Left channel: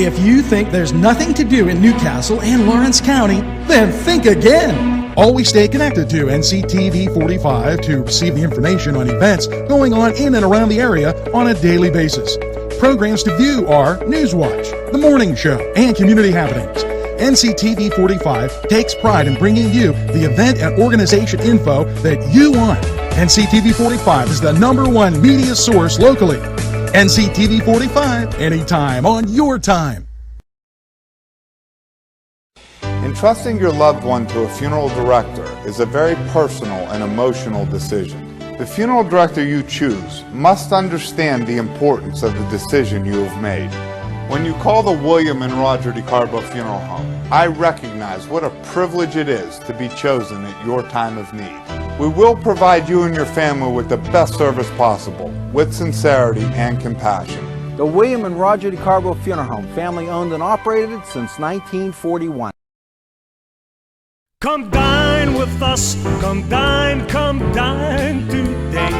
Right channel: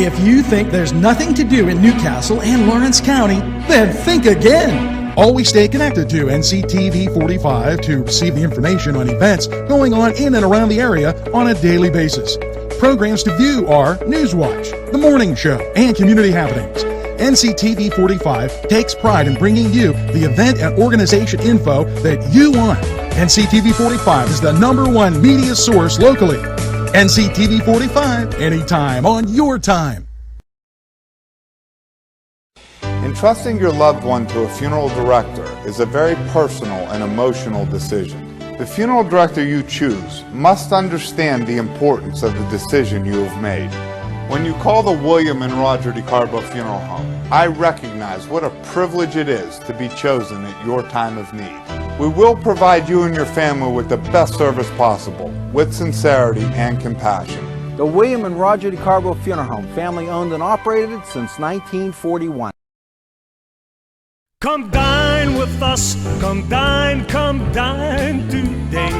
If you think there's nothing to do in Newcastle and Lawrence County, then think again. Always stay connected to NCTV45 to receive the information on events going on in and around the area on a daily basis. Programs to view are NewsWatch, The Morning Show, and Community Happenings. NCTV45 takes pride in bringing you the event and organization info that you want. NCTV45 is the #1 media source locally. NCTV45, anytime on your time. Entrusting your loved one to a funeral director is a very personal and emotional decision. The funeral director you choose must understand the importance of the decision you have made. When you call the William and Roger DeCarbo Funeral Home, I recognize what a privilege it is to be chosen at your time of need. We will provide you and your family with the best service possible, with sincerity and compassion. The William and Roger DeCarbo Funeral Home, family owned and operated since 1941. Come dine with us, come dine today.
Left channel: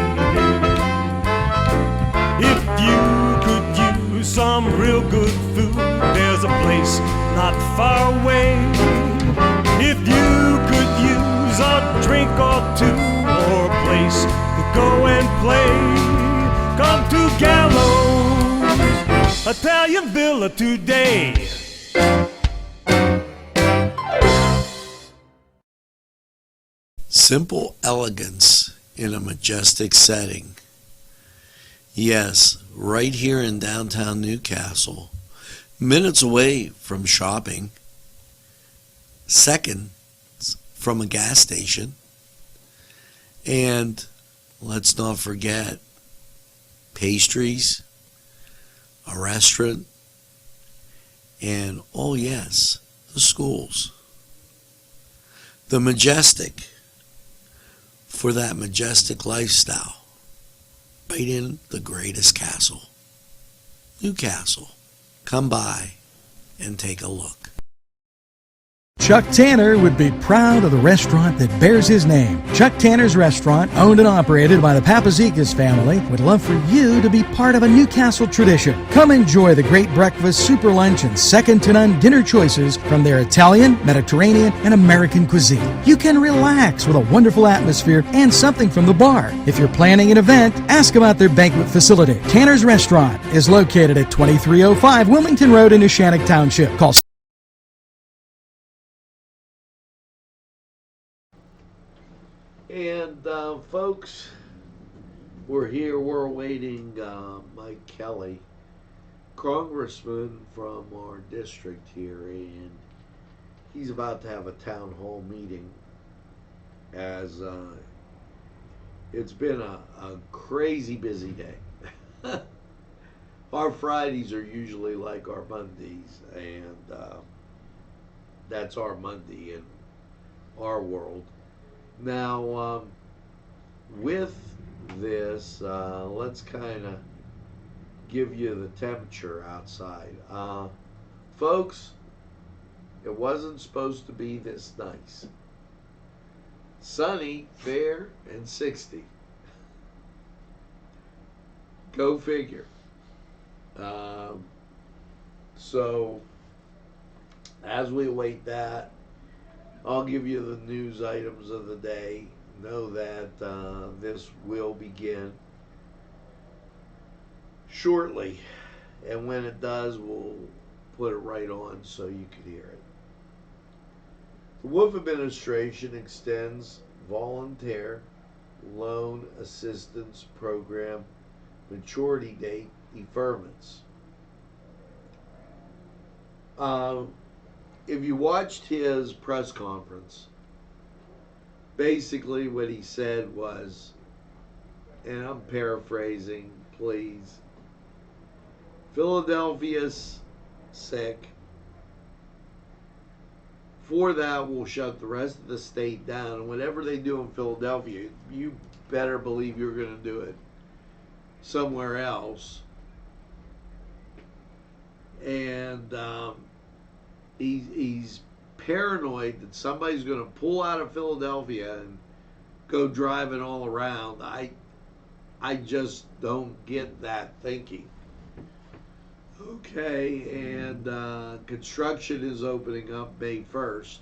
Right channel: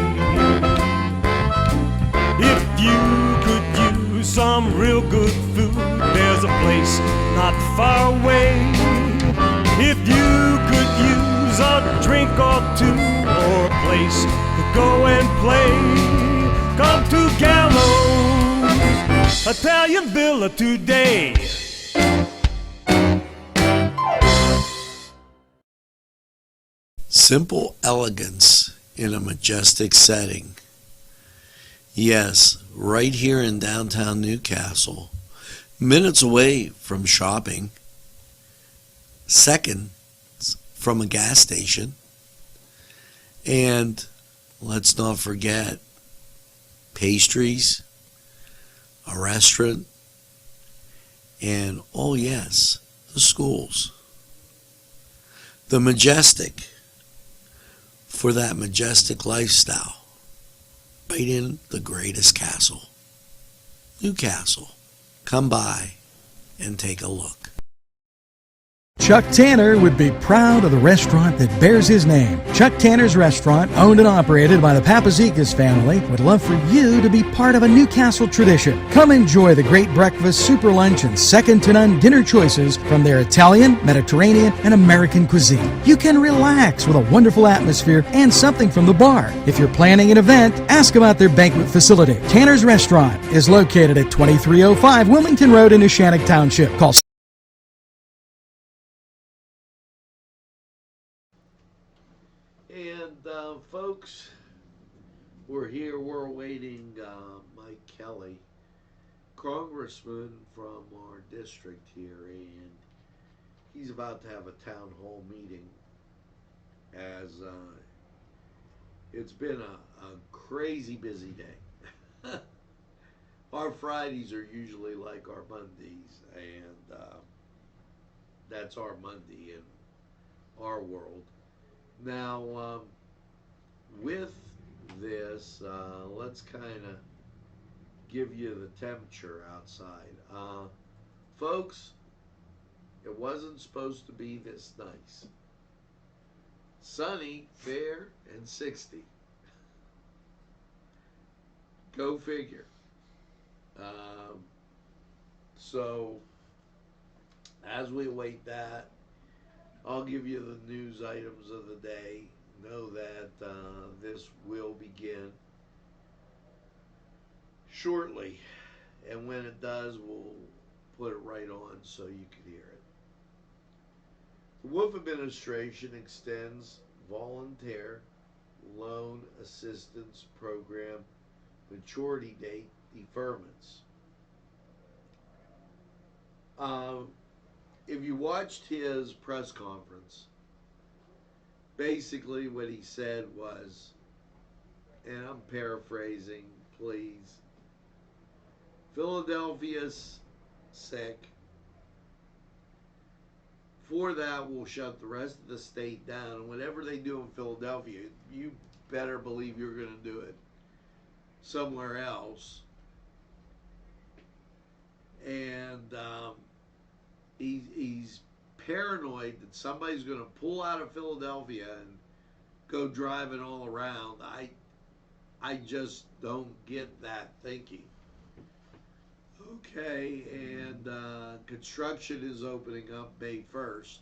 If you could use some real good food, there's a place not far away. If you could use a drink or two, or a place to go and play, come to Gallows Italian Villa today. Simple elegance in a majestic setting. Yes, right here in downtown Newcastle, minutes away from shopping, seconds from a gas station, and let's not forget pastries, a restaurant, and oh yes, the schools. The majestic for that majestic lifestyle, right in the greatest castle, Newcastle. Come by and take a look. Chuck Tanner would be proud of the restaurant that bears his name. Chuck Tanner's Restaurant, owned and operated by the Papazikas family, would love for you to be part of a Newcastle tradition. Come enjoy the great breakfast, super lunch, and second-to-none dinner choices from their Italian, Mediterranean, and American cuisine. You can relax with a wonderful atmosphere and something from the bar. If you're planning an event, ask about their banquet facility. Tanner's Restaurant is located at 2305 Wilmington Road in Neshannock Township. Call And folks, we're here, we're awaiting Mike Kelly, congressman from our district here, and he's about to have a town hall meeting as it's been a crazy busy day. Our Fridays are usually like our Mondays, and that's our Monday in our world. Now, with this, let's kind of give you the temperature outside. Folks, it wasn't supposed to be this nice. Sunny, fair, and 60. Go figure. So, as we await that, I'll give you the news items of the day. Know that this will begin shortly, and when it does, we'll put it right on so you can hear it. The Wolf administration extends volunteer loan assistance program maturity date deferments. If you watched his press conference, basically what he said was, and I'm paraphrasing, please, Philadelphia's sick. For that, we'll shut the rest of the state down. And whatever they do in Philadelphia, you better believe you're going to do it somewhere else. And he's paranoid that somebody's going to pull out of Philadelphia and go driving all around. I just don't get that thinking. Okay, and construction is opening up May 1st.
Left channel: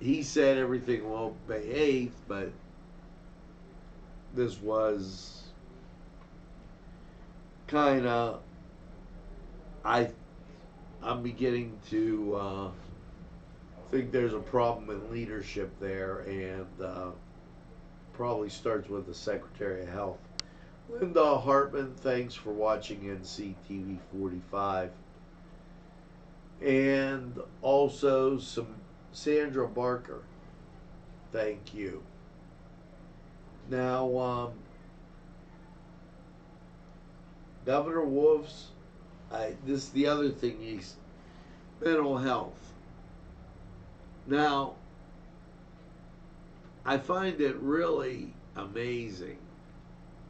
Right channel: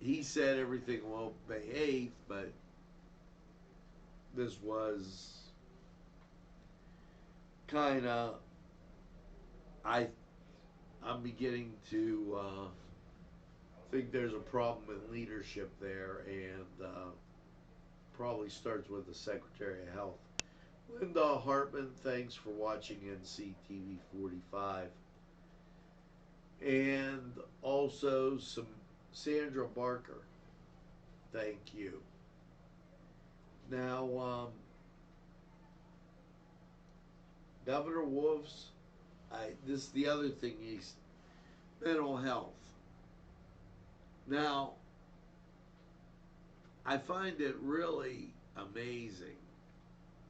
He said everything will open May 8th, but this was kind of, I'm beginning to think there's a problem in leadership there, and probably starts with the Secretary of Health. Linda Hartman, thanks for watching NCTV45. And also some Sandra Barker, thank you. Now, Governor Wolf's, this is the other thing, he's mental health. Now, I find it really amazing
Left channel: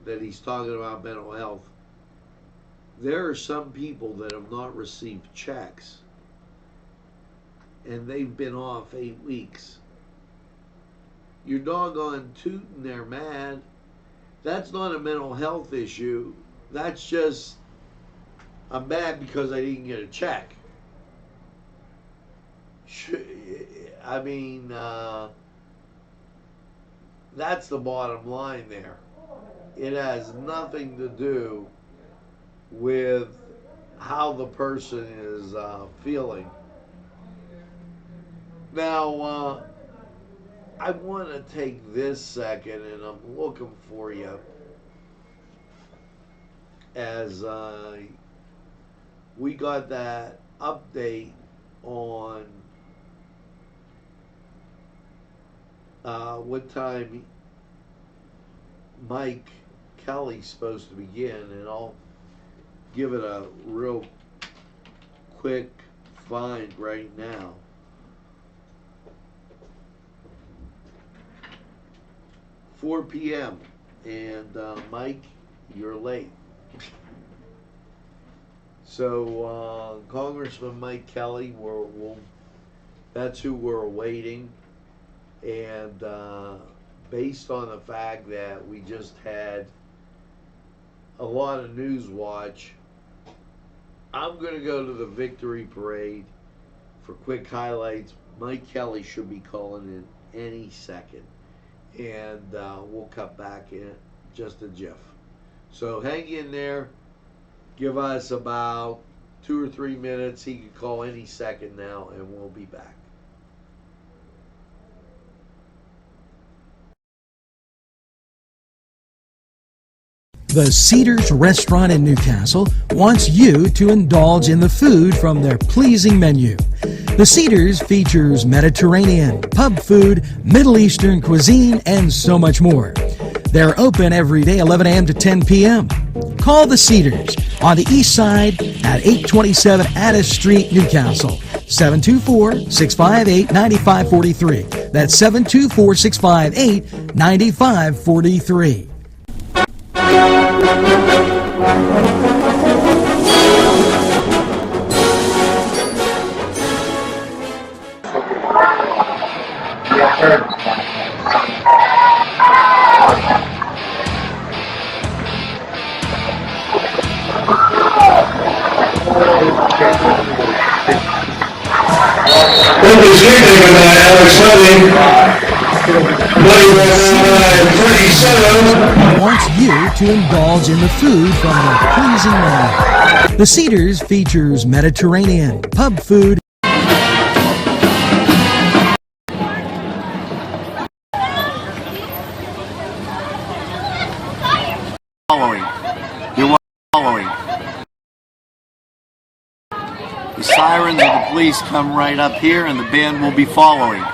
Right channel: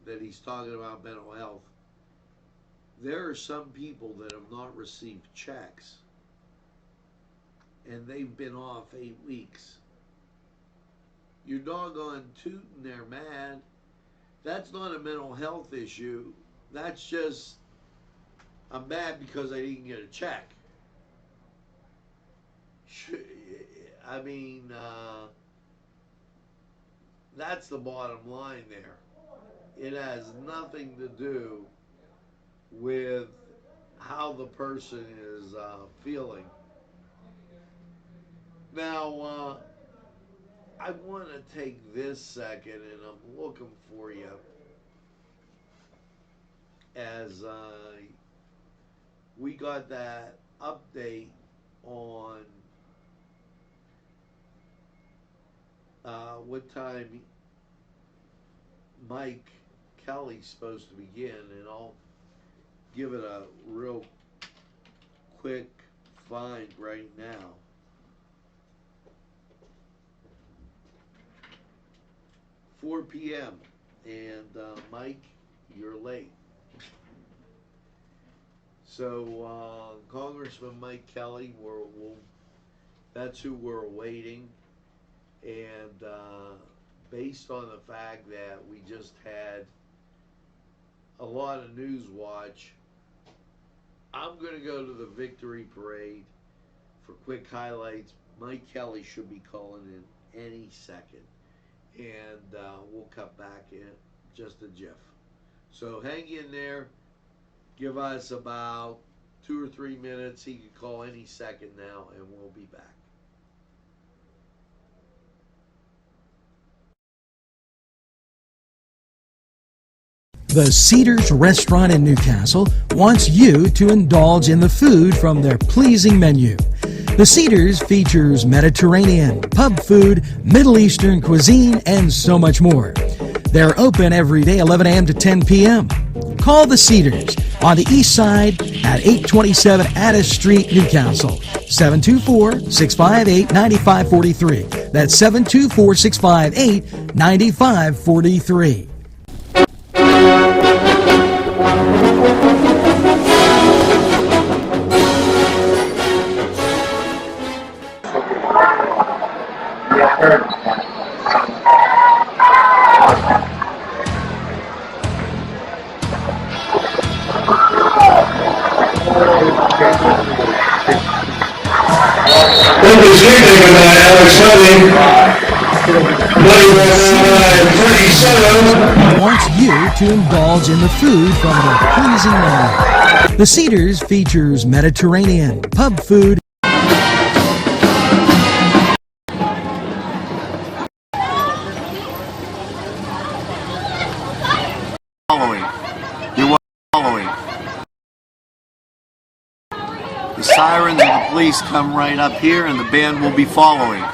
that he's talking about mental health. There are some people that have not received checks, and they've been off 8 weeks. You're doggone tootin' they're mad. That's not a mental health issue. That's just, I'm mad because I didn't get a check. I mean, that's the bottom line there. It has nothing to do with how the person is feeling. Now, I want to take this second, and I'm looking for you as we got that update on what time Mike Kelly's supposed to begin, and I'll give it a real quick find right now. – 4 p.m. and Mike, you're late. So Congressman Mike Kelly, that's who we're awaiting, and based on the fact that we just had a lot of NewsWatch, I'm going to go to the victory parade for quick highlights. Mike Kelly should be calling in any second, and we'll cut back in just a jiff. So hang in there. Give us about 2 or 3 minutes. He could call any second now, and we'll be back. The Cedars Restaurant in Newcastle wants you to indulge in the food from their pleasing menu. The Cedars features Mediterranean, pub food, Middle Eastern cuisine, and so much more. They're open every day 11 a.m. to 10 p.m. Call the Cedars on the east side at 827 Addis Street, Newcastle. 724-658-9543. That's 724-658-9543. Wants you to indulge in the food from their pleasing menu. The Cedars features Mediterranean, pub food. You're following. The sirens of the police come right up here, and the band will be following.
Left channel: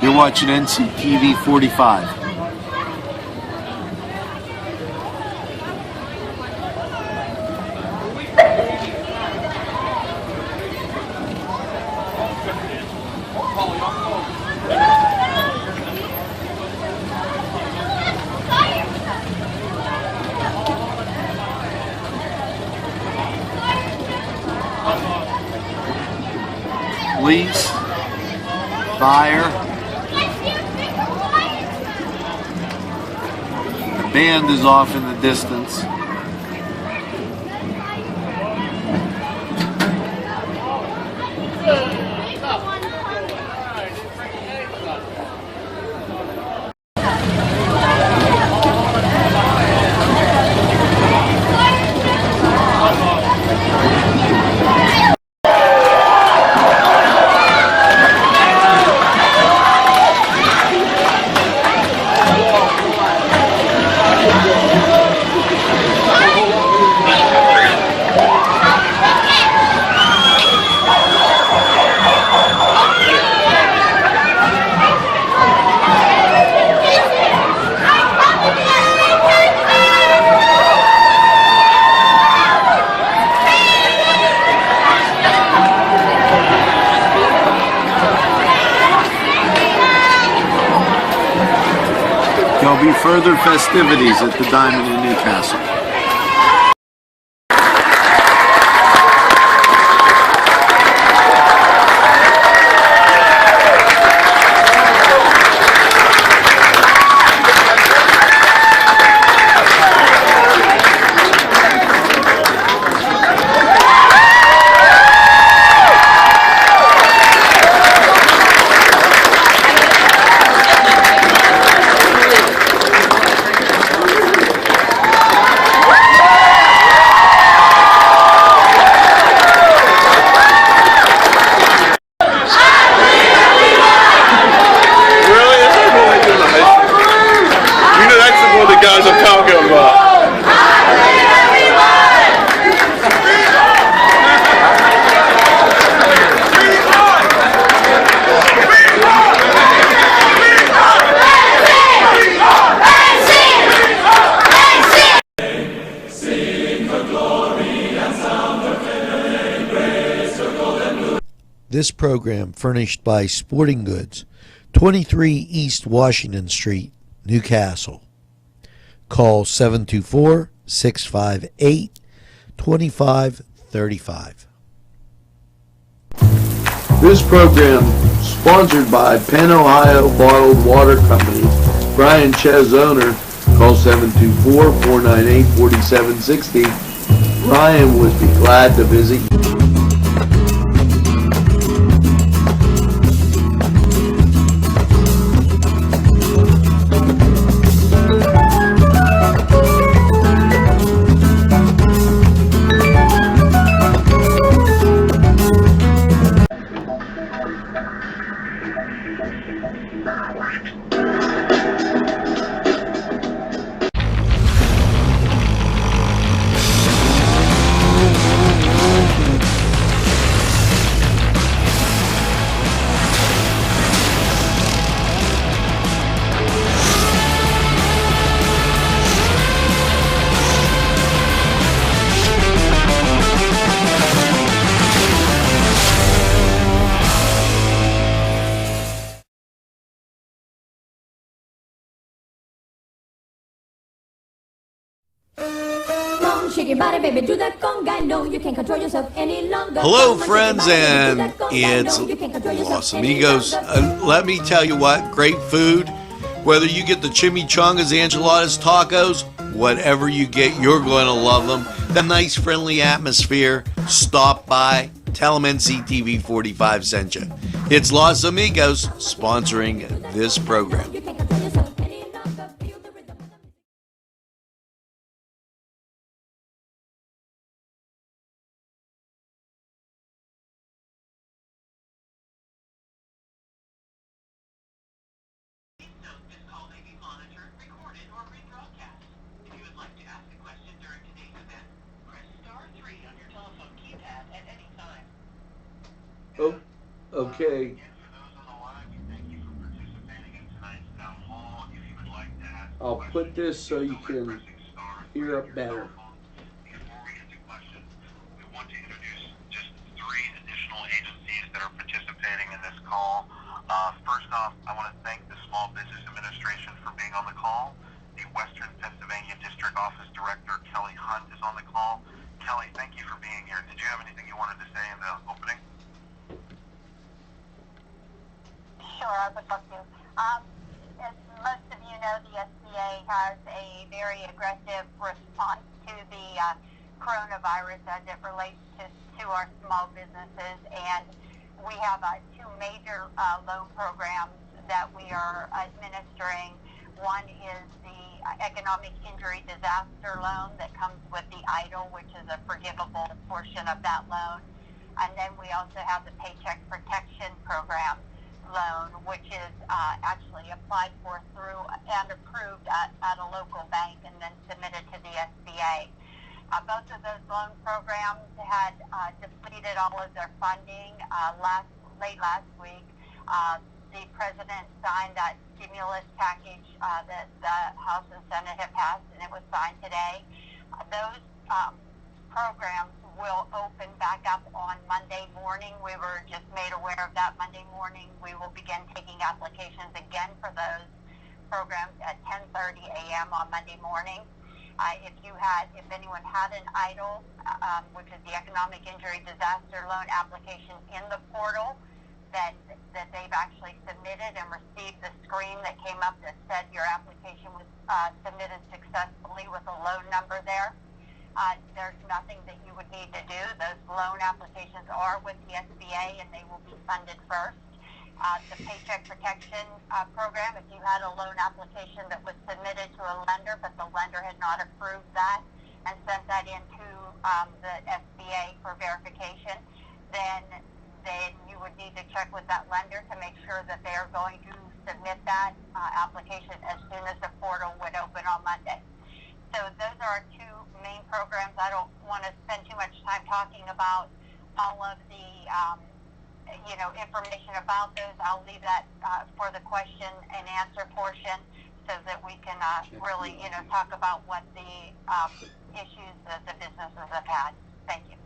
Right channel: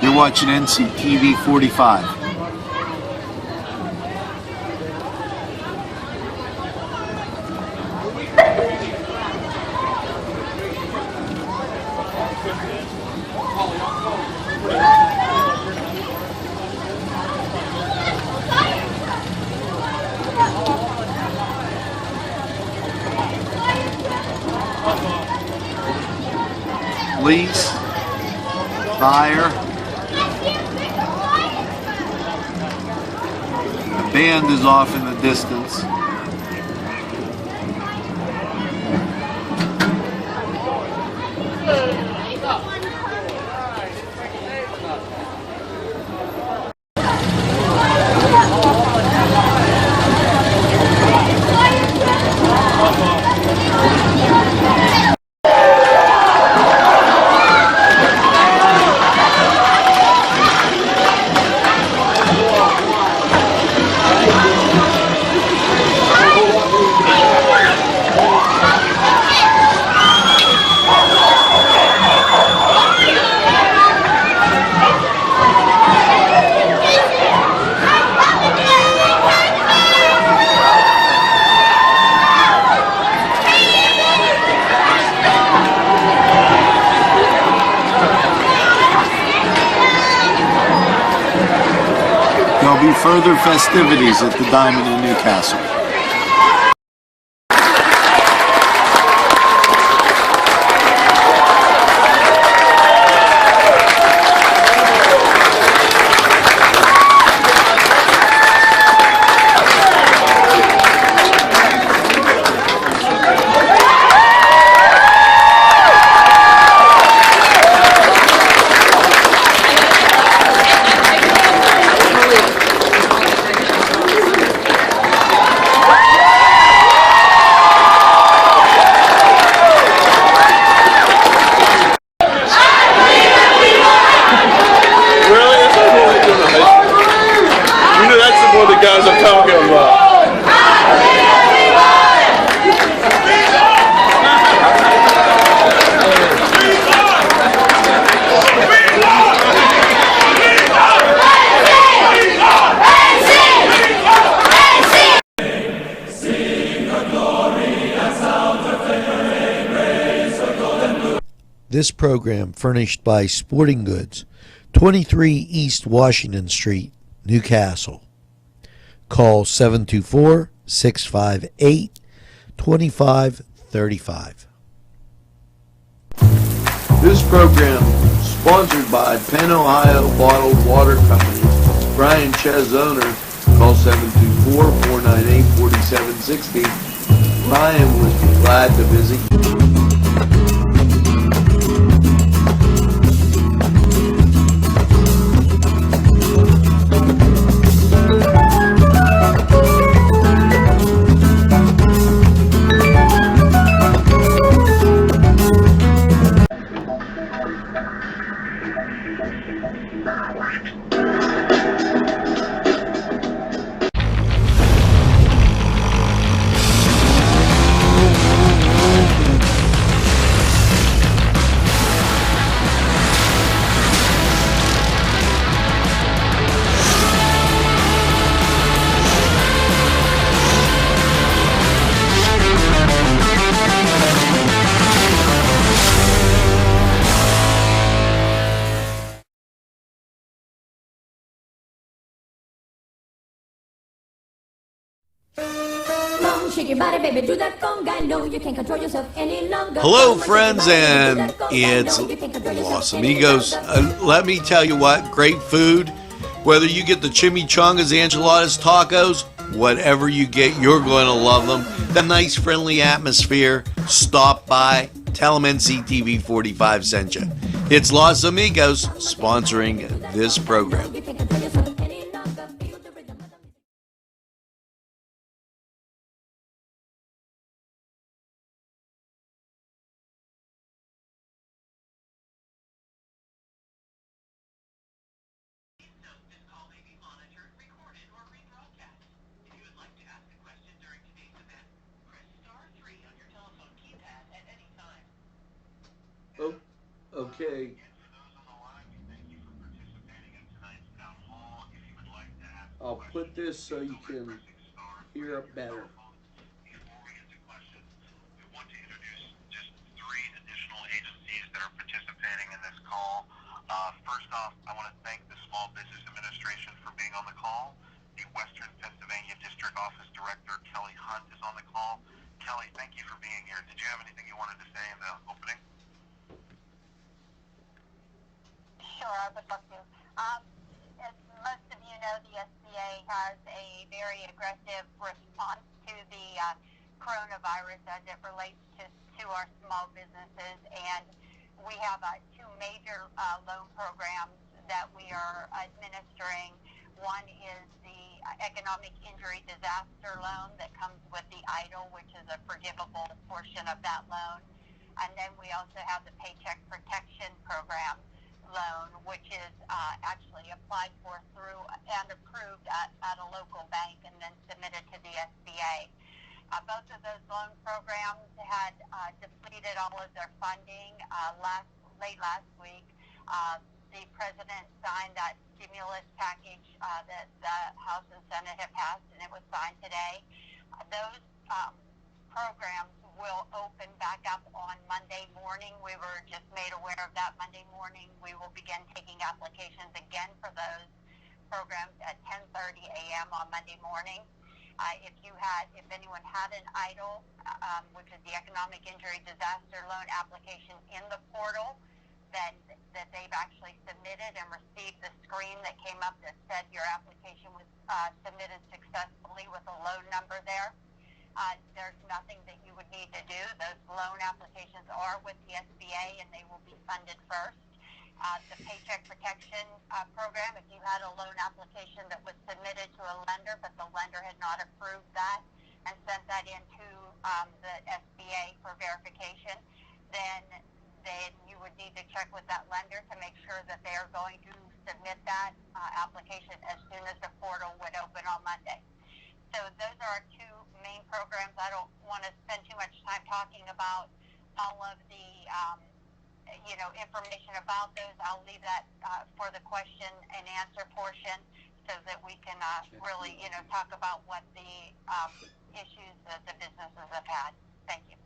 You're watching NCTV45. Police, fire, the band is off in the distance. There'll be further festivities at the Diamond in Newcastle. This program furnished by Sporting Goods, 23 East Washington Street, Newcastle. Call 724-658-2535. This program sponsored by Penn Ohio Bottled Water Company. Brian Ches, owner. Call 724-498-4760. Brian would be glad to visit you. Shake your body, baby, do that conga. No, you can't control yourself any longer. Hello, friends, and it's Los Amigos. Let me tell you what, great food. Whether you get the chimichangas, enchiladas, tacos, whatever you get, you're going to love them. The nice, friendly atmosphere. Stop by. Tell them NCTV45 sent you. It's Los Amigos sponsoring this program. Oh, okay. I'll put this so you can hear it better. Before we get to questions, we want to introduce just 3 additional agencies that are participating in this call. First off, I want to thank the Small Business Administration for being on the call. The Western Pennsylvania District Office Director, Kelly Hunt, is on the call. Kelly, thank you for being here. Did you have anything you wanted to say in the opening? Sure, I would love to. As most of you know, the SBA has a very aggressive response to the coronavirus as it relates to our small businesses, and we have 2 major loan programs that we are administering. One is the economic injury disaster loan that comes with the EIDL, which is a forgivable portion of that loan, and then we also have the Paycheck Protection Program loan, which is actually applied for through and approved at a local bank and then submitted to the SBA. Both of those loan programs had depleted all of their funding late last week. The president signed that stimulus package that the House and Senate have passed, and it was signed today. Those programs will open back up on Monday morning. We were just made aware of that Monday morning. We will begin taking applications again for those programs at 10:30 a.m. on Monday morning. If anyone had an EIDL, which is the Economic Injury Disaster Loan application in the portal, that they've actually submitted and received the screen that came up that said your application was submitted successfully with a loan number there. There's nothing that you would need to do. Those loan applications are with the SBA and they will be funded first. The Paycheck Protection Program, if you had a loan application that was submitted to a lender, but the lender had not approved that and sent that into the SBA for verification, then you would need to check with that lender to make sure that they are going to submit that application as soon as the portal would open on Monday. So those are our two main programs. I don't want to spend too much time talking about all of the information about those. I'll leave that for the question and answer portion so that we can really talk about what the issues that the businesses have had. Thank you.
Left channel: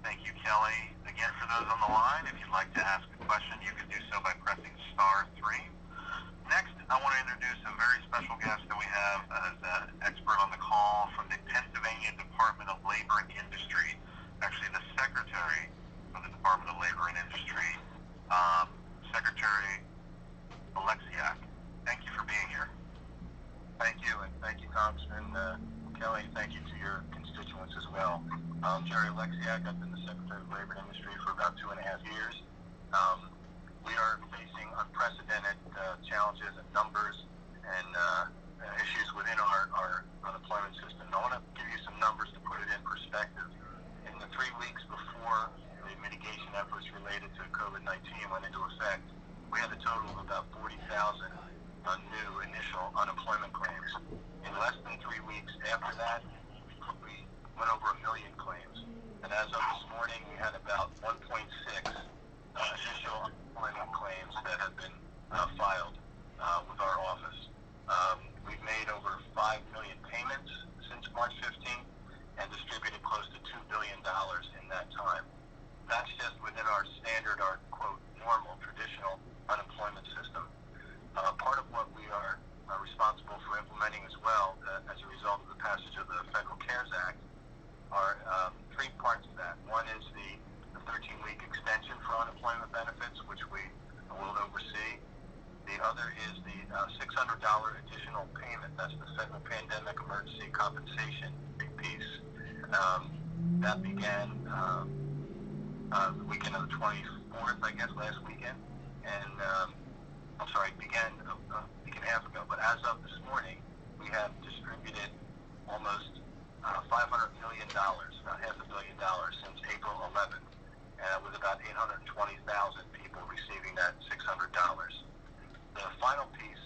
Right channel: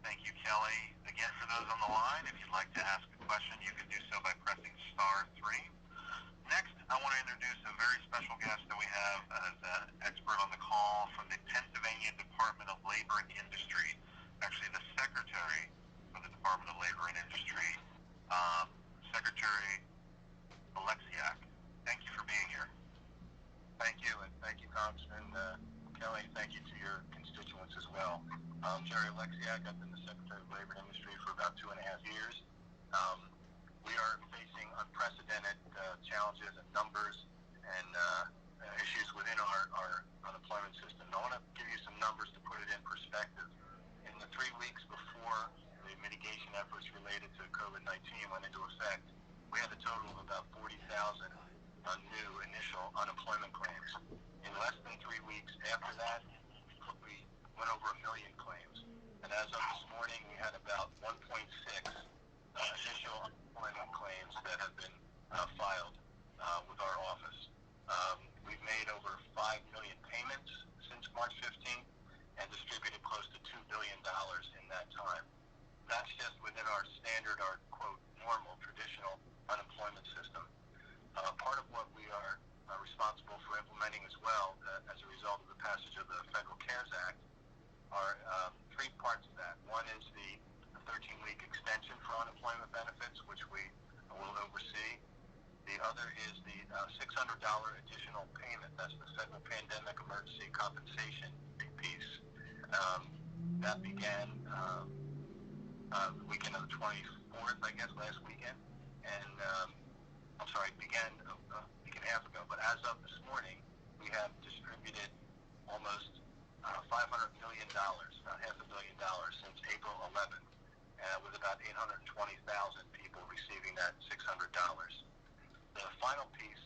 Thank you, Kelly. Again, for those on the line, if you'd like to ask a question, you can do so by pressing *3. Next, I want to introduce a very special guest that we have as an expert on the call from the Pennsylvania Department of Labor and Industry, actually the Secretary of the Department of Labor and Industry, Secretary Alexiak. Thank you for being here. Thank you, and thank you, Congressman Kelly. Thank you to your constituents as well. Jerry Alexiak, I've been the Secretary of Labor and Industry for about 2.5 years. We are facing unprecedented challenges and numbers and issues within our unemployment system. I want to give you some numbers to put it in perspective. In the 3 weeks before the mitigation efforts related to COVID-19 went into effect, we had a total of about 40,000 new initial unemployment claims. In less than 3 weeks after that, we went over 1 million claims. And as of this morning, we had about 1.6 initial unemployment claims that have been filed with our office. We've made over 5 million payments since March 15th and distributed close to $2 billion in that time. That's just within our standard, our quote, normal, traditional unemployment system. Part of what we are responsible for implementing as well, as a result of the passage of the Federal CARES Act, are 3 parts of that. One is the 13-week extension for unemployment benefits, which we will oversee. The other is the $600 additional payment. That's the Federal Pandemic Emergency Compensation piece. That began the weekend of the 24th, I guess, last weekend. And, began a week and a half ago. But as of this morning, we have distributed almost $500 million, about $500 million since April 11th, with about 820,000 people receiving that $600. The final piece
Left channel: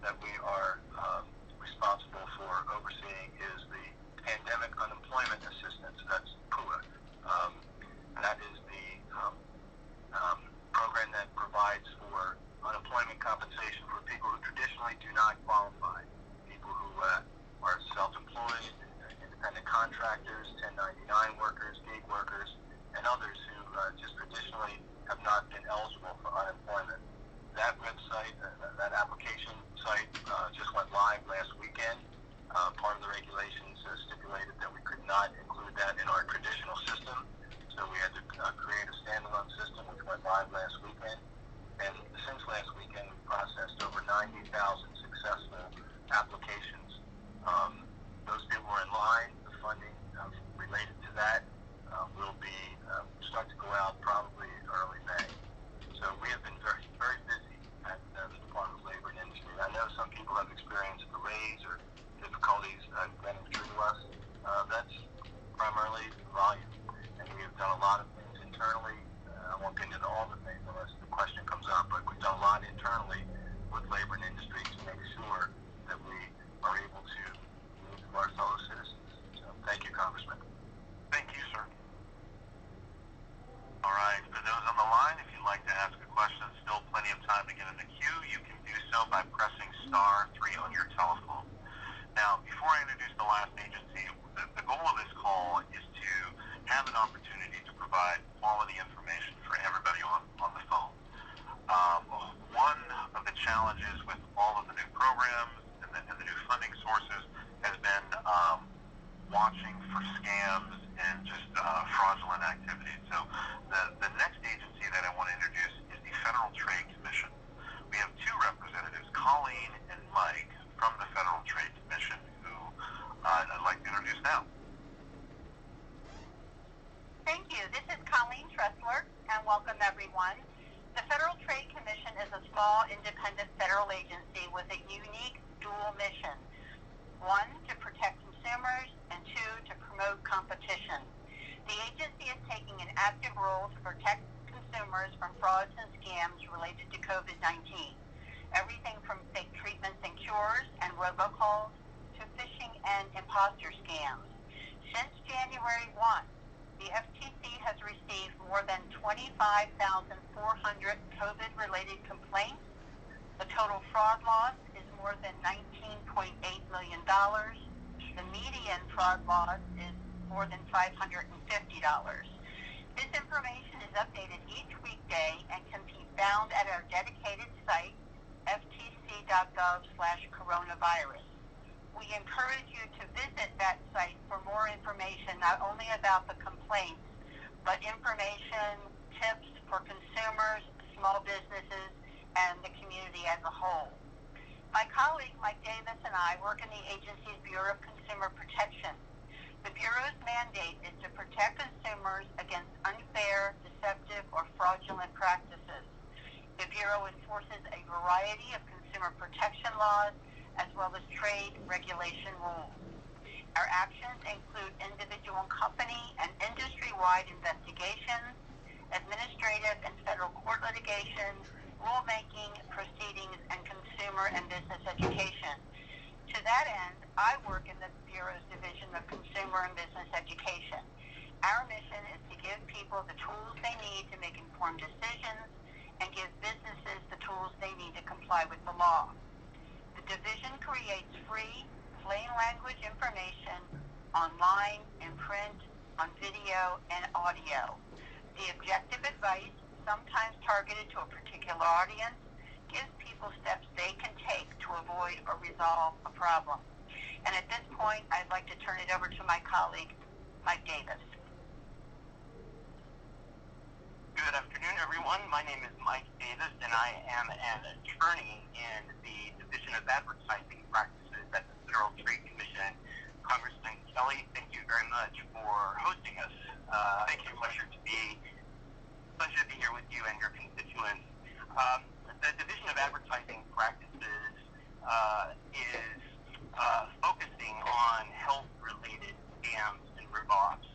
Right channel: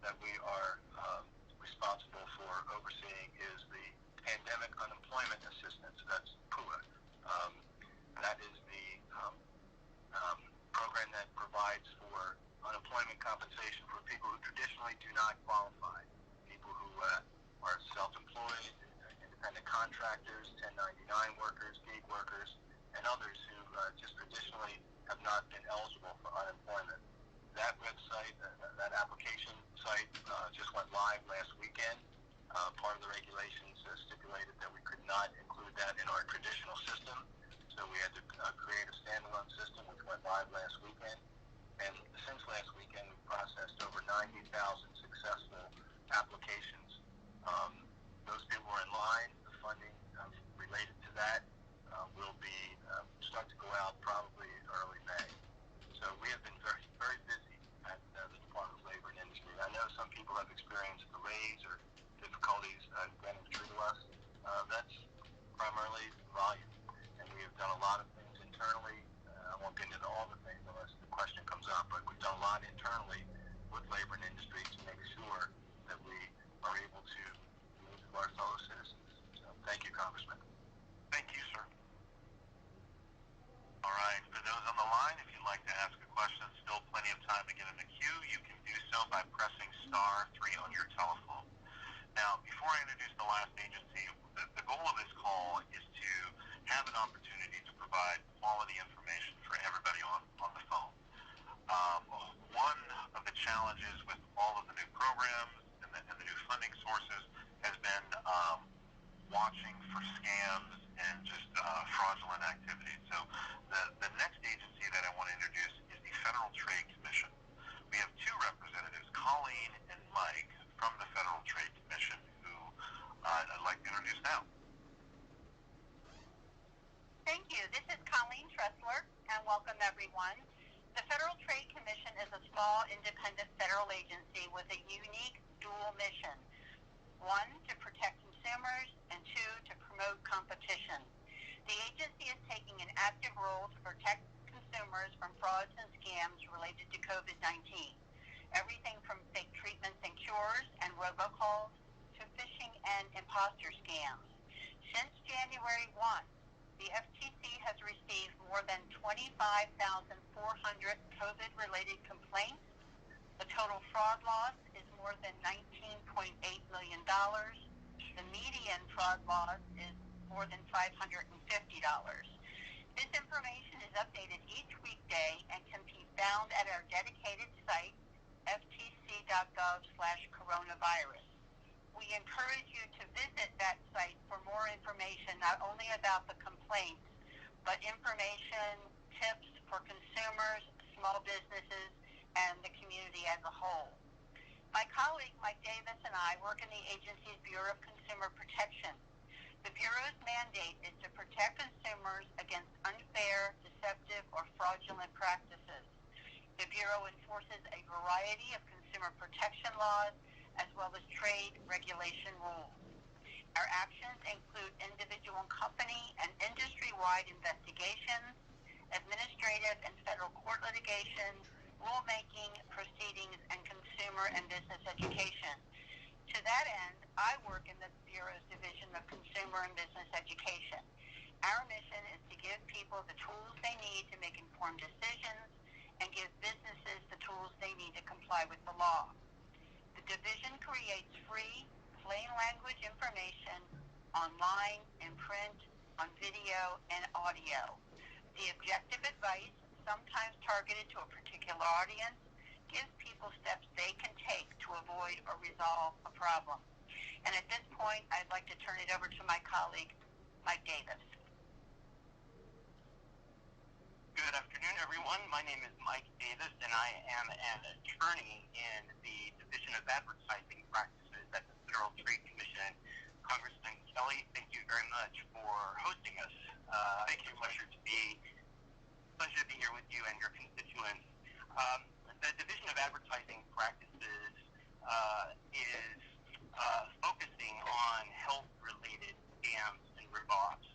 that we are responsible for overseeing is the Pandemic Unemployment Assistance, that's PUA. That is the program that provides for unemployment compensation for people who traditionally do not qualify, people who are self-employed, independent contractors, 1099 workers, gig workers, and others who just traditionally have not been eligible for unemployment. That website, that application site just went live last weekend. Part of the regulations stipulated that we could not include that in our traditional system, so we had to create a standalone system which went live last weekend. And since last weekend, we processed over 90,000 successful applications. Those people were in line. The funding related to that will be start to go out probably early May. So we have been very, very busy at the Department of Labor and Industry. I know some people have experienced delays or difficulties getting through to us. That's primarily volume. And we have done a lot of things internally. I won't get into all the things unless the question comes up, but we've done a lot internally with labor and industry to make sure that we are able to move to our fellow citizens. So thank you, Congressman. Thank you, sir. All right, for those on the line, if you'd like to ask a question, still plenty of time to get in the queue. You can do so by pressing *3 on your telephone. Now, before I introduce the last agency, the goal of this call is to have an opportunity to provide quality information for everybody on the phone. One of the challenges with all of the federal agency with a unique dual mission. One, to protect consumers, and two, to promote competition. The agency is taking an active role to protect consumers from frauds and scams related to COVID-19. Everything from fake treatments and cures and robocalls to phishing and imposter scams. Since January 1, the FTC has received more than 25,400 COVID-related complaints. The total fraud loss is more than $19.8 million. The median fraud loss is more than $550. This information is updated each weekday and can be found at our dedicated site, ftc.gov/coronavirus. We encourage you to visit that site for more information, not only about the complaints, but information, tips for consumers, small businesses, and the community as a whole. My colleague, Mike Davis, and I work in the agency's Bureau of Consumer Protection. The Bureau's mandate is to protect consumers against unfair, deceptive, or fraudulent practices. The Bureau enforces a variety of consumer protection laws as well as trade regulation rules. Our actions include individual company and industry-wide investigations, administrative and federal court litigation, rulemaking, proceedings, and consumer and business education. To that end, I work in the Bureau's Division of Consumer and Business Education. Our mission is to give people the tools they need to make informed decisions and give businesses the tools they need to comply with the law. The division creates free, plain language information online, in print, on video, and audio. The objective advice, sometimes targeted to a particular audience, gives people steps they can take to avoid or resolve a problem. And at this point, I'd like to turn it over to my colleague, Mike Davis. Good afternoon, everyone. My name is Mike Davis, and I am an attorney in the Division of Advertising Practices at the Federal Trade Commission. Congressman Kelly, thank you very much for hosting us. Thank you. Pleasure to be here with you and your constituents. The Division of Advertising Practices is focusing on health-related scams and ripoffs.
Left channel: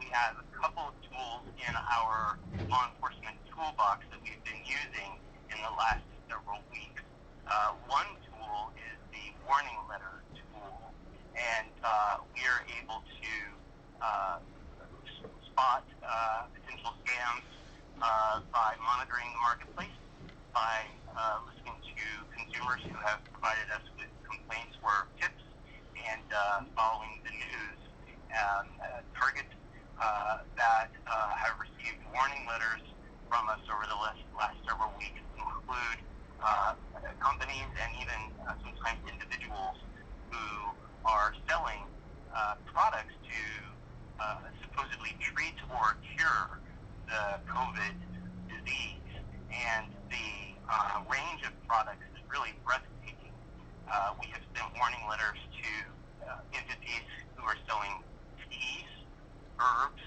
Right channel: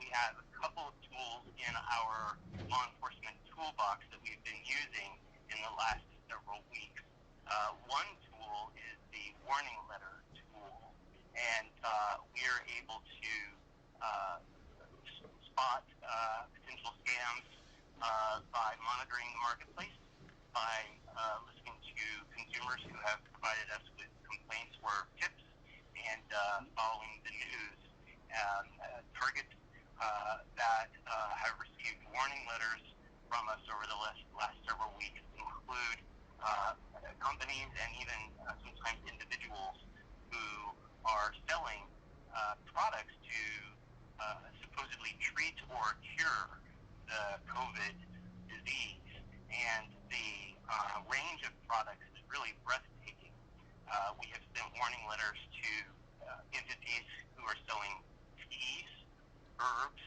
We have a couple of tools in our law enforcement toolbox that we've been using in the last several weeks. One tool is the warning letter tool, and we are able to spot potential scams by monitoring the marketplace, by listening to consumers who have provided us with complaints or tips, and following the news. Targets that have received warning letters from us over the last several weeks include companies and even sometimes individuals who are selling products to supposedly treat or cure the COVID disease. And the range of products is really breathtaking. We have sent warning letters to entities who are selling teas, herbs,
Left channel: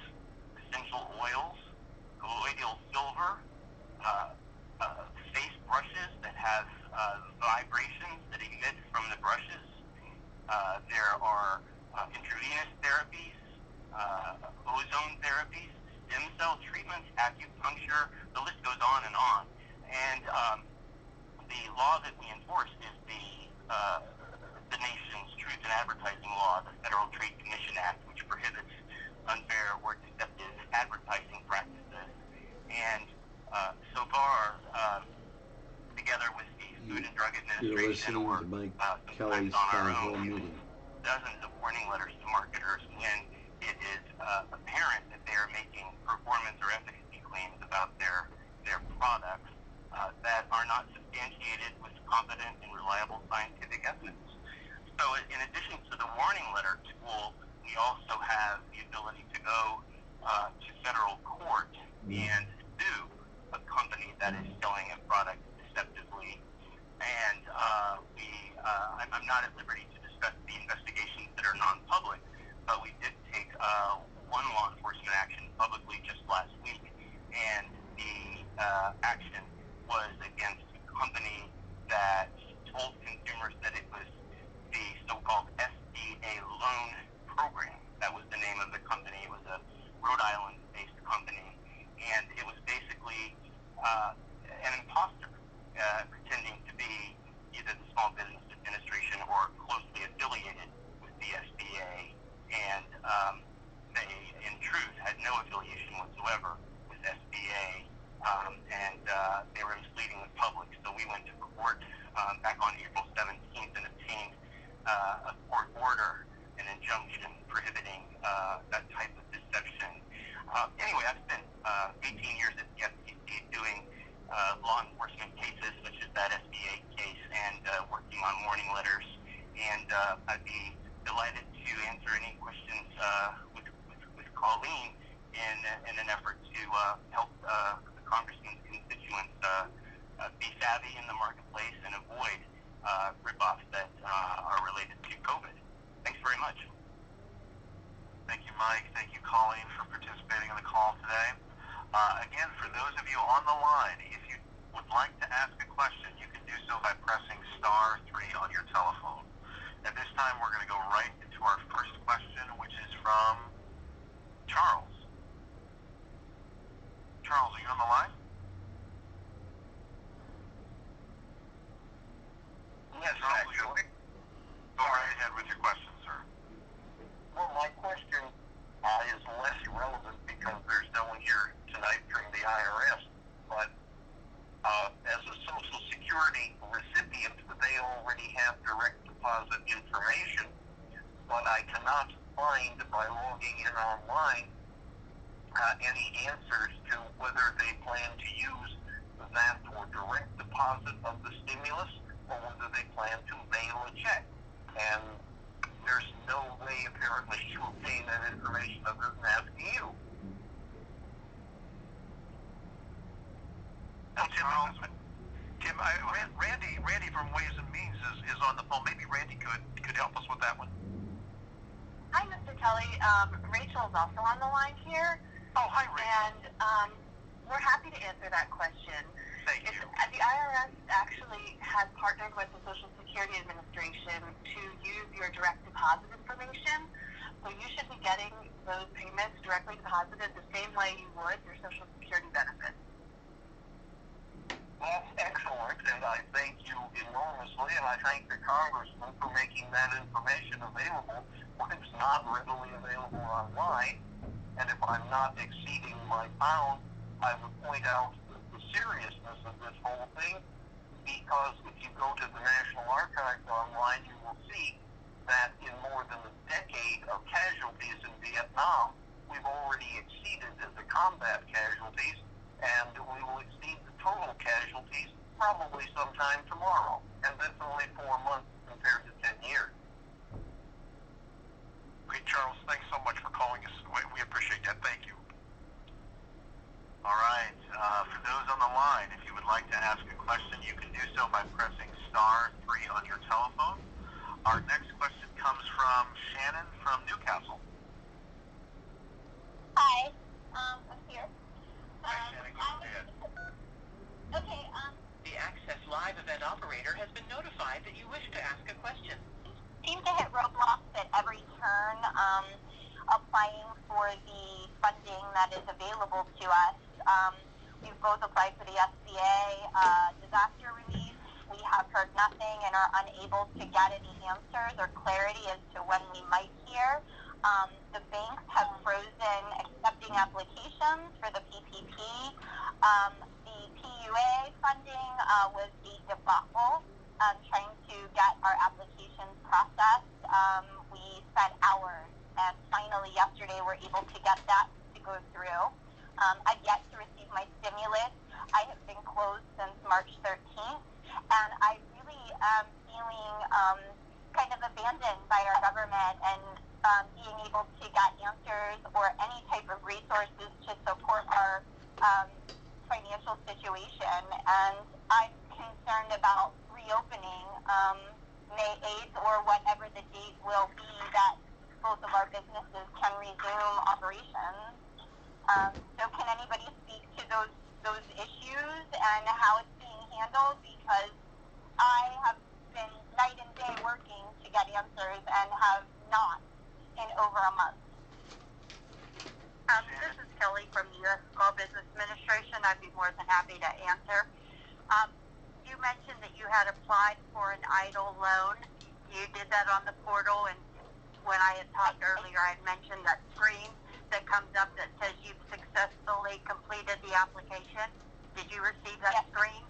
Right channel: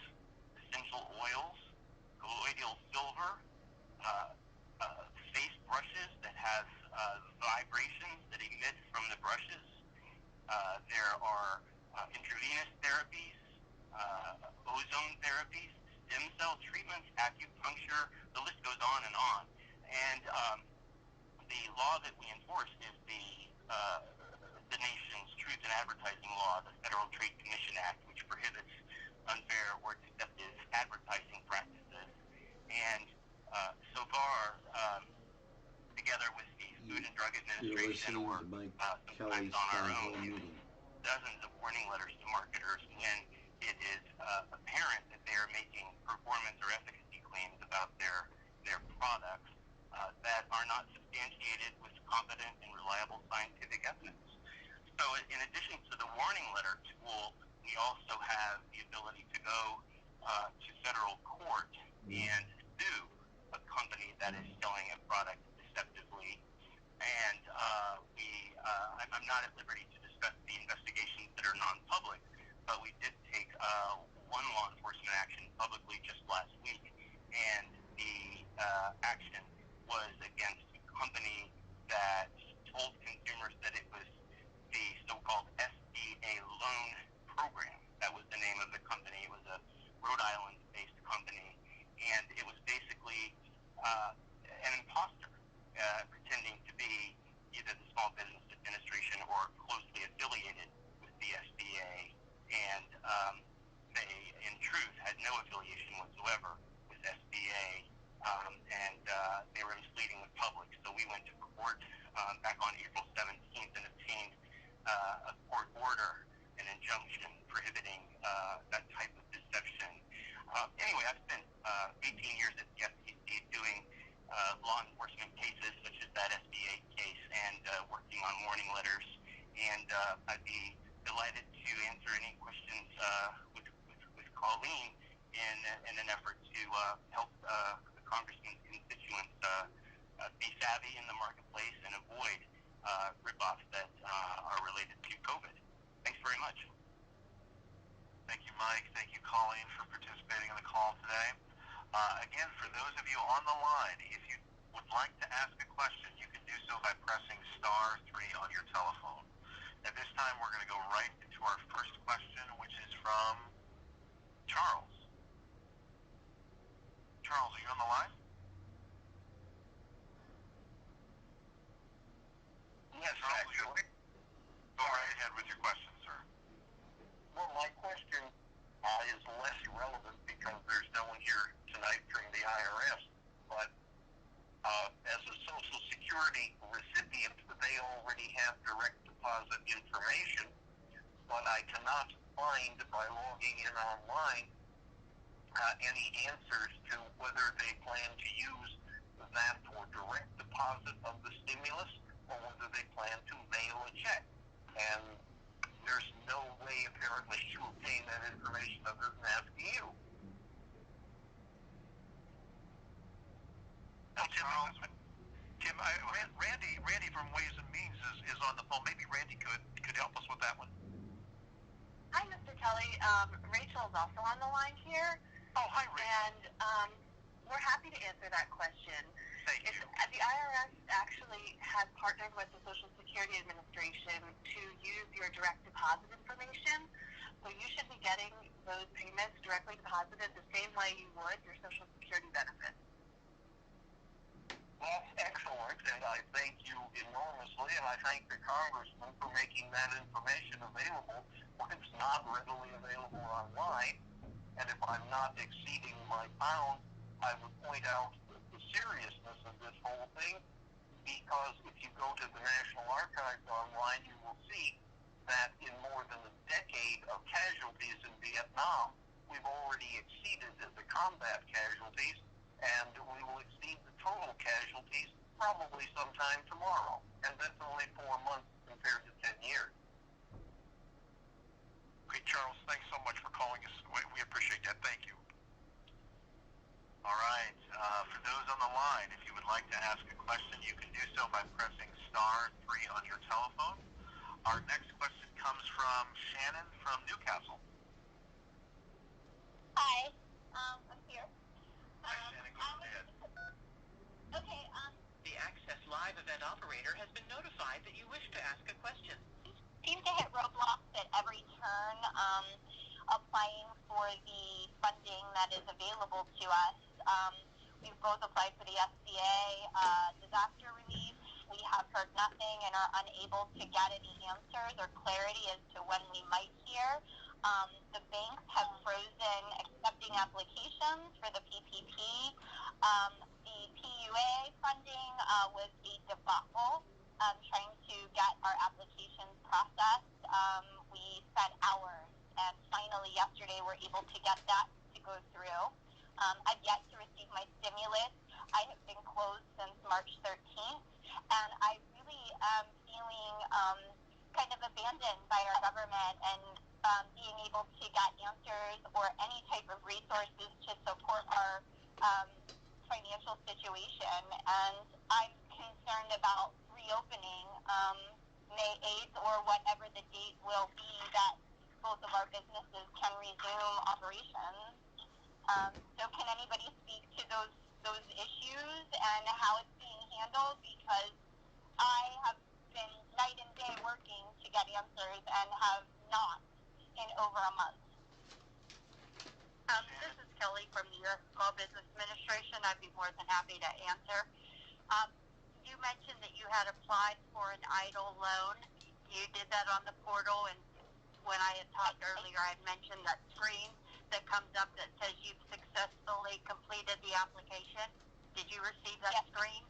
essential oils, colloidal silver, face brushes that have vibrations that emit from the brushes. There are intravenous therapies, ozone therapies, stem cell treatments, acupuncture. The list goes on and on. And the law that we enforce is the nation's Truth in Advertising Law, the Federal Trade Commission Act, which prohibits unfair or deceptive advertising practices. And so far, together with the Food and Drug Administration, You're listening to Mike Kelly's town hall meeting. Dozens of warning letters to marketers when it is apparent that they are making performance or efficacy claims about their products that are not substantiated with competent and reliable scientific evidence. So in addition to the warning letter tool, we also have the ability to go to federal court and sue a company that is selling a product deceptively. And I'm not at liberty to discuss the investigations that are non-public, but we did take one law enforcement action publicly just last week, and the action was against a company an imposter pretending to be either the Small Business Administration or closely affiliated with the SBA, and they, in truth, had no affiliation whatsoever with SBA, and they were misleading the public. So we went to court back on April 17th and obtained a court order, an injunction prohibiting that type of deception. Anyway, I've spent 18 years at the FTC doing law enforcement cases such as that SBA case and working on warning letters, and I'd be delighted to answer any questions with Colleen in an effort to help the Congressman's constituents be savvy in the marketplace and avoid rip-offs that are related to COVID. Thanks very much. Thank you, Mike. Thank you, Colleen, for participating in the call today. Again, for those of you on the line, if you would like to ask a question, you can do so by pressing *3 on your telephone. At this time, we're going to go right into our first question, which is from Charles. Charles, are you on the line? Yes, Charles, actually. go right ahead with your question, sir. Well, my question is less relevant because there's no one here tonight from the IRS, but as a Social Security recipient, they already have direct deposit information, but I cannot find by logging in online any answers to whether they plan to use that for direct deposit of the stimulus or whether they plan to mail a check. And there's no way apparently to obtain that information other than asking you. Tim, Randy from Ways and Means is on the phone. Maybe Randy could help us with that one. Hi, Mr. Kelly. Rachel is also on the line here. Oh, hi, Rachel. And we're happy to answer that question. Thank you. The IRS actually has partnered with the Social Security Administration to use your direct deposit information. So you should be getting those payments directly deposited the same way you would your Social Security benefits. That's excellent, and I thank you enormously, and I thank the Congressman for making that information available when it's not readily available online. And if I'm not exceeding my bounds, I would point out the seriousness of this whole thing, because if you go to the National Archives online, you will see that in more than a decade of casualties in Vietnam, we've already exceeded the combat casualties, and we will exceed the total casualties probably sometime tomorrow. And that's only 4 months compared to 10 years. Great, Charles. Thanks so much for calling us. We appreciate that. Thank you. All right. For those on the line, if you would like to ask a question, you can do so by pressing *3 on your telephone. Our next question comes from Shannon from Newcastle. Hi, I'm here. Hi, Shannon. Go ahead. Okay, The Access Live event operator has been notified that you wish to ask a question. seem to hit roadblocks at every turn, applying for the funding that is available to us. We've both applied for the SBA disaster relief. We have heard nothing and are unable to get any answers or clarity as to when we might hear. The banks have frozen accepting applications for the PPP. The PUA funding was a debacle. Trying to get our applications processed. We spent hours, and finally yesterday we're able to get that to go through. I've yet to receive my stimulus. I have been closed since March 13th, and I really am feeling kind of abandoned by our government, and being able to get answers or any type of resources to support our financial situation. And I'm concerned about reopening May 8th or whatever the date will be that both of our businesses can resume operations. So can anybody speak to those issues and how it's being handled? Because I have been night and day working to get answers and have not in over a month. This is Kelly from the U.S. Small Business Administration. I I'd be more than happy to answer. You mentioned that you had applied for an EIDL loan. You did that on the portal, and when I had talked earlier, I had mentioned that screen that comes up that says you've successfully completed the application. Did you receive that screen?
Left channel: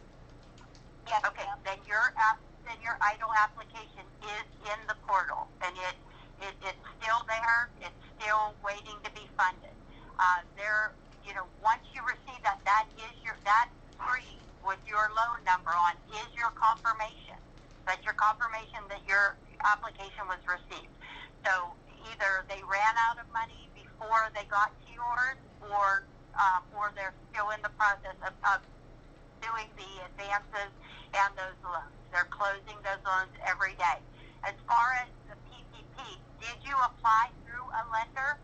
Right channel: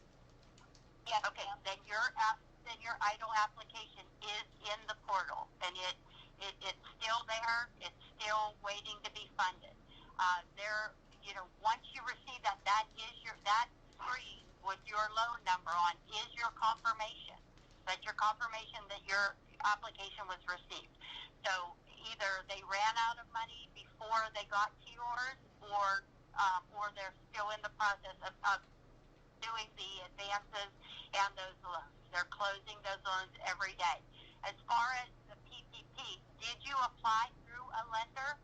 Yes. Okay, then your EIDL application is in the portal, and it's still there. It's still waiting to be funded. Once you receive that screen with your loan number on is your confirmation. That's your confirmation that your application was received. So either they ran out of money before they got to yours, or they're still in the process of doing the advances and those loans. They're closing those loans every day. As far as the PPP, did you apply through a lender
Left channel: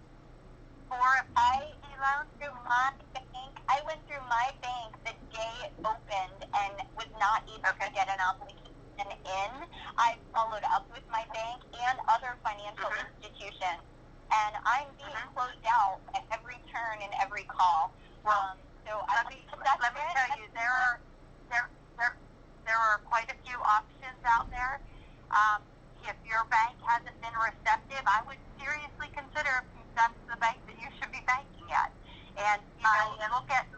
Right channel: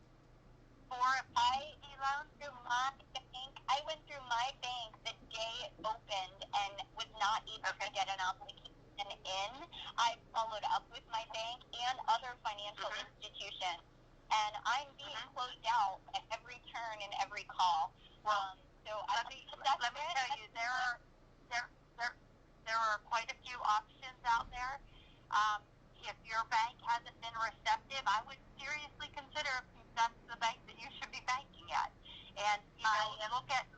for a PPP loan? Through my bank. I went through my bank the day it opened and was not able to get an application in. I followed up with my bank and other financial institutions, and I'm being closed out at every turn and every call. Let me tell you, there are quite a few options out there. If your bank hasn't been receptive, I would seriously consider if that's the bank that you should be banking at. And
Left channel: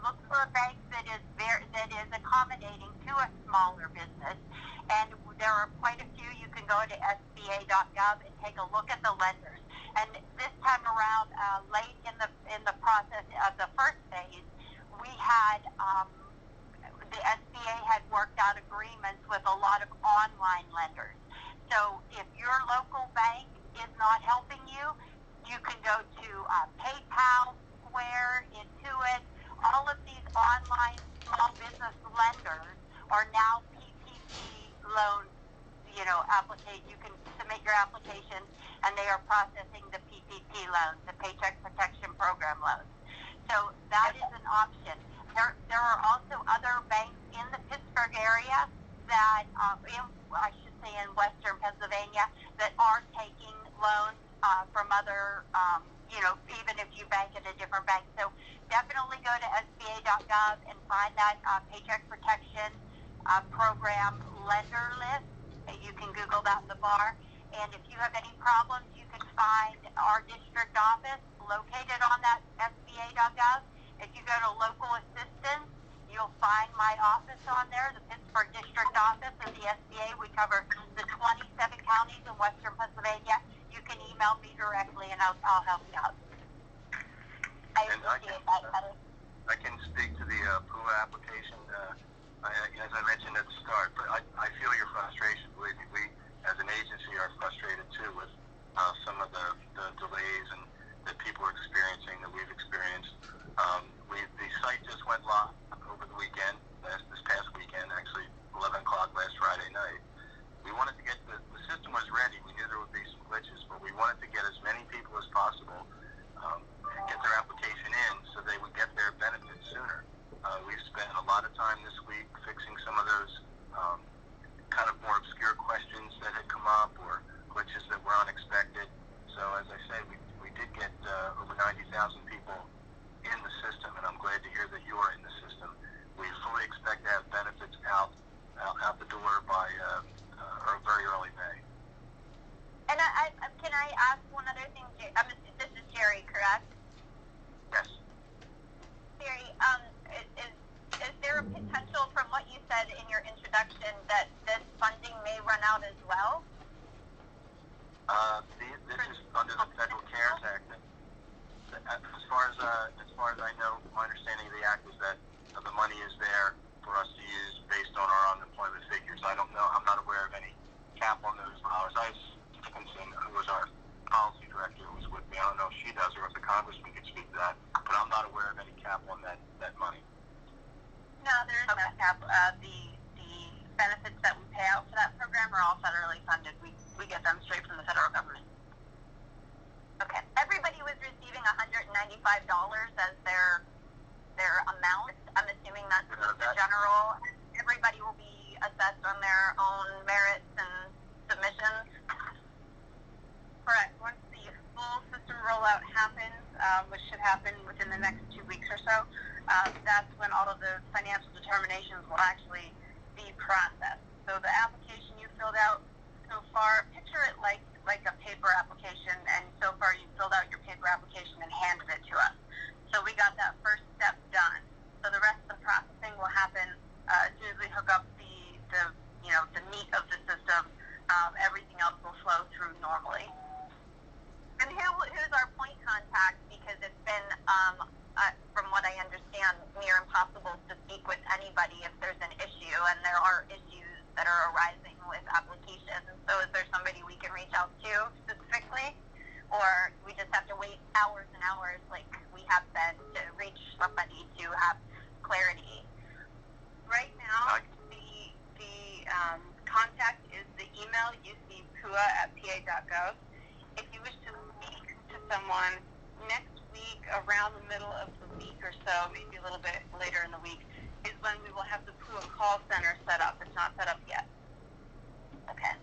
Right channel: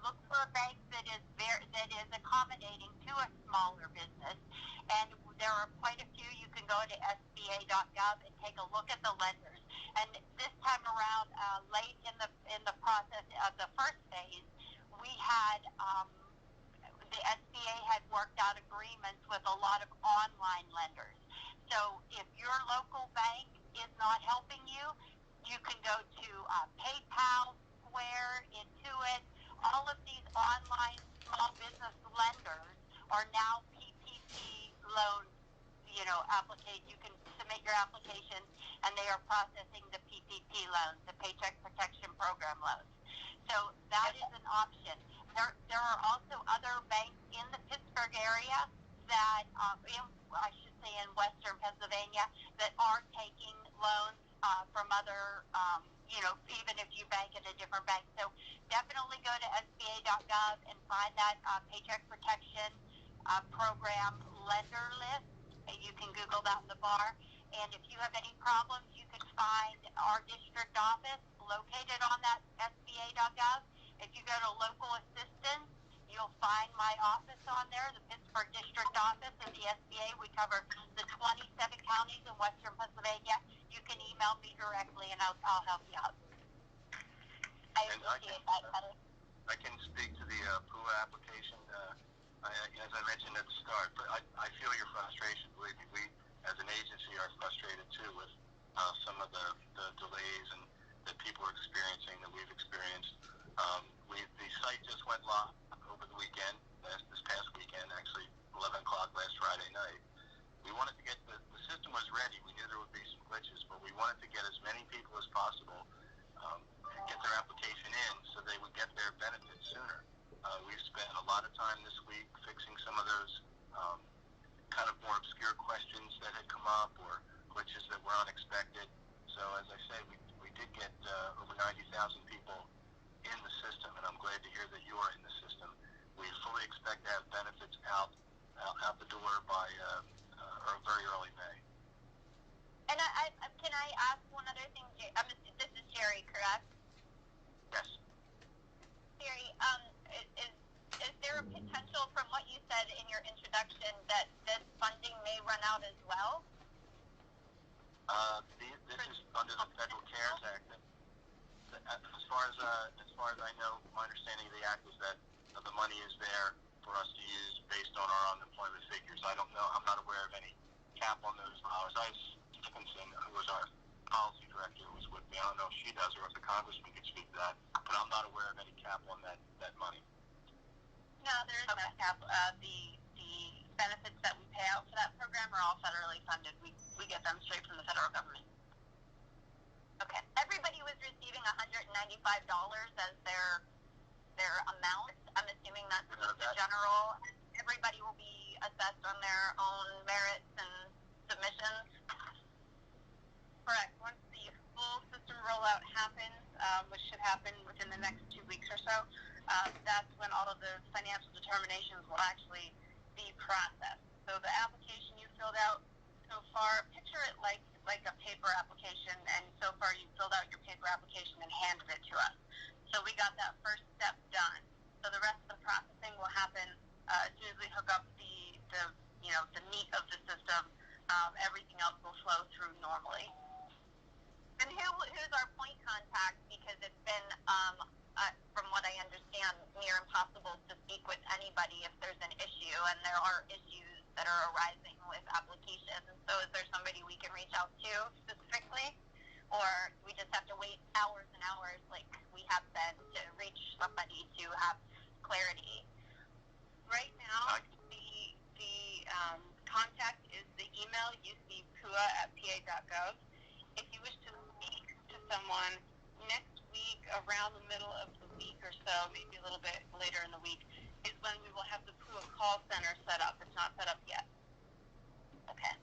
look for a bank that is accommodating to a smaller business. And there are quite a few. You can go to SBA.gov and take a look at the lenders. And this time around, late in the process of the first phase, we had the SBA had worked out agreements with a lot of online lenders. So if your local bank is not helping you, you can go to PayPal, Square, Intuit. All of these online small business lenders are now PPP loan, application. You can submit your application, and they are processing the PPP loans, the Paycheck Protection Program loans. So that is an option. There are also other banks in the Pittsburgh area that, I should say in Western Pennsylvania, that are taking loans from other, even if you bank at a different bank. So definitely go to SBA.gov and find that Paycheck Protection Program lender list. You can Google that in the bar. And if you have any problems, you can find our district office located on that SBA.gov. If you go to local assistance, you'll find my office on there, the Pittsburgh District Office of the SBA. We cover the 27 counties in Western Pennsylvania. You can email me directly, and I'll help you out. I appreciate that, Heather. I can speak to the PUA application. As I mentioned at the start, but I feel your frustration. Believe me, we as an agency are frustrated too with some of the delays and that people are experiencing, that we've experienced. The site just went live over the weekend, this past weekend, actually 11 o'clock last Friday night. We wanted to get the system was ready. We knew there would be some glitches, but we wanted to get as many people as possible get their application in so they would get their benefits sooner. We've spent a lot of time this week fixing some of those kind of more obscure questions that had come up or glitches that were unexpected. So as I say, we did get over 90,000 people in the system, and I'm glad to hear that you are in the system. We fully expect to have benefits out the door by very early May. And can I ask one other thing? This is Jerry, correct? Yes. Jerry, is there a potential, from what you said in your introduction, that this funding may run out as well? This is under the Federal CARES Act. As far as I know, my understanding of the act is that the money is there for us to use based on our unemployment figures. I don't know. I'm not aware of any cap on those dollars. Dickinson, who was our policy director, was with me. I don't know if she does or if the congressman could speak to that, but I'm not aware of any cap on that money. No, there is no cap. The benefits that we pay out for that program are all federally funded. We get them straight from the federal government. Okay. Everybody was receiving $195 as their amount. I'm assuming that's the general. Everybody will be assessed on their own merits and submissions. Correct. Once the full system rollout happens, which should happen within the next 2 weeks or so, that's when all of the financial determinations will actually be processed. So the application you filled out so far, picture it like a paper application, and so far you filled out your paper application and handed it to us. So we got that first step done. So the rest of the processing will happen as soon as we hook up the meat of the system. Everything else will flow through normally. And who's our point contact? Because it's been, from what I understand, near impossible to speak with anybody if there's an issue, and there are issues that are arising with applications. So is there somebody we can reach out to specifically? Or we just have to wait hours and hours like we have been to reach somebody to have clarity? Right now, the contact is the email ucpua@pa.gov. If you wish to speak to someone next week, around the middle of the week or so, maybe a little bit later in the week, is when we will have the PUA call center set up. It's not set up yet. Okay.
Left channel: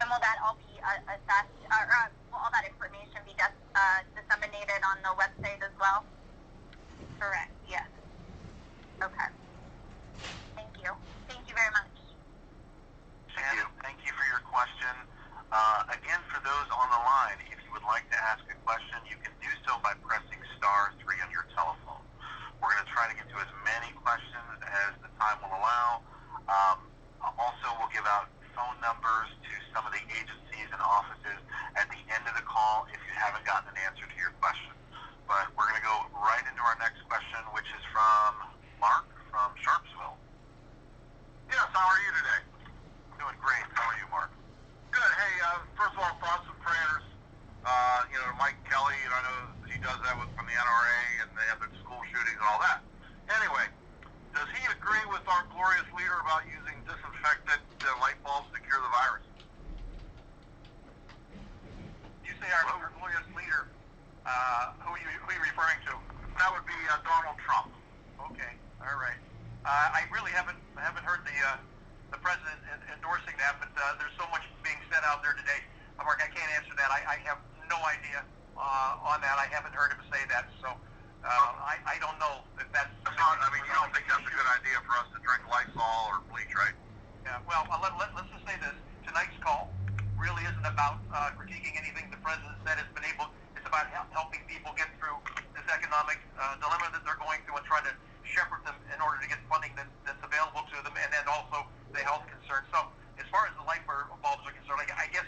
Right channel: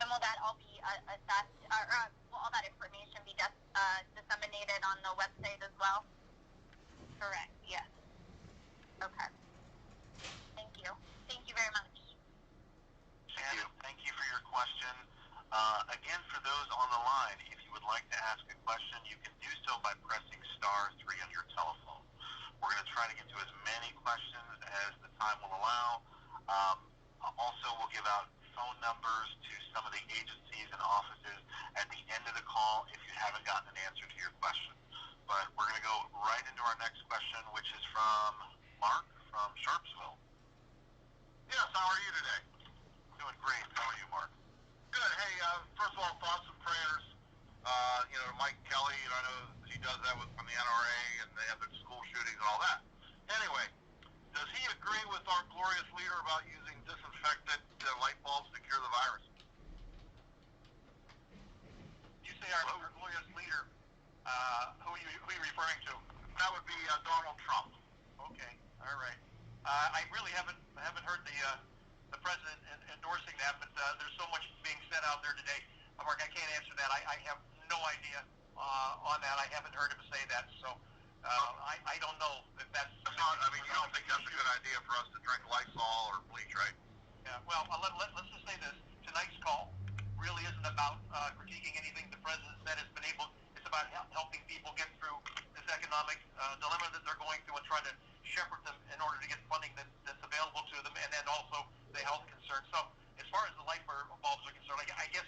And will that all be assessed, or will all that information be disseminated on the website as well? Correct, yes. Okay. Thank you. Thank you very much. Shannon, thank you for your question. Again, for those on the line, if you would like to ask a question, you can do so by pressing *3 on your telephone. We're going to try to get to as many questions as the time will allow. Also, we'll give out phone numbers to some of the agencies and offices at the end of the call if you haven't gotten an answer to your question. But we're going to go right into our next question, which is from Mark from Sharpsville. Yes, how are you today? Doing great. How are you, Mark? Good. Hey, first of all, thoughts and prayers. Mike Kelly, I know he does that from the NRA, and they have the school shootings and all that. Anyway, does he agree with our glorious leader about using disinfectant light bulbs to cure the virus? You say our glorious leader. Who are you referring to? That would be Donald Trump. Okay. All right. I really haven't heard the president endorsing that, but there's so much being said out there today. Mark, I can't answer that. I have no idea on that. I haven't heard him say that, so I don't know if that's not. I mean, you don't think that's a good idea for us to drink Lysol or bleach, right? Yeah. Well, let's just say this: tonight's call really isn't about critiquing anything the president said. It's about helping people get through this economic dilemma that they're going through and trying to shepherd them in order to get funding that's available to them, and then also the health concerns. So, as far as the light bulbs are concerned, I guess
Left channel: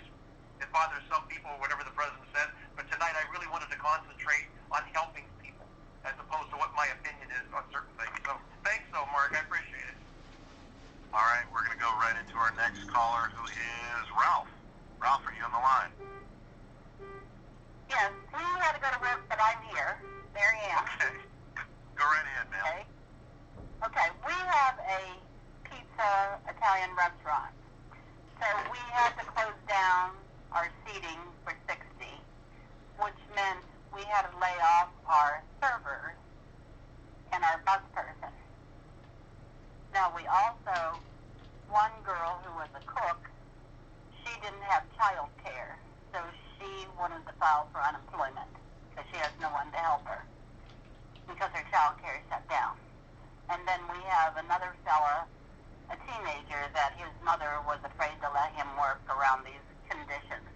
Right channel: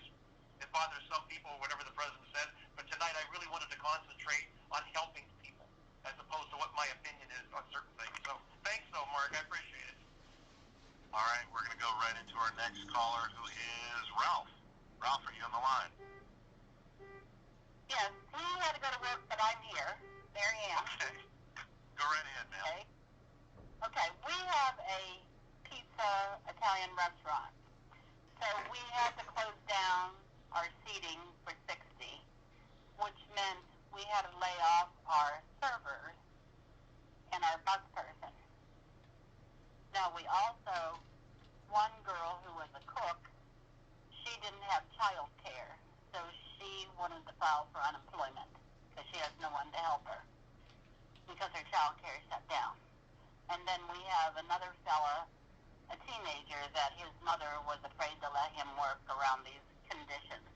it bothers some people, whatever the president says, but tonight I really wanted to concentrate on helping people as opposed to what my opinion is on certain things. So, thanks, Mark. I appreciate it. All right, we're going to go right into our next caller, who is Ralph. Ralph, are you on the line? Yes, we had to go to work, but I'm here. Mary Ann. Okay. Go right ahead, ma'am. Okay, we have a pizza Italian restaurant. So we had to close down our seating for 60, which meant we had to lay off our servers and our bus person. Now we also, one girl who was a cook, she didn't have child care, so she wanted to file for unemployment because she has no one to help her because her child care shut down. And then we have another fella, a teenager, that his mother was afraid to let him work around these conditions.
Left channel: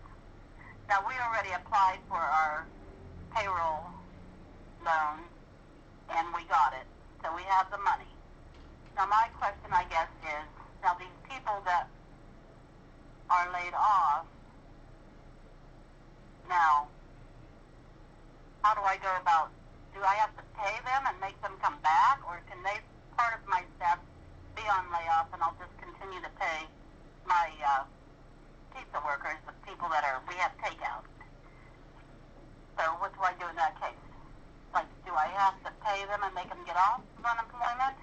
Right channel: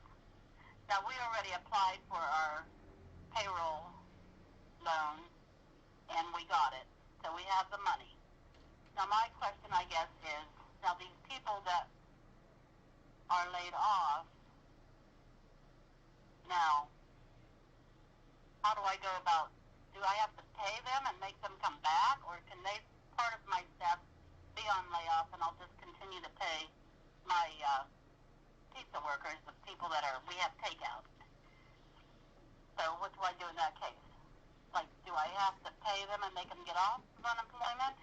Now, we already applied for our payroll loan, and we got it. So we have the money. Now, my question, I guess, is, now these people that are laid off, now, how do I go about, do I have to pay them and make them come back, or can they, part of my staff, be on layoff and I'll just continue to pay my pizza workers, the people that we have takeout? So what do I do in that case? Like, do I have to pay them and make them get off of unemployment?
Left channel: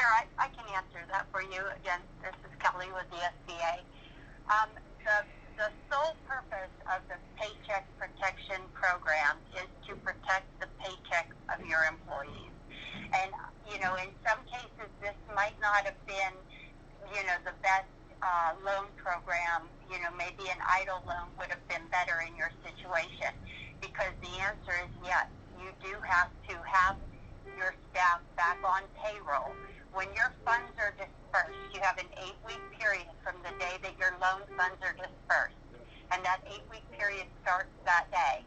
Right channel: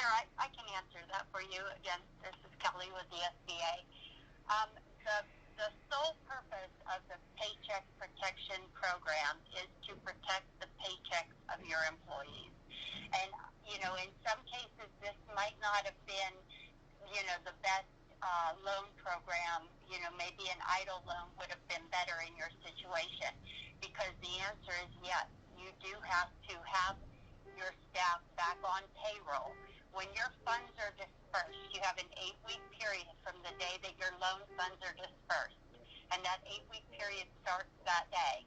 Sure, I can answer that for you. Again, this is Kelly with the SBA. The sole purpose of the Paycheck Protection Program is to protect the paychecks of your employees. And, in some cases, this might not have been, the best loan program. Maybe an EIDL loan would have been better in your situation, because the answer is yes. You do have to have your staff back on payroll. When your funds are dispersed, you have an 8-week period from the day that your loan funds are dispersed, and that 8-week period starts that day.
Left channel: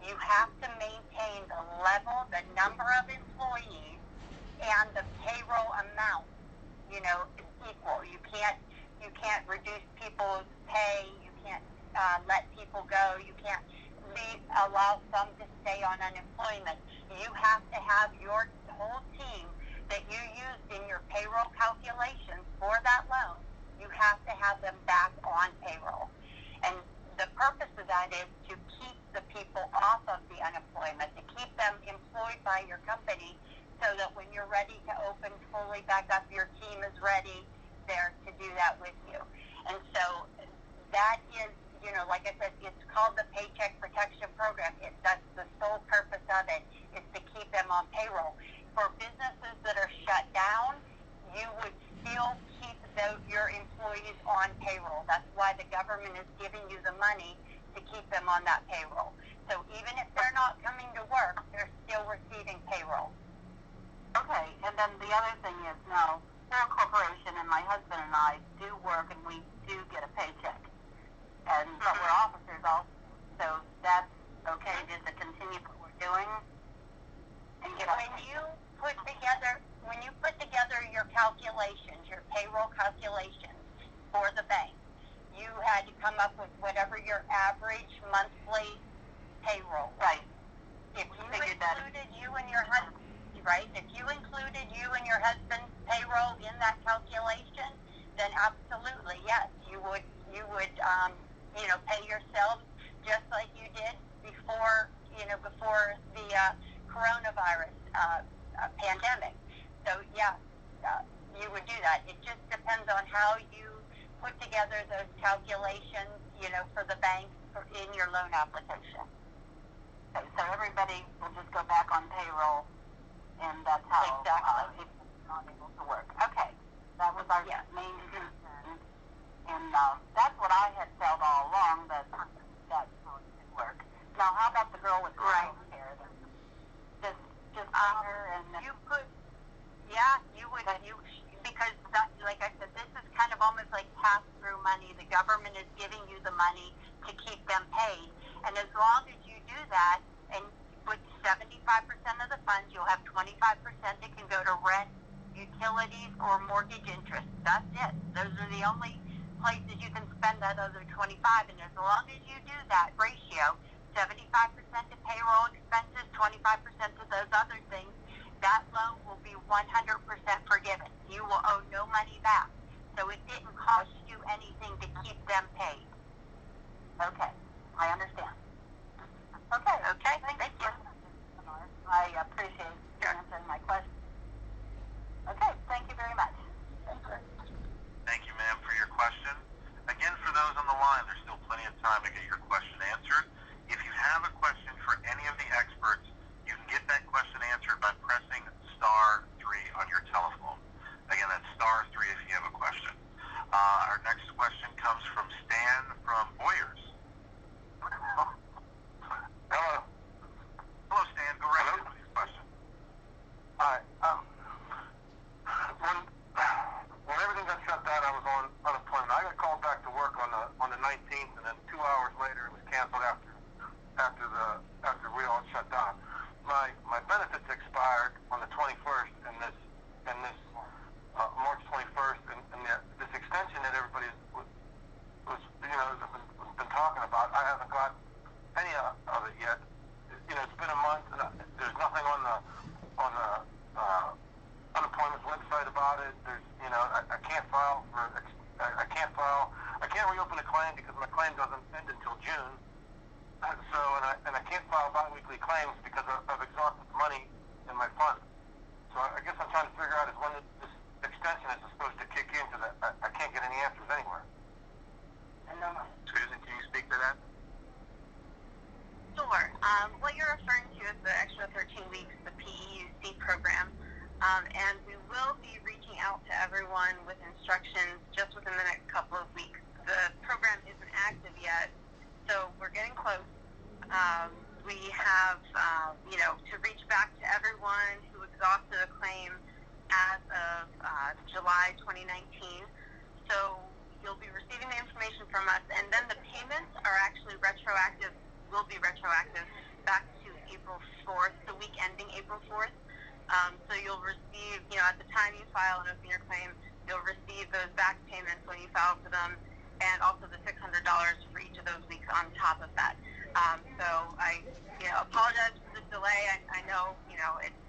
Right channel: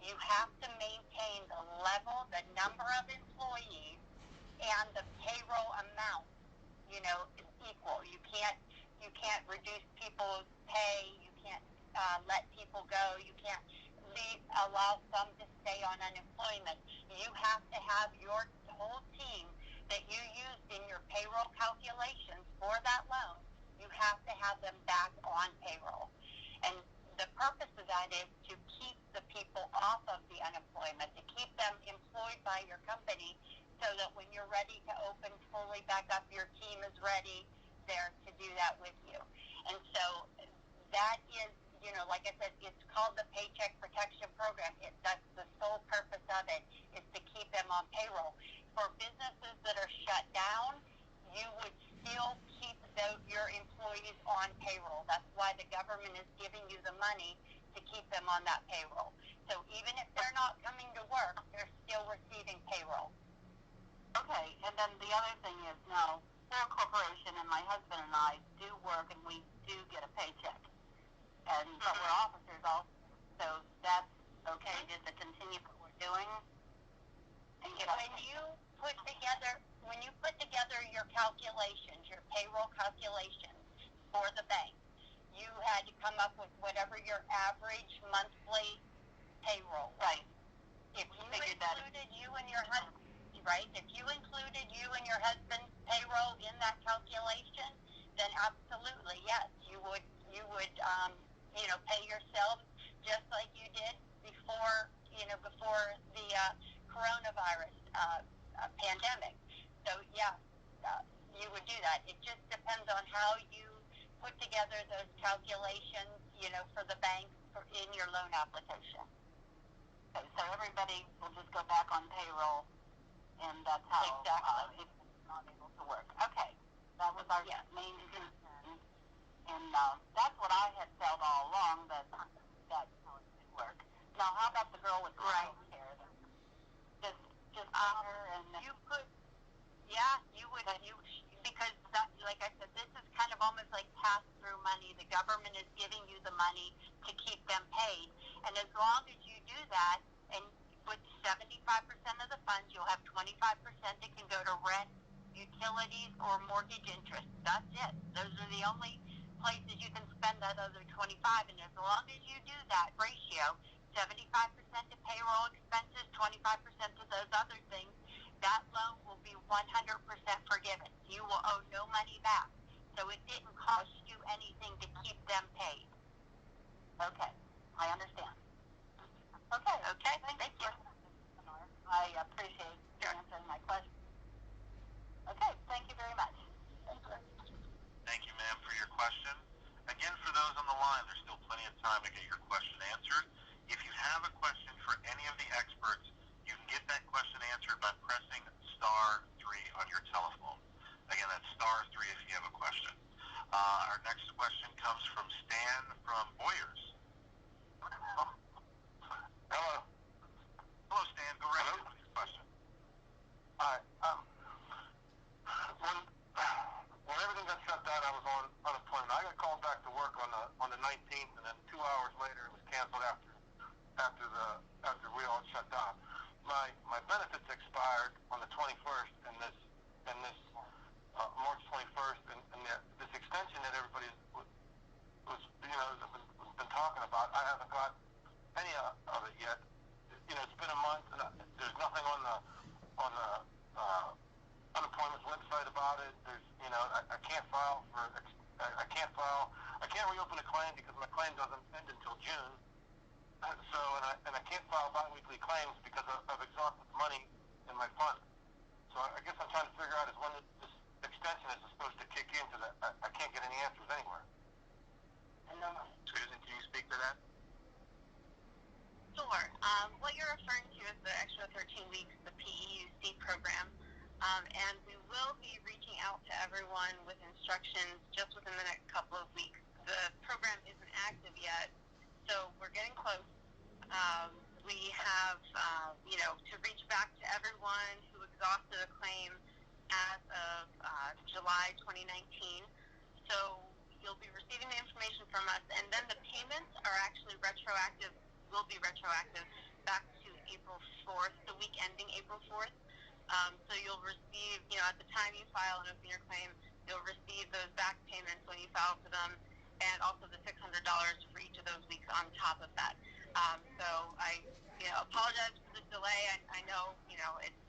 You have to maintain the level, the number of employees, and the payroll amount, equal. You can't reduce people's pay. You can't let people go. You can't allow some to stay on unemployment. You have to have your whole team that you used in your payroll calculations for that loan, you have to have them back on payroll. And the purpose of that is to keep the people off of the unemployment, to keep them employed by your company so that when you're ready to open fully back up, your team is ready there to do that with you. And so that is, like I said, it's called the Paycheck Protection Program. That's the sole purpose of it, is to keep them on payroll. For businesses that are shut down, you would still keep your employees on payroll. That's why the government is giving you the money to keep them on that payroll. So even if they're not coming to work, they're still receiving payroll. Okay, and then the other thing is, now, we're a corporation, and my husband and I do work, and we do get a paycheck. But we're officers also, so that's okay just to continue what we're doing. And when you put together your calculations, your payroll calculations for the bank, you had to come up with whatever your average monthly payroll. Right. If you included you and your husband, right? If you included you and your husband's payroll in that calculation, then absolutely, yes, you would pay yourselves just like you did before the coronavirus pandemic. So yeah, you would do that. It just depends on how you put together those calculations, for the bank in your loan application. Okay, so everybody will just go back on payroll, and that's how people are not able to work. Okay, that was our main concern, and that's what I had felt all along, that that's how it should work. Now, how about the girl with child care? Just her and you could, because like I said, this is kind of almost like pass-through money. The government is giving you the money to keep them paid, and as long as you do that, and with 75% of the funds, you'll have 25% that can go to rent, utilities, or mortgage interest. That's it. Those are the only places you can spend that other 25, and as long as you do that ratio, 75% to payroll expenses, 25% to those other things, that loan will be 100% forgiven. You will owe no money back. So it didn't cost you anything to keep them paid. Okay, I understand. Okay, thank you. I appreciate you answering my question. Okay, thank you very much. Thank you, ma'am, for your question. Again, for those on the line, there's still plenty of time to get your question answered. If you have a question for any of the experts, you can get that question answered by pressing *3 on your telephone. Again, that's *3 if you have a question. Our next question comes from Stan from Boyers. Hello. Hello, Stan. Go right ahead with your question. Hi. When everything got shut down, I was on unemployment. I got called back to work on the 19th, and then 2 hours later, it was canceled after we all shut down. My benefits expired on the 21st, and this March 21st, and this extension that everybody was been talking about, I haven't got any of it yet. It's been a month, and there's nothing on the unemployment website about it. There's, I can't file for, I can't reopen a claim because my claim doesn't end until June. So, and I can't file bi-weekly claims because I've exhausted the money in my fund. So I guess I'm trying to figure out is when this extension is supposed to kick in, because I can't get any answers anywhere. Susan, can you speak to that? Sure. What you're referring to is the extra 13 weeks, the PEUC program, and we will be reaching out to everyone with instructions just within the next couple of weeks. The program isn't active yet, so we're getting close. We have, to reach back to everyone who exhausted a claim as of July 2019. So you'll be receiving the information from us, and then the payments are actually retroactive, will be retroactive back to April 4th, the week ending April 4th. So you'll receive, at the time you file and open your claim, you'll receive those back payments when you file for them, and also the $600 for each of those weeks on top of that. So I, apologize for the delay. I know,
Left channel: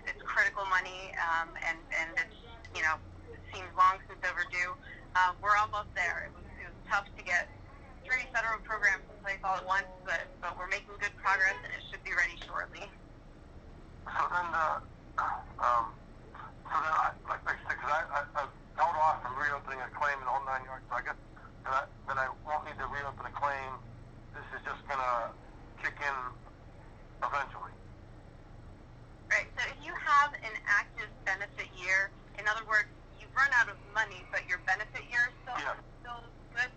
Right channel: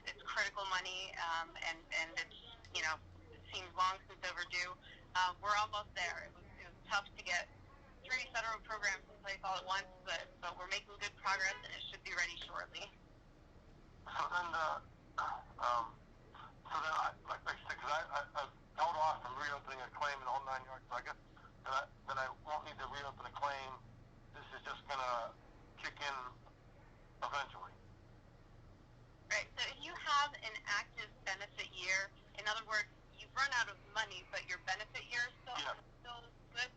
it's critical money, and it's, it seems long since overdue. We're almost there. It was tough to get 3 federal programs in place all at once, but we're making good progress, and it should be ready shortly. So then, like I said, because I held off from reopening a claim in the whole 9 yards, so I guess then I won't need to reopen a claim. This is just going to kick in eventually. Right. So if you have an active benefit year, in other words, you've run out of money, but your benefit year is still good,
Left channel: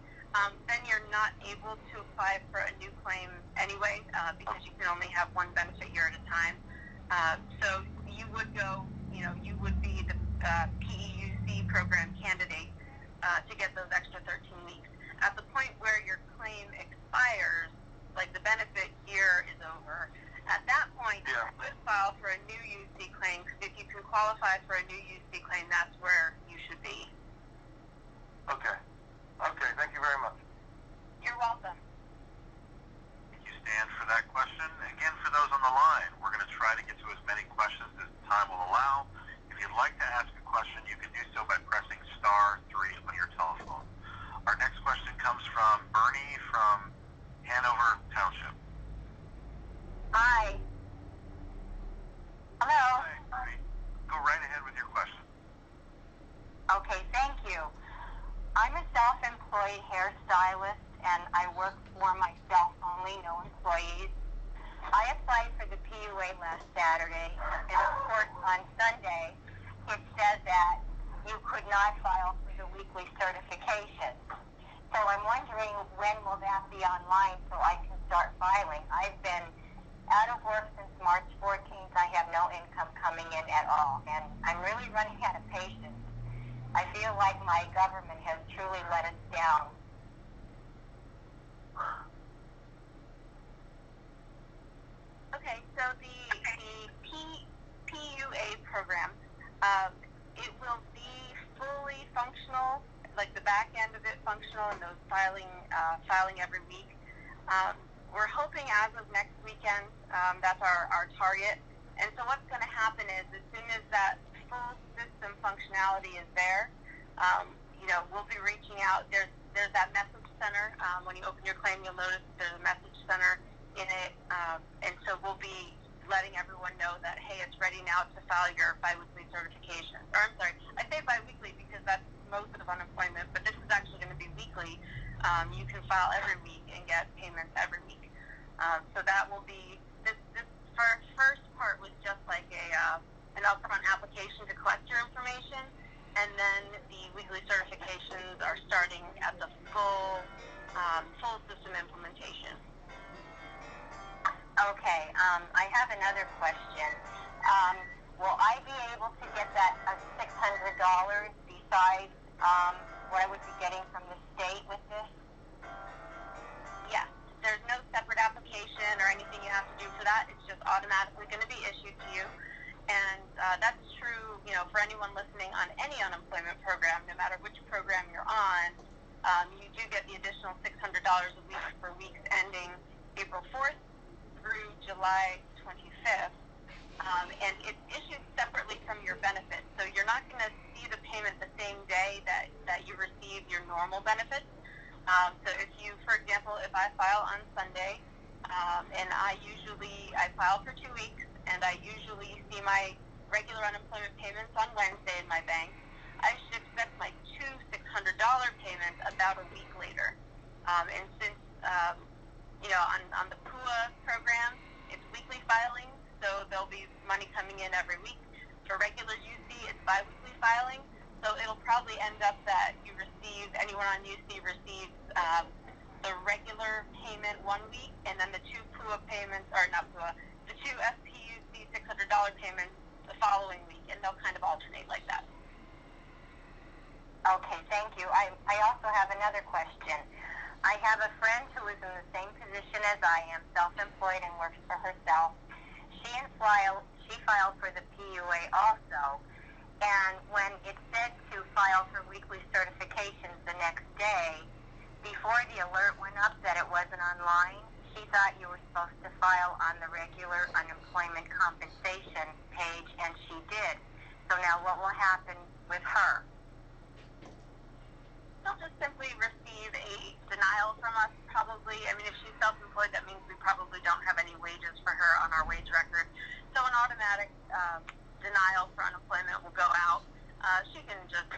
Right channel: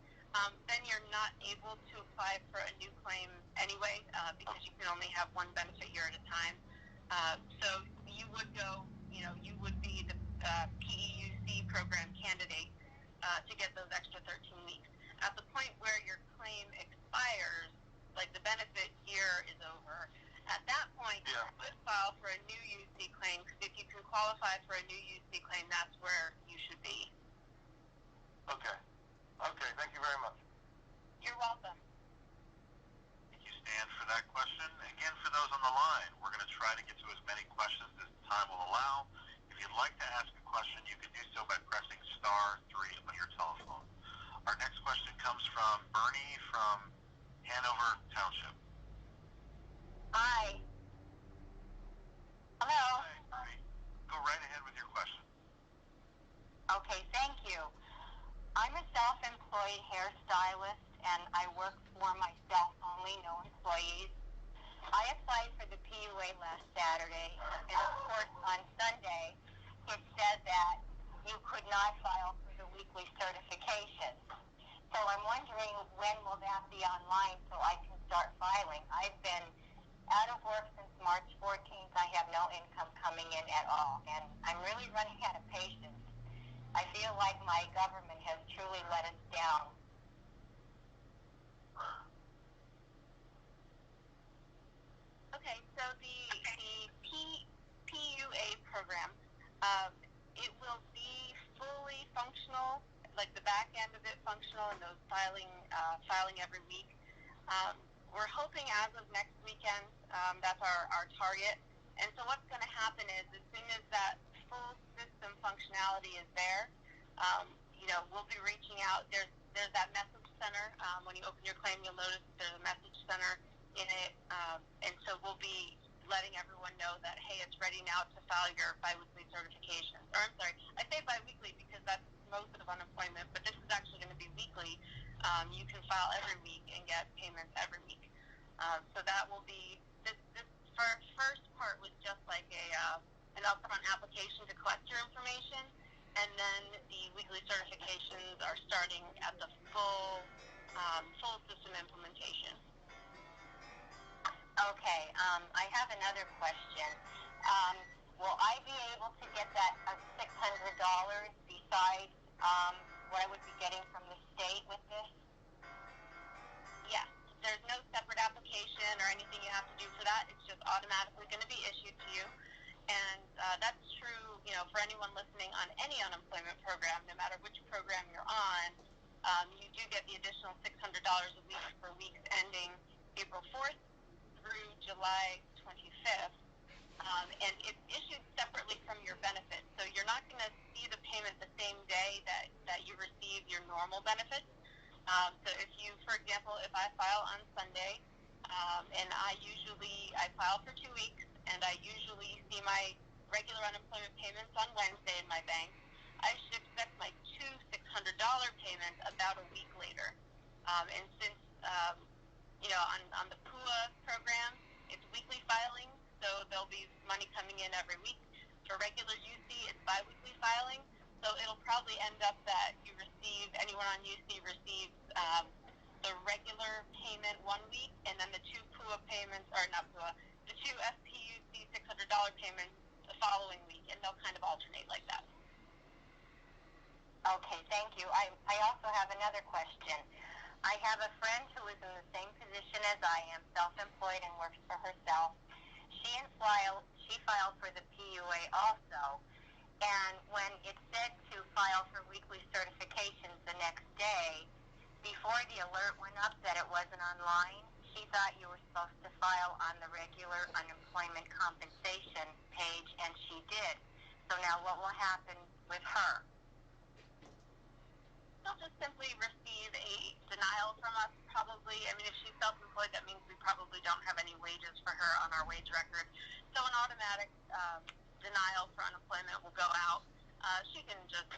then you're not able to apply for a new claim anyway, because you can only have one benefit year at a time. So you would go, you would be the PEUC program candidate to get those extra 13 weeks. At the point where your claim expires, like the benefit year is over, at that point you would file for a new UC claim, because if you can qualify for a new UC claim, that's where you should be. Okay, thank you very much. You're welcome. Thank you, Stan, for that question. Again, for those on the line, we're going to try to get to as many questions as time will allow. If you'd like to ask a question, you can do so by pressing *3 on your telephone. Our next question comes from Bernie from Hanover Township. Hi. Hello. Hi, Bernie. Go right ahead with your question. Okay, thank you. I'm a self-employed hairstylist, and I work for myself only, no employees. I applied for the PUA last Saturday, and of course on Sunday it said that you could not file for the weekly certification. So I'm wondering, when will that be online so I can start filing? I've been out of work since March 14th. I have no income coming in at all, and I'm really running out of patience. I feel like my government has truly let us down. Okay, so the PUA program, it will be fully functional, like the back end of it functional, and those filing every week. We're hoping as of next weekend, that's our target. And so what's going to happen is, as soon as that full system functionality is there, we'll be reaching out. There's that message center. When you open your claim, you'll notice there's a message center in it, and so we'll be letting everyone know that, hey, it's ready now to file your biweekly certification. Or I'm sorry, I say biweekly because that's most of unemployment, but this is actually going to be weekly. You can file every week and get payments every week. So that will be this first part was just like an upfront application to collect your information, and then the weekly certifications are starting at the full system implementation. Okay, I have another question. Will I be able to get that $600 besides what I would be getting from the state with this? Yes. There's no separate application or anything you have to do for that. It's just automatically going to be issued to you. And that's true, for anyone listening on any unemployment program, no matter which program you're on. You do get the additional $600 a week for weeks ending April 4th through July 25th. And it's issued separately from your benefits. So you're not going to see the payment the same day that you receive your normal benefits. So if you, for example, if I file on Sunday, and I file for 2 weeks, and I usually see my regular unemployment payments on Wednesday in my bank, I should expect my two $600 payments about a week later. And since, on the PUA program, it's weekly filing, so there'll be money coming in every week. For regular UC, it's biweekly filing. So it'll probably end up that anyone on UC receives the regular payment 1 week, and then the two PUA payments, or not PUA, the two SPUC $600 payments the following week, and they'll kind of alternate like that. Okay, thank you. I also have another question. I have a friend who is in the same position as I am, self-employed and works for herself. She filed for the PUA also, and when it said to file for weekly certifications the next day, before the alert went up that it wasn't online, she thought you were supposed to file on the regular unemployment compensation page, and she did. So now what will happen with her? She'll just simply receive a denial from us, probably. I mean, if she's self-employed, that means we probably don't have any wages for her on our wage record. So an automatic denial for unemployment will go out. She can just,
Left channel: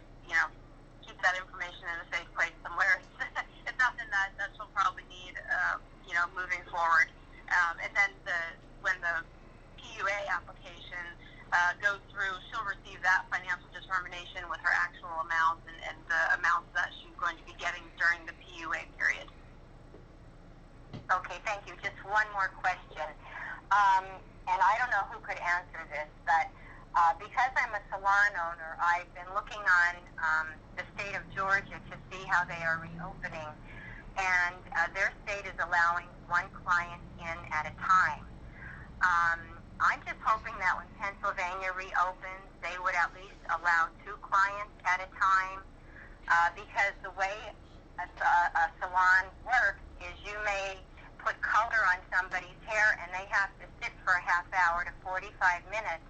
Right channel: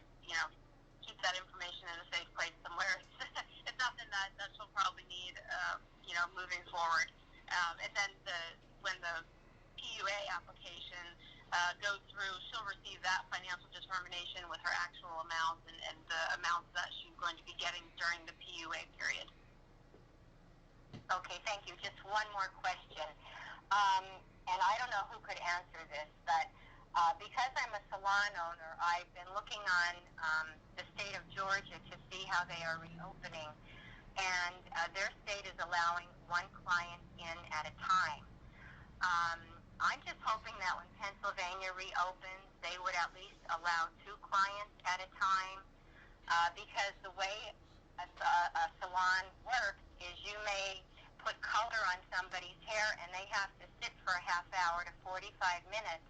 keep that information in a safe place somewhere. It's nothing that she'll probably need, moving forward. And then when the PUA application goes through, she'll receive that financial determination with her actual amounts and the amounts that she's going to be getting during the PUA period. Okay, thank you. Just one more question. And I don't know who could answer this, but because I'm a salon owner, I've been looking on the state of Georgia to see how they are reopening, and their state is allowing one client in at a time. I'm just hoping that when Pennsylvania reopens, they would at least allow 2 clients at a time, because the way a salon works is you may put color on somebody's hair and they have to sit for a half hour to 45 minutes,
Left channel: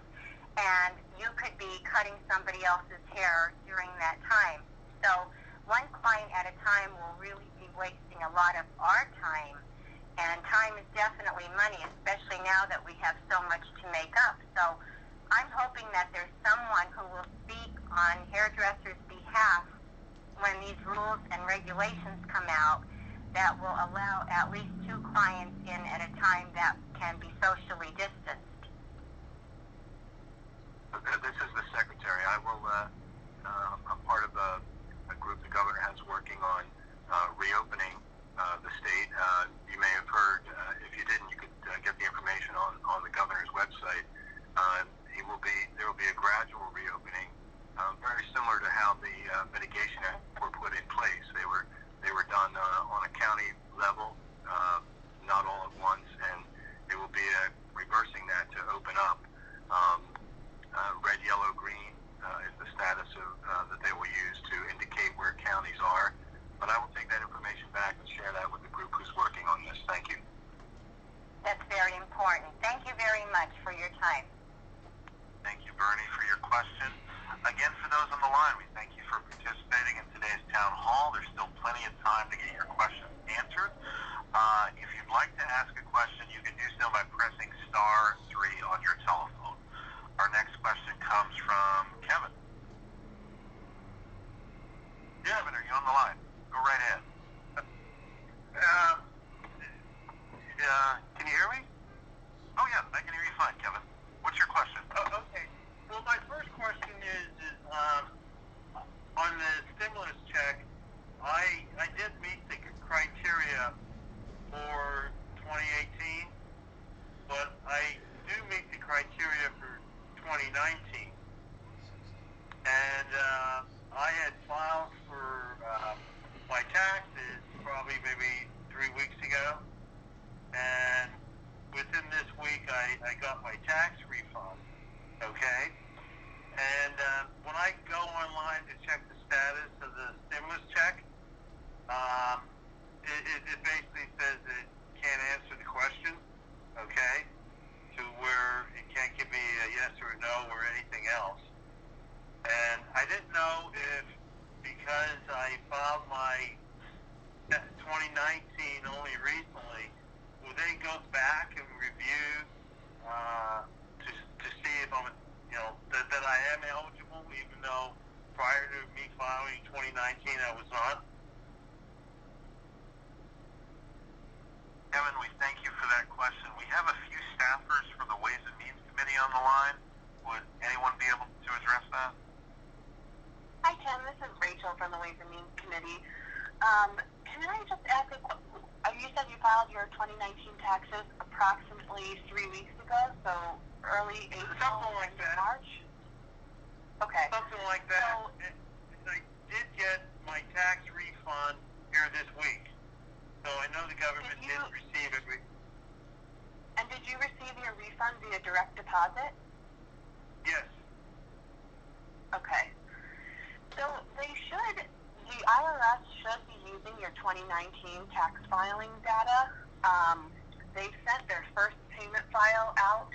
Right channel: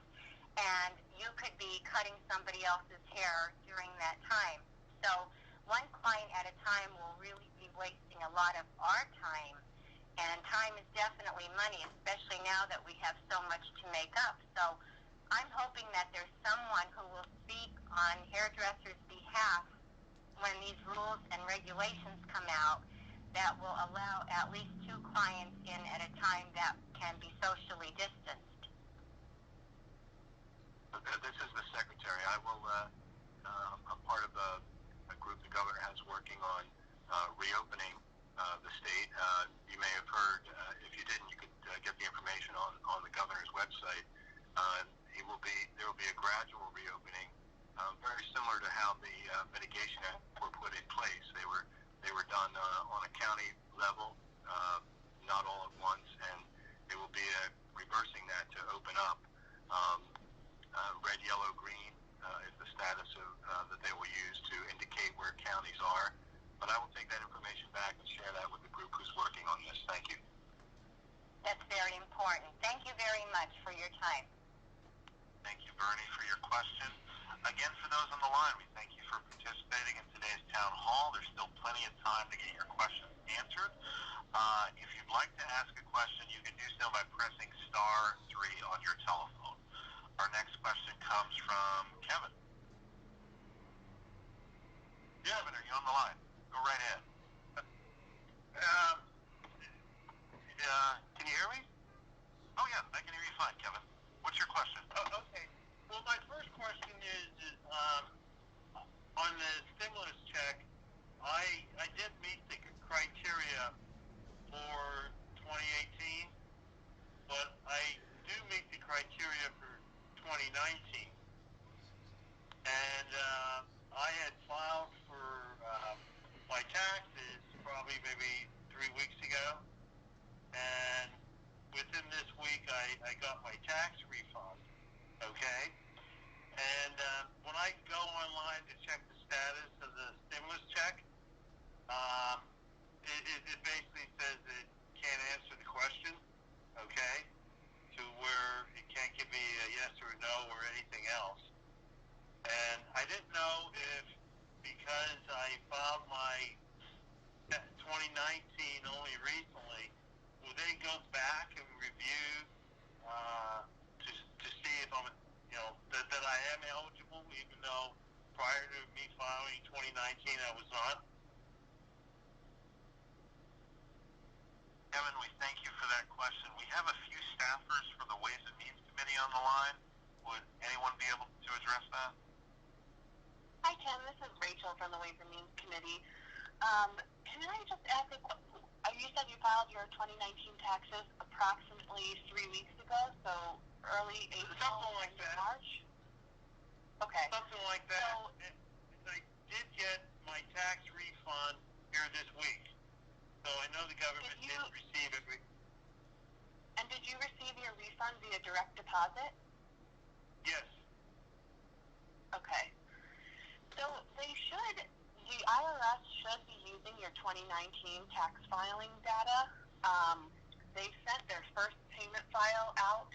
and you could be cutting somebody else's hair during that time. So one client at a time will really be wasting a lot of our time, and time is definitely money, especially now that we have so much to make up. So I'm hoping that there's someone who will speak on hairdressers' behalf when these rules and regulations come out that will allow at least 2 clients in at a time that can be socially distanced. This is the secretary. I'm part of a group the governor has working on reopening the state. You may have heard, if you didn't, you could get the information on the governor's website. There will be a gradual reopening, very similar to how the mitigation acts were put in place. They were done on a county level, not all at once, and they will be reversing that to open up. Red, yellow, green is the status that they will use to indicate where counties are. But I will take that information back and share that with the group who's working on this. Thank you. That's very important. Thank you very much for your time. Thank you, Bernie, for your question. Again, for those on the line, we thank you for participating in today's town hall. There's still plenty of time to get your questions answered. If you'd like to ask a question, you can do so by pressing *3 on your telephone. Our next question comes from Kevin. Kevin, are you on the line? Go right ahead. Can you hear me? Oh, yeah, I can hear you fine, Kevin. What's your question? Okay. Well, my first question is on the stimulus check, I did meet the criteria for 2018, but I do meet the criteria for 2019. And I had filed for my taxes probably maybe 3 weeks ago, and within this week I got my tax refund, okay? And when I go online to check the status of the stimulus check, it basically says it can't answer the question, okay? To where it can't give me a yes or a no or anything else. And I didn't know if, because I filed my 2019 only recently, will they go back and review to see if I'm, that I am eligible, even though prior to me filing 2019 I was not? Kevin, we thank you for that question. We have a few staffers from the Ways and Means Committee on the line. Would anyone be able to address that? Hi, Tim. This is Rachel from the Ways and Means Committee. Can I just ask a question? You said you filed your 2019 taxes approximately 3 weeks ago, so early April, something like that. March? Okay. Something like that. So, I did get my tax refund here this week. So I know the government didn't receive it. And did you receive your refund via direct deposit? Yes. Okay. So the IRS should be using your 2019 tax filing data. They sent their first payment file out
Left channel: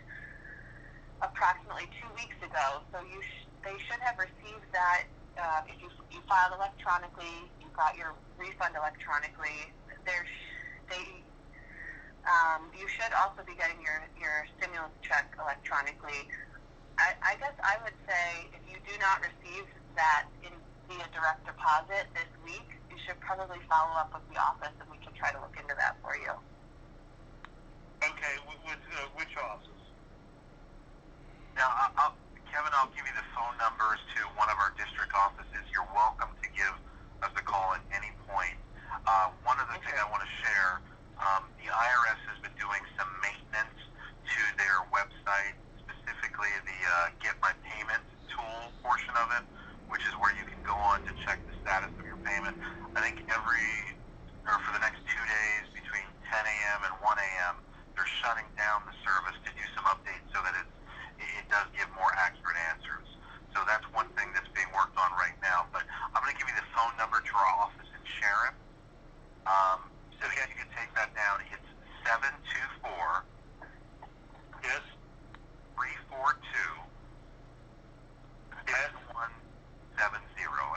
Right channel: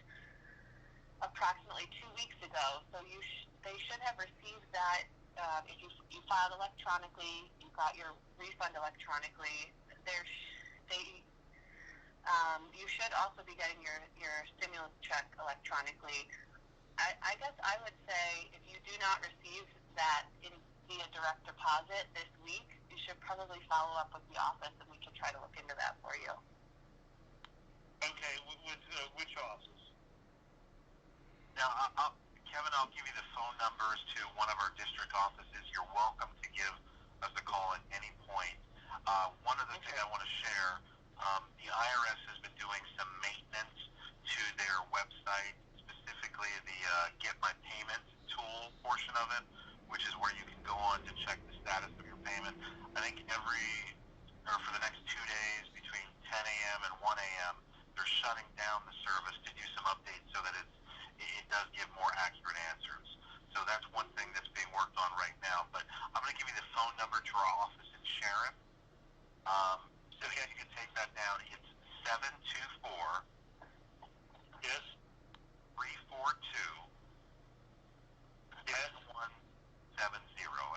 approximately 2 weeks ago. So they should have received that. If you filed electronically, you got your refund electronically. You should also be getting your stimulus check electronically. I guess I would say if you do not receive that via direct deposit this week, you should probably follow up with the office and we can try to look into that for you. Okay, with which office? Now, Kevin, I'll give you the phone numbers to one of our district offices. You're welcome to give us a call at any point. One other thing I want to share, the IRS has been doing some maintenance to their website, specifically the Get My Payment tool portion of it, which is where you can go on to check the status of your payment. I think for the next 2 days between 10 a.m. and 1 a.m., they're shutting down the service to do some updates so that it does give more accurate answers. So that's one thing that's being worked on right now. But I'm going to give you the phone number to our office in Sharon. So you can take that down. It's 724 yes 342 7170.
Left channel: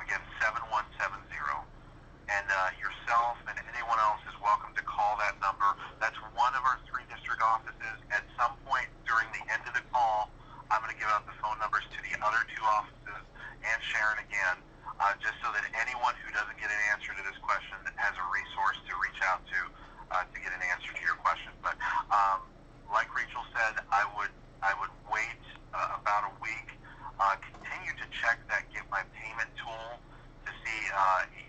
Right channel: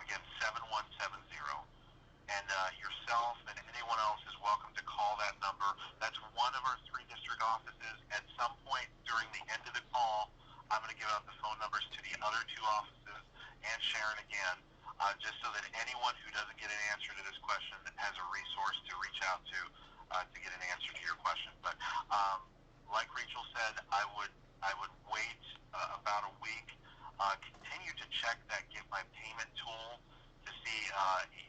Again, 7170. And yourself and anyone else is welcome to call that number. That's one of our 3 district offices. At some point during the end of the call, I'm going to give out the phone numbers to the other 2 offices and Sharon again, just so that anyone who doesn't get an answer to this question has a resource to reach out to get an answer to your question. But like Rachel said, I would wait about a week. Continue to check that Get My Payment tool to see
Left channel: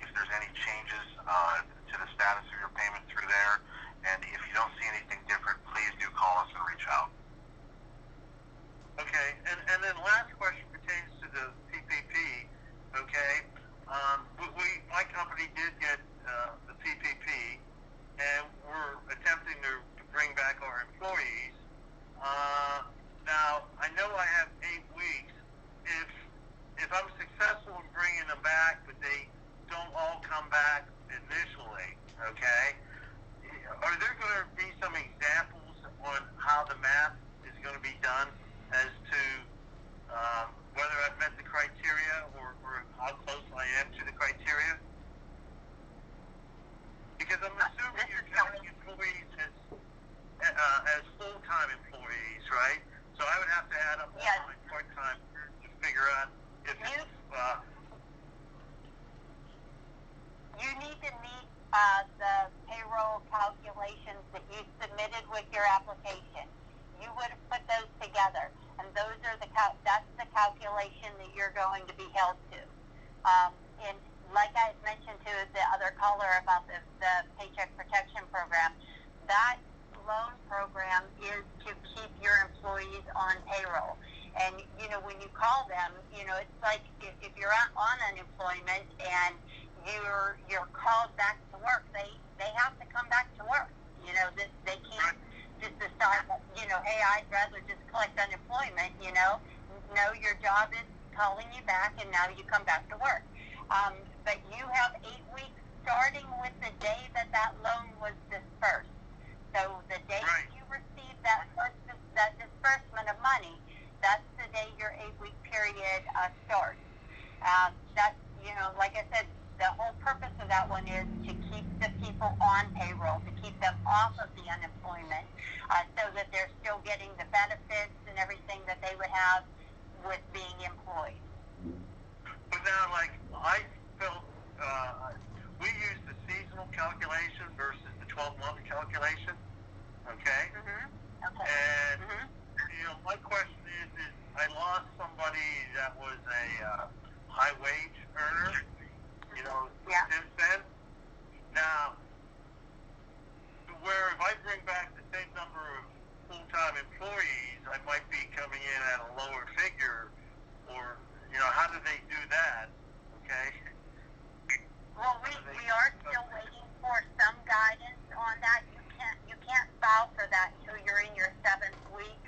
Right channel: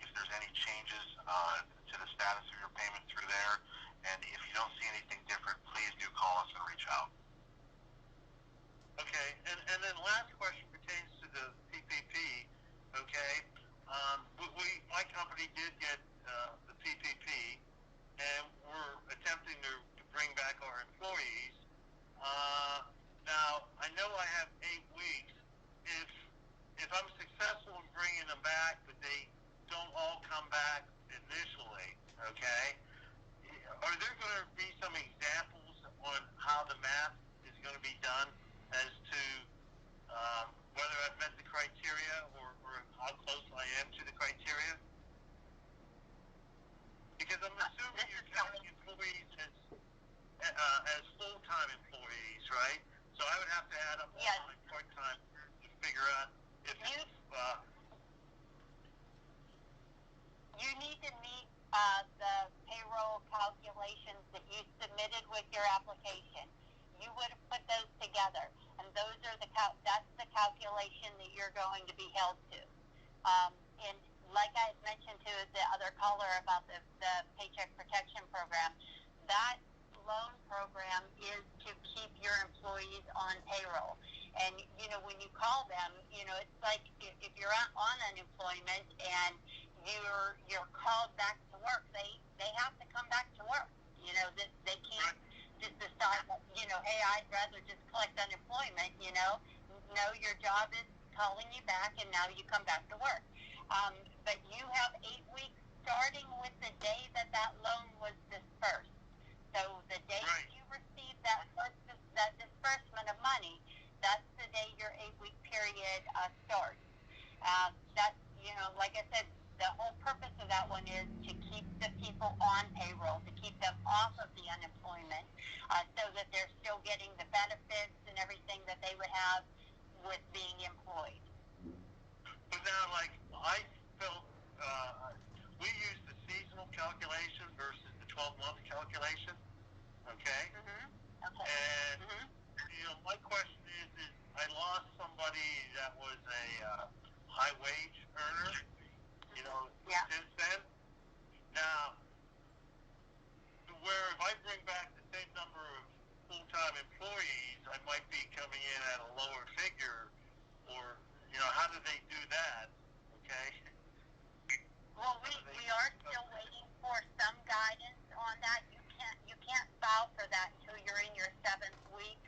if there's any changes to the status of your payment through there. And if you don't see anything different, please do call us and reach out. Okay, and then last question pertains to the PPP. Okay, my company did get the PPP, and we're attempting to bring back our employees. Now I know I have 8 weeks. If I'm successful in bringing them back, but they don't all come back initially, okay? Are there going to be some examples on how the math is going to be done as to whether I've met the criteria or how close I am to the criteria? Because I'm assuming you're counting employees as full-time employees, right? So I would have to add up all my part-time to figure out if you need to meet the payroll calculations that you submitted with your application. You would have put those together, and those are that's the calculation that you're going to be held to. And like I had mentioned to the other caller about the Paycheck Protection Program, that loan program is to keep your employees on payroll. And, when you call them, it's like if you're on unemployment and you're called back to work, they have to come back to work. They can't just decide that, hey, I'd rather just collect unemployment, No, your job is calling you back, and now you come back to work. But you have 8 weeks starting with the day that loan was dispersed. So the day you receive that disbursement of money, that's the day your 8-week period starts. That's, like I said, the whole purpose of that one is to keep the people on payroll, to keep them off of the unemployment, so that they're still getting the benefits and everything that they would have with being employed. But now, I felt we use the seasonal calculation versus the 12-month calculation, okay? Mm-hmm. Okay. And, my question is I lost somebody that was a high-wage earner, since then. Now, where if I bring back the same number of full-time employees, I might be coming in at a lower figure, or, how do they do that? Okay? Well, we are still waiting for some guidance on that. You can't file for that until you're in your 7th week,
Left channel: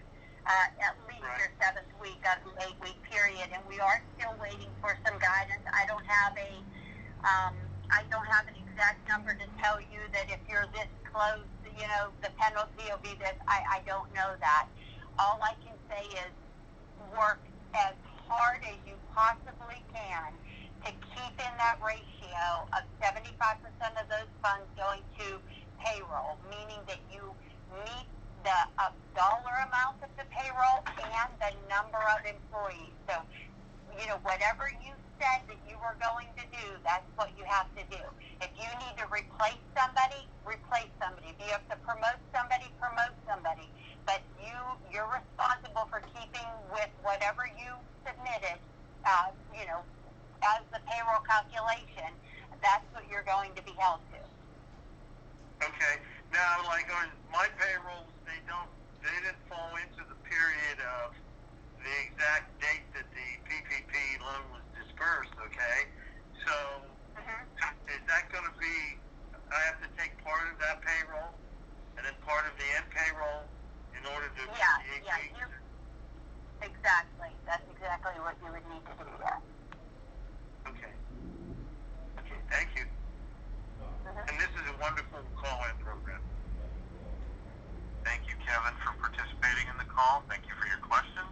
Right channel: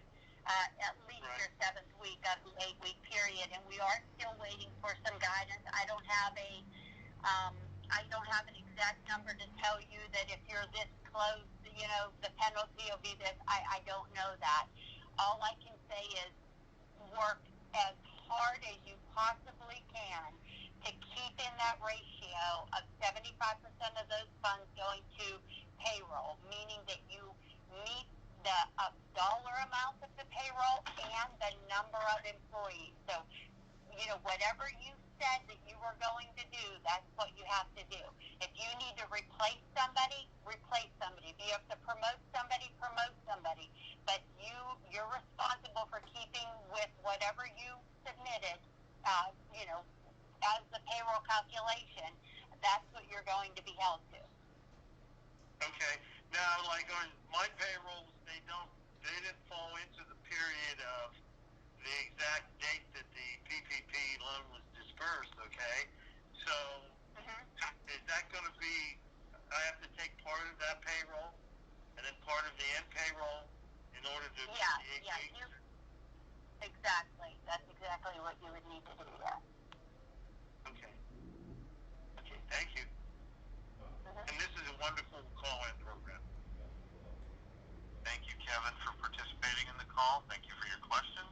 at least your 7th week of the 8-week period, and we are still waiting for some guidance. I don't have an exact number to tell you that if you're this close, the penalty will be this. I don't know that. All I can say is work as hard as you possibly can to keep in that ratio of 75% of those funds going to payroll, meaning that you meet the dollar amount of the payroll and the number of employees. So, whatever you said that you were going to do, that's what you have to do. If you need to replace somebody, replace somebody. If you have to promote somebody, promote somebody. But you're responsible for keeping with whatever you submitted, as the payroll calculation. That's what you're going to be held to. Okay. Now, like on my payrolls, they didn't fall into the period of the exact date that the PPP loan was dispersed, okay? So, is that going to be, I have to take part of that payroll and then part of the end payroll in order to Exactly. That's exactly what you would need to do, yeah. Okay, thank you. And this is a wonderful call-in program. Thank you, Kevin, for participating in the call. Thank you for your question.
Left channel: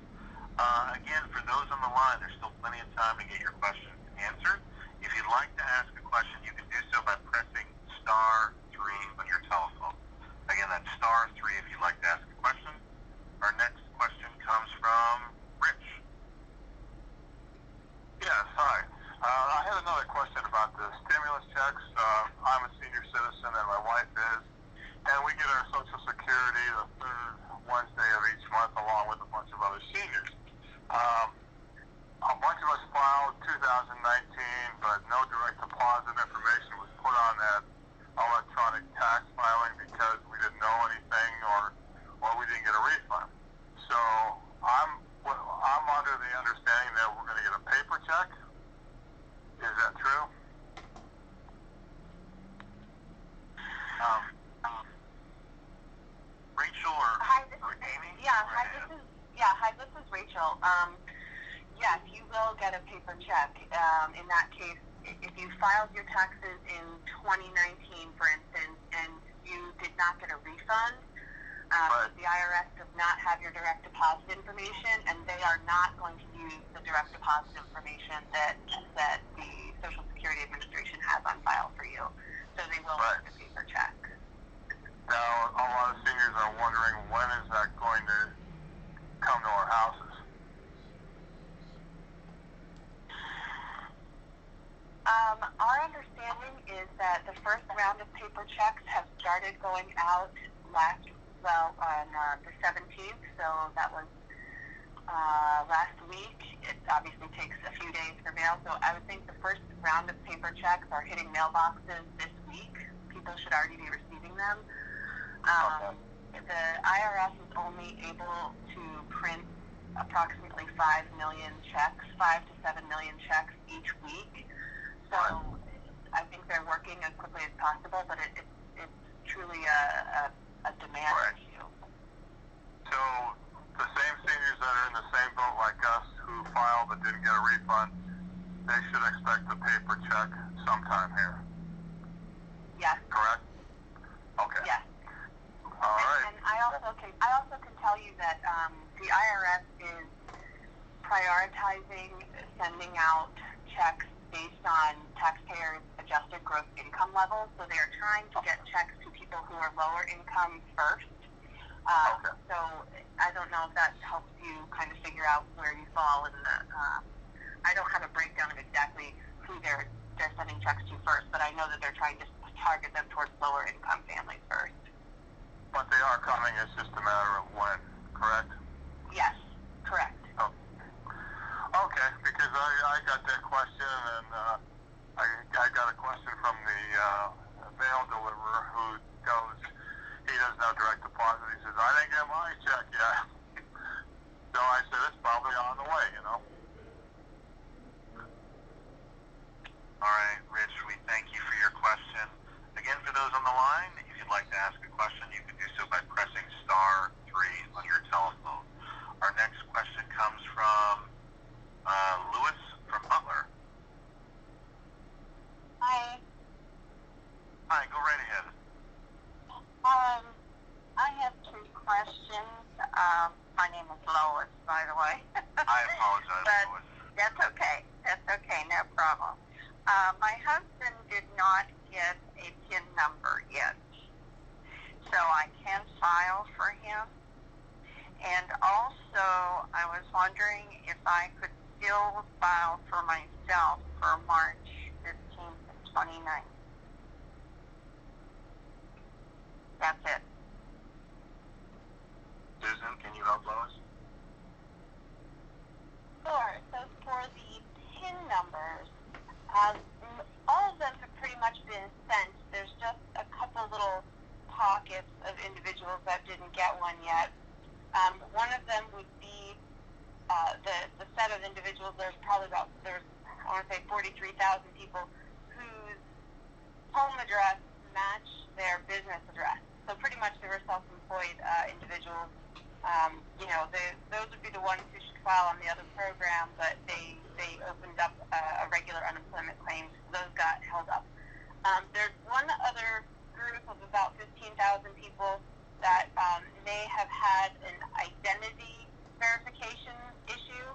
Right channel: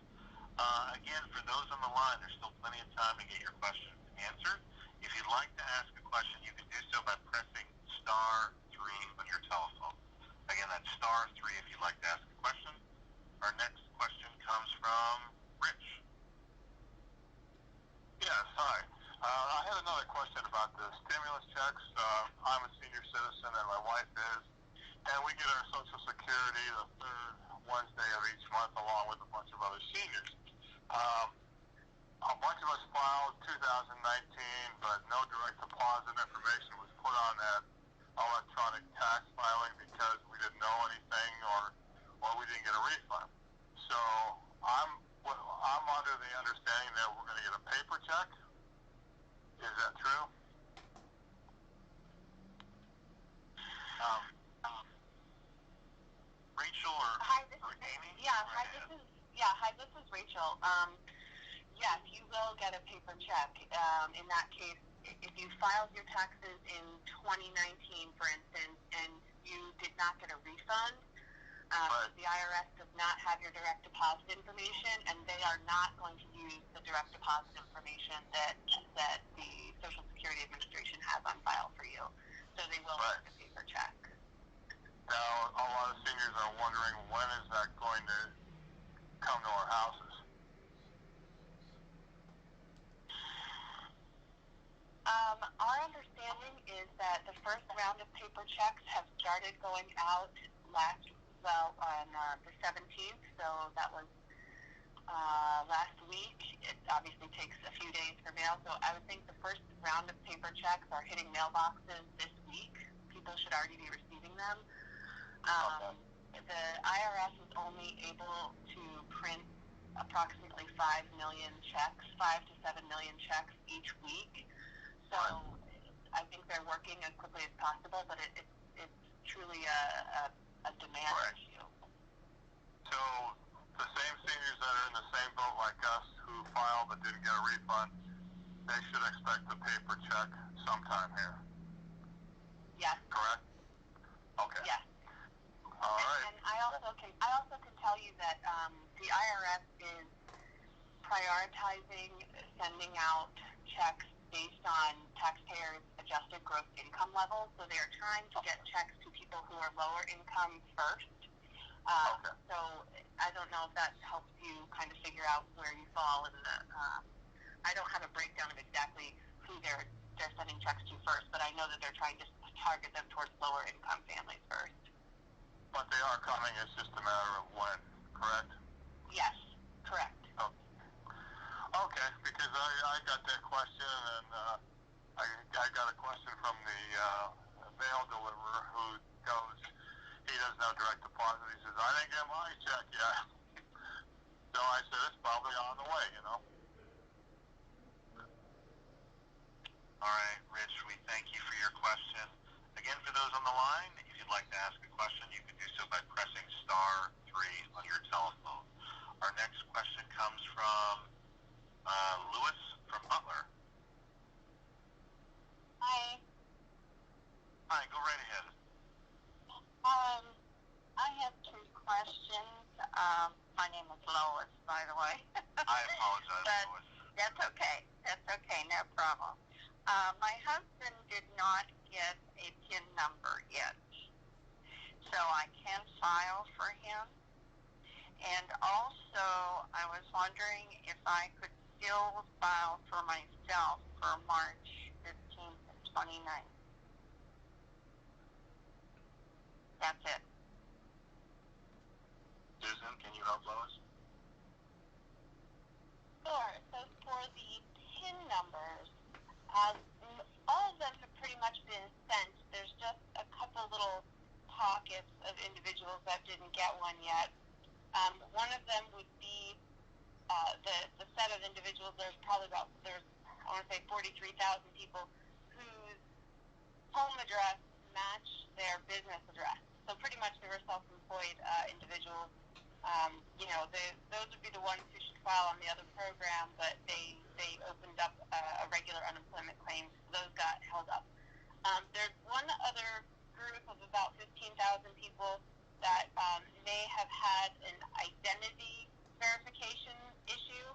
Again, for those on the line, there's still plenty of time to get your questions answered. If you'd like to ask a question, you can do so by pressing *3 on your telephone. Again, that's *3 if you'd like to ask a question. Our next question comes from Rich. Yes, hi. I had another question about the stimulus checks. I'm a senior citizen and my wife is, and we get our Social Security the third Wednesday of each month along with a bunch of other seniors. A bunch of us filed 2019, but no direct deposit information was put on that electronic tax filing because we didn't know anything or we didn't get a refund. So I'm under the understanding that we're going to get a paper check. Is that true? Rachel or Amy? Hi, this is Rachel. Yes, you will get a paper check. In that case, if you filed your taxes in 2019, for instance, and you did not get a refund, the IRS does not have your direct deposit information, and they are not going to use the direct deposit information that the Social Security Administration has on file for you. So they will get a paper check. Now, a lot of seniors are wondering when is that going to come to our houses? Our understanding is that the first round of paper checks have started going out on the 17th, so that was last week. It obviously takes a few days for mail, so I would think the first round of paper checks are hitting mailboxes this week. People should already be receiving them. The IRS is only able to print approximately 5 million checks, 5 to 7 million checks each week. So I think they're working as quickly as possible, but it's truly a demand issue. So the same seniors that are in the same boat like us who filed but didn't get a refund, they should expect a paper check sometime here. Yes. Correct? Okay. Yes. All right. And I also can tell you that the IRS is prioritizing sending out checks based on taxpayers' adjusted gross income levels. So they are trying to get checks to people who are lower income first. So I don't know if that helps you kind of figure out where you fall in the. I don't have a breakdown of exactly who they're sending checks to first, but I know that they're trying to target them towards lower income families first. But they are coming. It's just a matter of when. Correct? Yes. Correct. Okay, because I got that question, and I got a question from the mail deliverer who goes, he doesn't have direct deposit. He says, I didn't get my check yet. So I said, it's probably on the way, you know. All right, Rich, we thank you for your question. Again, for those on the line, if you'd like to ask a question, you can do so by pressing *3 on your telephone. Our next question comes from Lewis from Butler. Hi. Hi, go right ahead. I have two questions. My name is Lois, by the way. I apologize, But Lois. that's okay. That's okay. No problem. My husband did not get a PIN number yet, so I can file for him. And also, I was wondering if I could still file for myself for March 15th and 29th. That's it. Susan, can you help Lois? Sure. So for the PIN numbers, all of them have pretty much been sent. There's just a couple little pockets of individuals that didn't get one yet. One of them would be the set of individuals. I want to say 43,000 people whose home address matched their business address. So pretty much they were self-employed individuals. Those would be the ones who should file on the other program, but they opened up a regular unemployment claim, so those got held up. There's one other group of about 15,000 people that may have had an identity verification issue,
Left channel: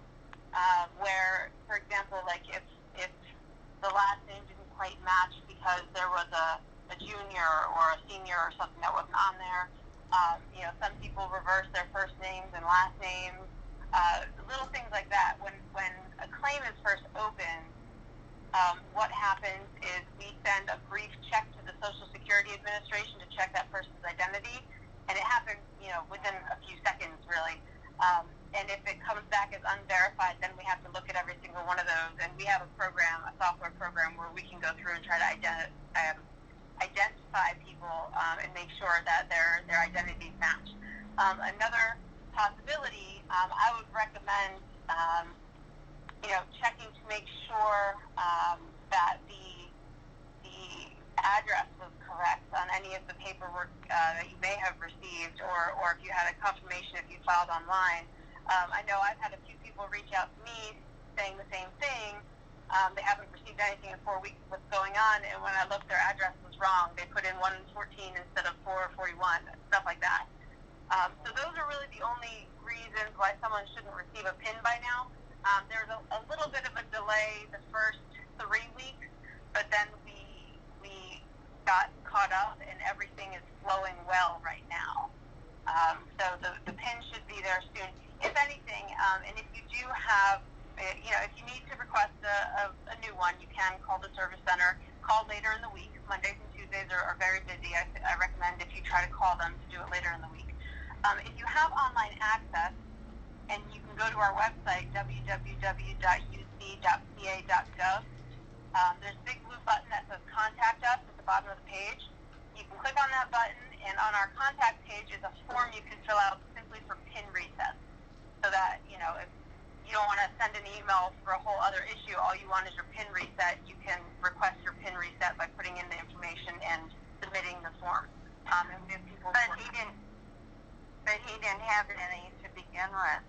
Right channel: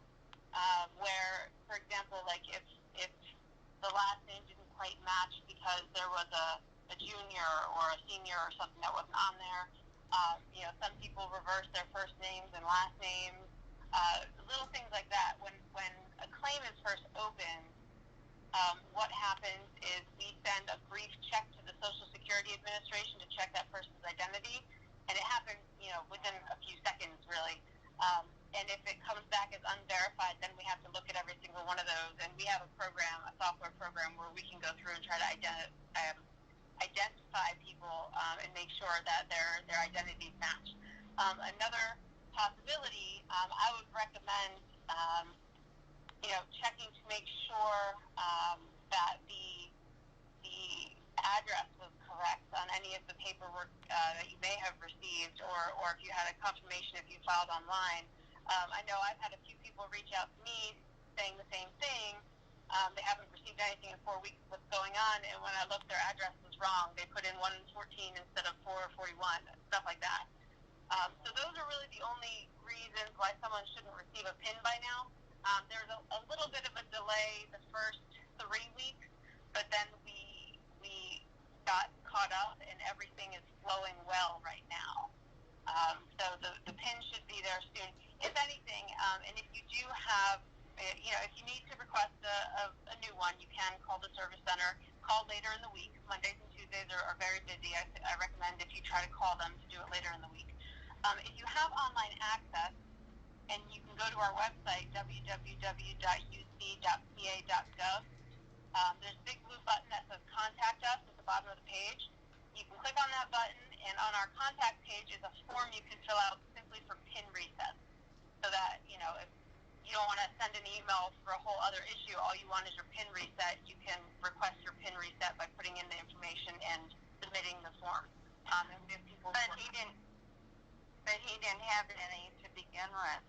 where, for example, like if the last name didn't quite match because there was a junior or a senior or something that wasn't on there. Some people reverse their first names and last names, little things like that. When a claim is first opened, what happens is we send a brief check to the Social Security Administration to check that person's identity, and it happens, within a few seconds, really. And if it comes back as unverified, then we have to look at every single one of those, and we have a software program where we can go through and try to identify people and make sure that their identities match. Another possibility, I would recommend, checking to make sure that the address was correct on any of the paperwork that you may have received, or if you had a confirmation if you filed online. I know I've had a few people reach out to me saying the same thing. They haven't received anything in 4 weeks. What's going on? And when I looked, their address was wrong. They put in 114 instead of 441, stuff like that. So those are really the only reasons why someone shouldn't receive a PIN by now. There's a little bit of a delay the first 3 weeks, but then we got caught up and everything is flowing well right now. So the PIN should be there soon. If anything, and if you do have, if you need to request a new one, you can call the service center. Call later in the week. Mondays and Tuesdays are very busy. I recommend if you try to call them to do it later in the week. If you have online access, and you can go to our website, www.uc.ca.gov, there's a big blue button that says Contact Us at the bottom of the page. You can click on that button, and on our contact page is a form you can fill out simply for PIN reset. So that, if you don't want to send an email for a whole other issue, all you want is your PIN reset, you can request your PIN reset by putting in the information and submitting the form. And we have people But he didn't have any to begin with.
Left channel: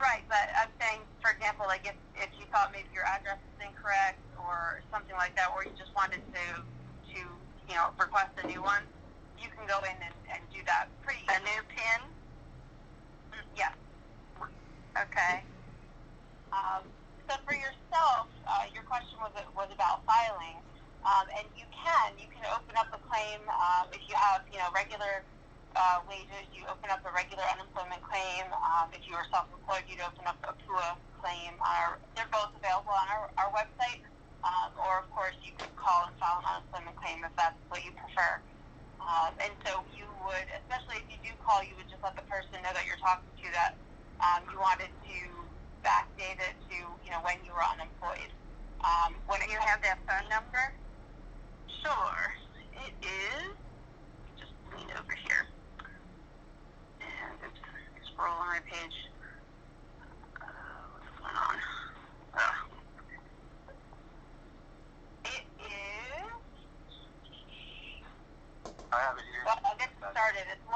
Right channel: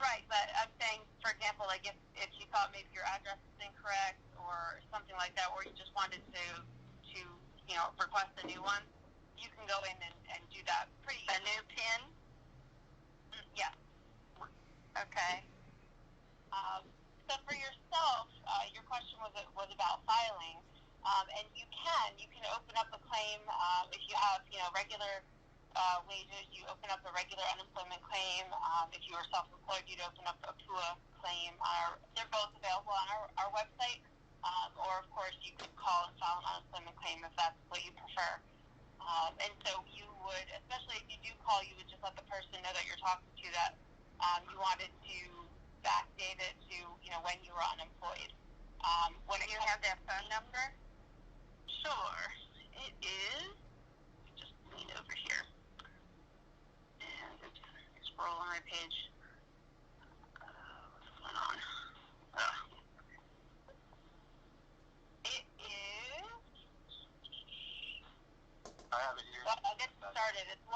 Right, but I'm saying, for example, like if you thought maybe your address is incorrect or something like that, or you just wanted to request a new one, you can go in and do that pretty easily. A new PIN? Yes. Okay. So for yourself, your question was about filing, and you can open up a claim if you have regular wages. You open up a regular unemployment claim. If you are self-employed, you'd open up a PUA claim. They're both available on our website, or of course you could call and file an unemployment claim if that's what you prefer. And so you would, especially if you do call, you would just let the person know that you're talking to that you wanted to backdate it to when you were unemployed. Do you have their phone number? Sure. It is. Just lean over here. And oops, scroll on my page. What's going on? It is. I have it here. Well, I'll get started. It's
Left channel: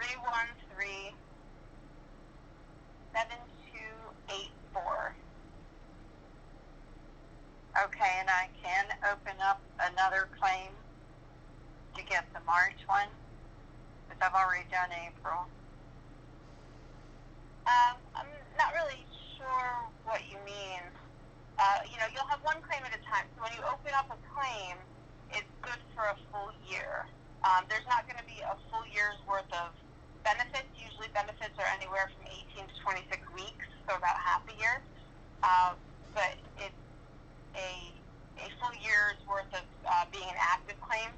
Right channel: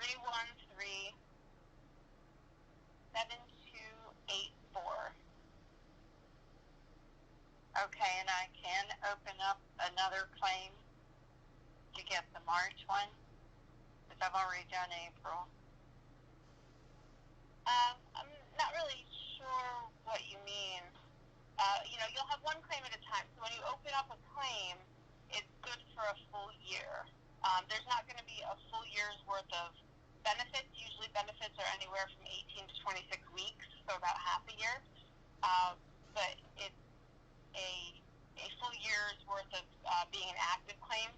1-888-313-7284. Okay, and I can open up another claim to get the March one, because I've already done April. I'm not really sure what you mean. You'll have one claim at a time. So when you open up a claim, it's good for a full year. There's not going to be a full year's worth of benefits. Usually benefits are anywhere from 18 to 26 weeks, so about half a year. But it's a full year's worth of being an active claim.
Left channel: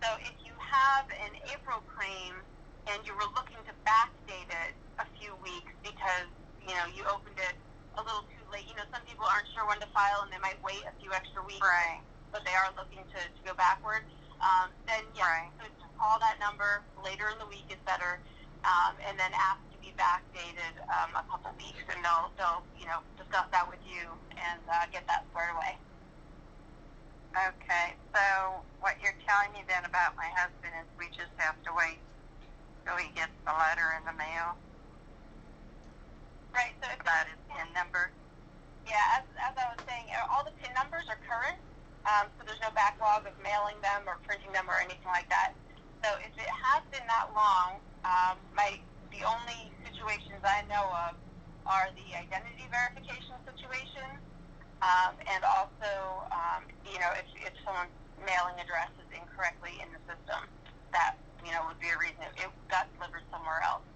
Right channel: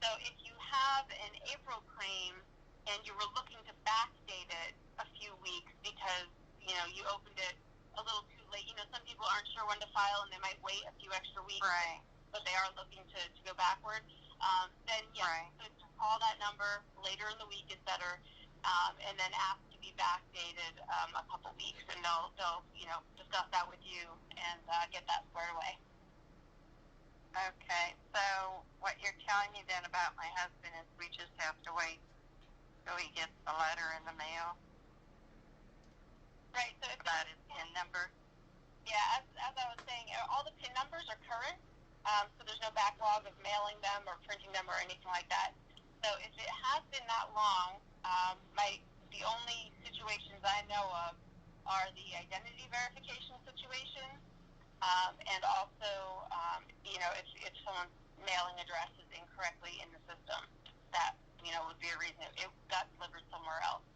So if you have an April claim and you were looking to backdate it a few weeks because, you opened it a little too late. Some people aren't sure when to file and they might wait a few extra weeks, right, but they are looking to go backwards. Then, yeah, so just call that number later in the week is better, and then ask to be backdated a couple weeks, and they'll discuss that with you and get that squared away. Okay, so what you're telling me then about my husband is we just have to wait till he gets the letter in the mail? Right, so if about his PIN number? Yeah, as I was saying, all the PIN numbers are current, so there's no backlog of mailing them or printing them or anything like that. So if it has been that long, the only situations I know of are the identity verification situation, and also, if someone's mailing address is incorrectly in the system, that, would be a reason it got delivered somewhere else.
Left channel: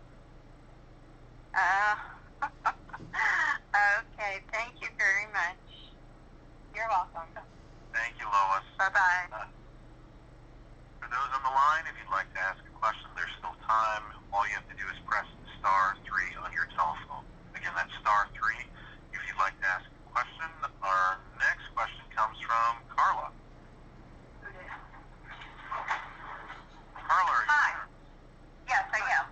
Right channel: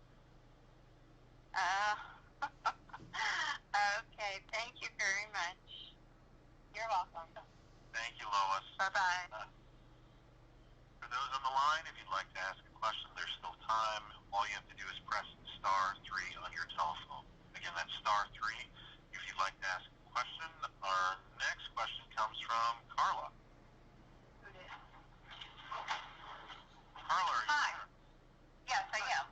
Okay, thank you very much. You're welcome. Thank you, Lois. Bye-bye. For those on the line, if you'd like to ask a question, there's still time. All you have to do is press *3 on your telephone. Again, that's *3 if you'd like to ask a question. Our next question comes from Carla. Carla, are you Hi. there? Yes, I am.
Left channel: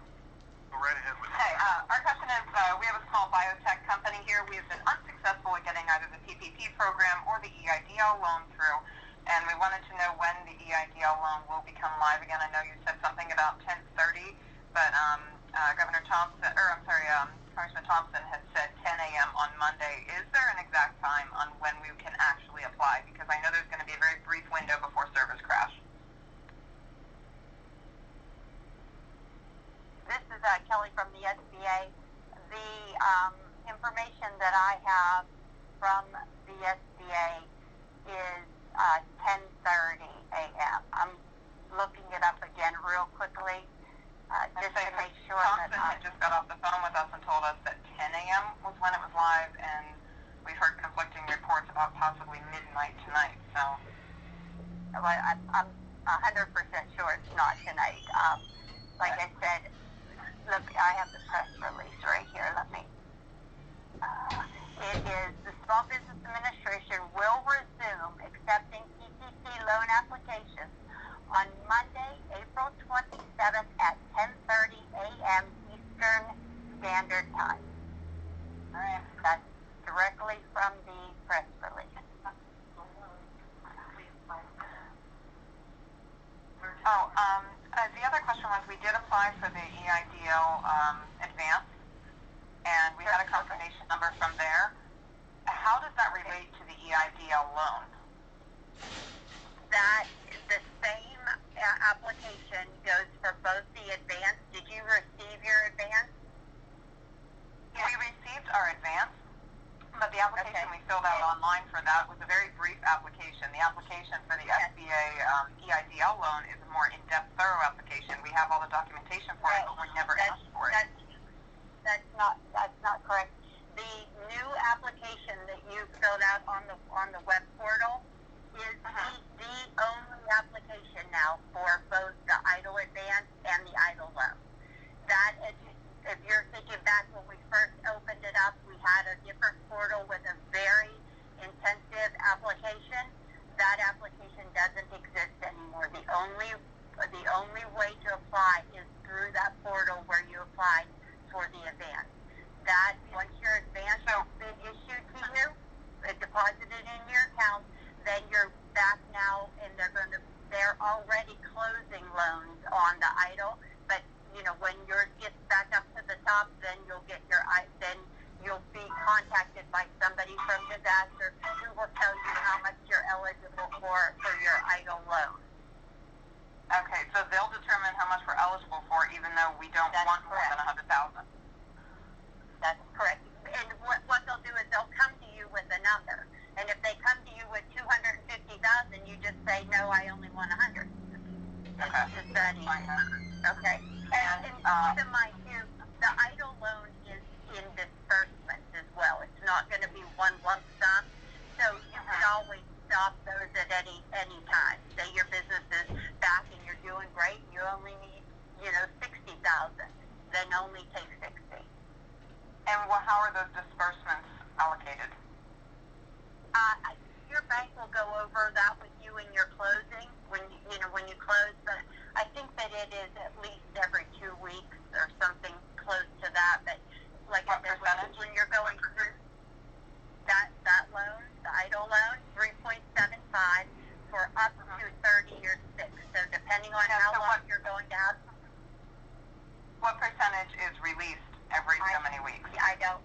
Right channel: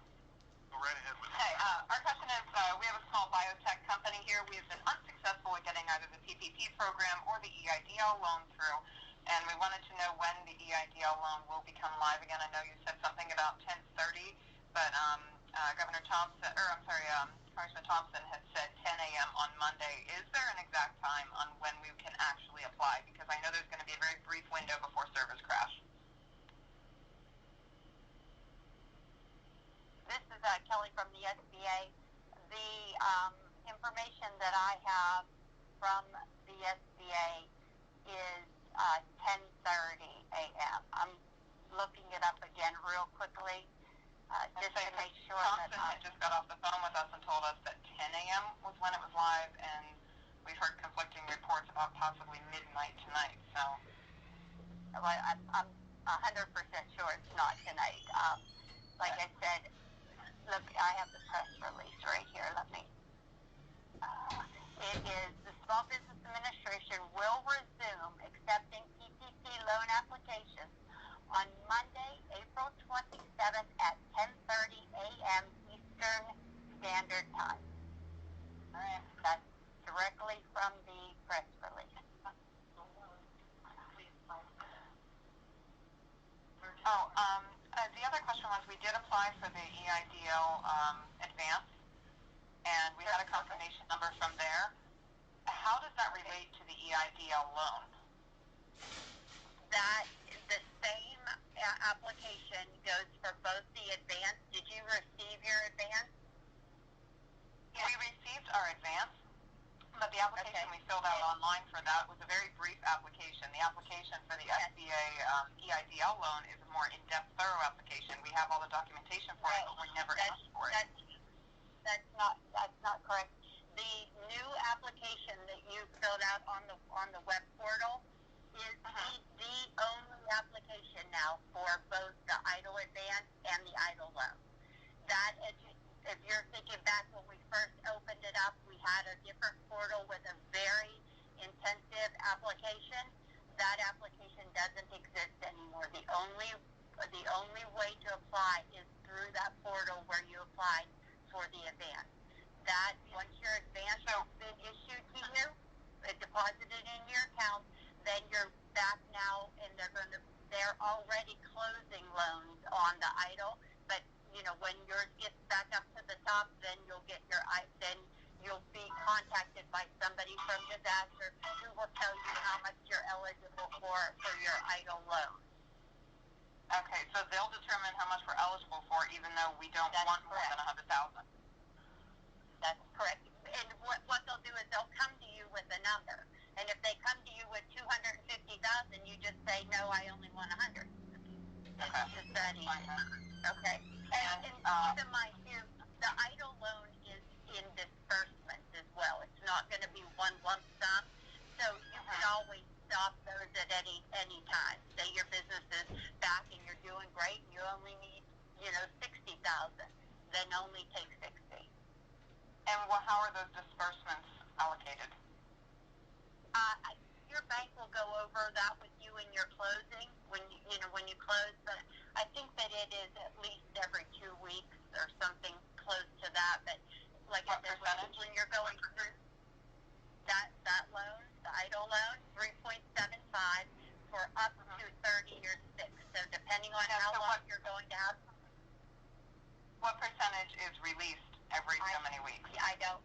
Go right ahead with Okay, our question is, we have a small biotech company here. We have been unsuccessful at getting either the PPP program or the EIDL loan through, and we wanted to know when the EIDL loan will become live again. I know you said something about 10:30, but Congressman Thompson had said 10 a.m. on Monday. Is there an exact time on when we can actually apply? Because I know there's going to be a very brief window before servers crash. This is Kelly from the SBA. The information that I have from the SBA is 10:30 a.m. I'm looking it up again real quickly just to make sure that Thompson just got off the phone with us and told us that 10 a.m. was when it was live, and we've heard conflicting reports about possibly midnight tonight. So, I'm 100% sure it's not tonight. Like I said, look, I have the press release right here. Let me. It is the Small Business Administration will resume accepting PPP loan applications on Monday, April 27th at 10:30 a.m. Eastern Standard Time. All right, that's directly from the press release. The other question was, we did apply for the EIDL advance, and we had a confirmation number from there. How does that relate to the EIDL loan? That the same application goes for both the advance. Did you receive your advance? Yeah. We received our advance, but the application we filled out online for that was a very brief application. The application for the SBA EIDL loan is a more in-depth, thorough application. We have all the documentation for it, but we never asked for it. That's not correct. The new application that you filled out on the web portal is the only application now for both the EIDL advance and the EIDL loan. That is, if you're thinking back when we first opened it up, we had a different portal with a very intensive application that, once your advance has been issued to you, deposited in your account, then you're back now, and they're already closing loans on the idle. But when yours gets back up to the top, then you'll be contacted by somebody from disaster who will tell you how much you're eligible for your idle loan. Okay, so they'll determine how much we're eligible for, even though we don't want more than $100,000. That's correct. And what they'll do is they'll come to you with a number. And if they come to you with $250,000, you just say, no, I only want 100. Okay. It's just that easy. Okay. And keep in mind, too, the idle loan is in disbursements as well. It's not going to be one lump sum. So you can always stop those at any time. Say your business is back and you're doing great, and you only need, 60,000. Then only take 60. And how are those disbursements allocated? Your bank will go over that with you in your closing when you close. But I think that it is at least every 2 weeks or something close to that. But like I said, when you're going through that loan, the idle loan, 3.75 for up to 30 years fixed. So depending on how long you're going to have. What percentage is released every so many weeks? I don't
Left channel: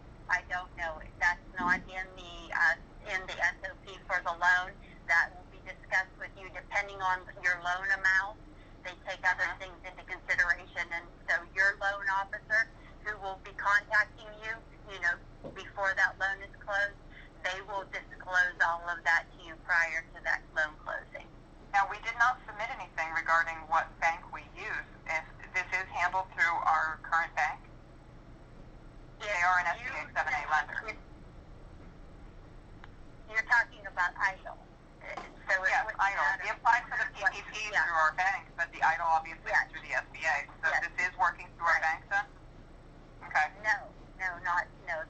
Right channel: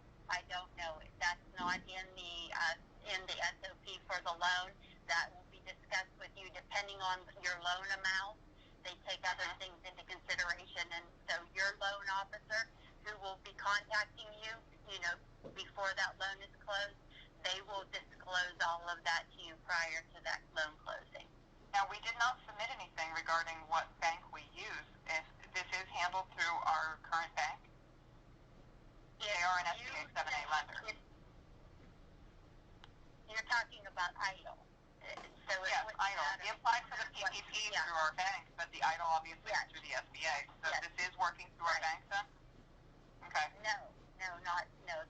know. That's not in the SOP for the loan. That will be discussed with you depending on your loan amount. They take other things into consideration, and so your loan officer, who will be contacting you, before that loan is closed, they will disclose all of that to you prior to that loan closing. Now, we did not submit anything regarding what bank we use. If this is handled through our current bank, they are an SBA 7A lender. You're talking about idle. So yes, idle. We applied for the PPP through our bank, but the idle obviously is through the SBA. So this is working through our bank then? Okay. No.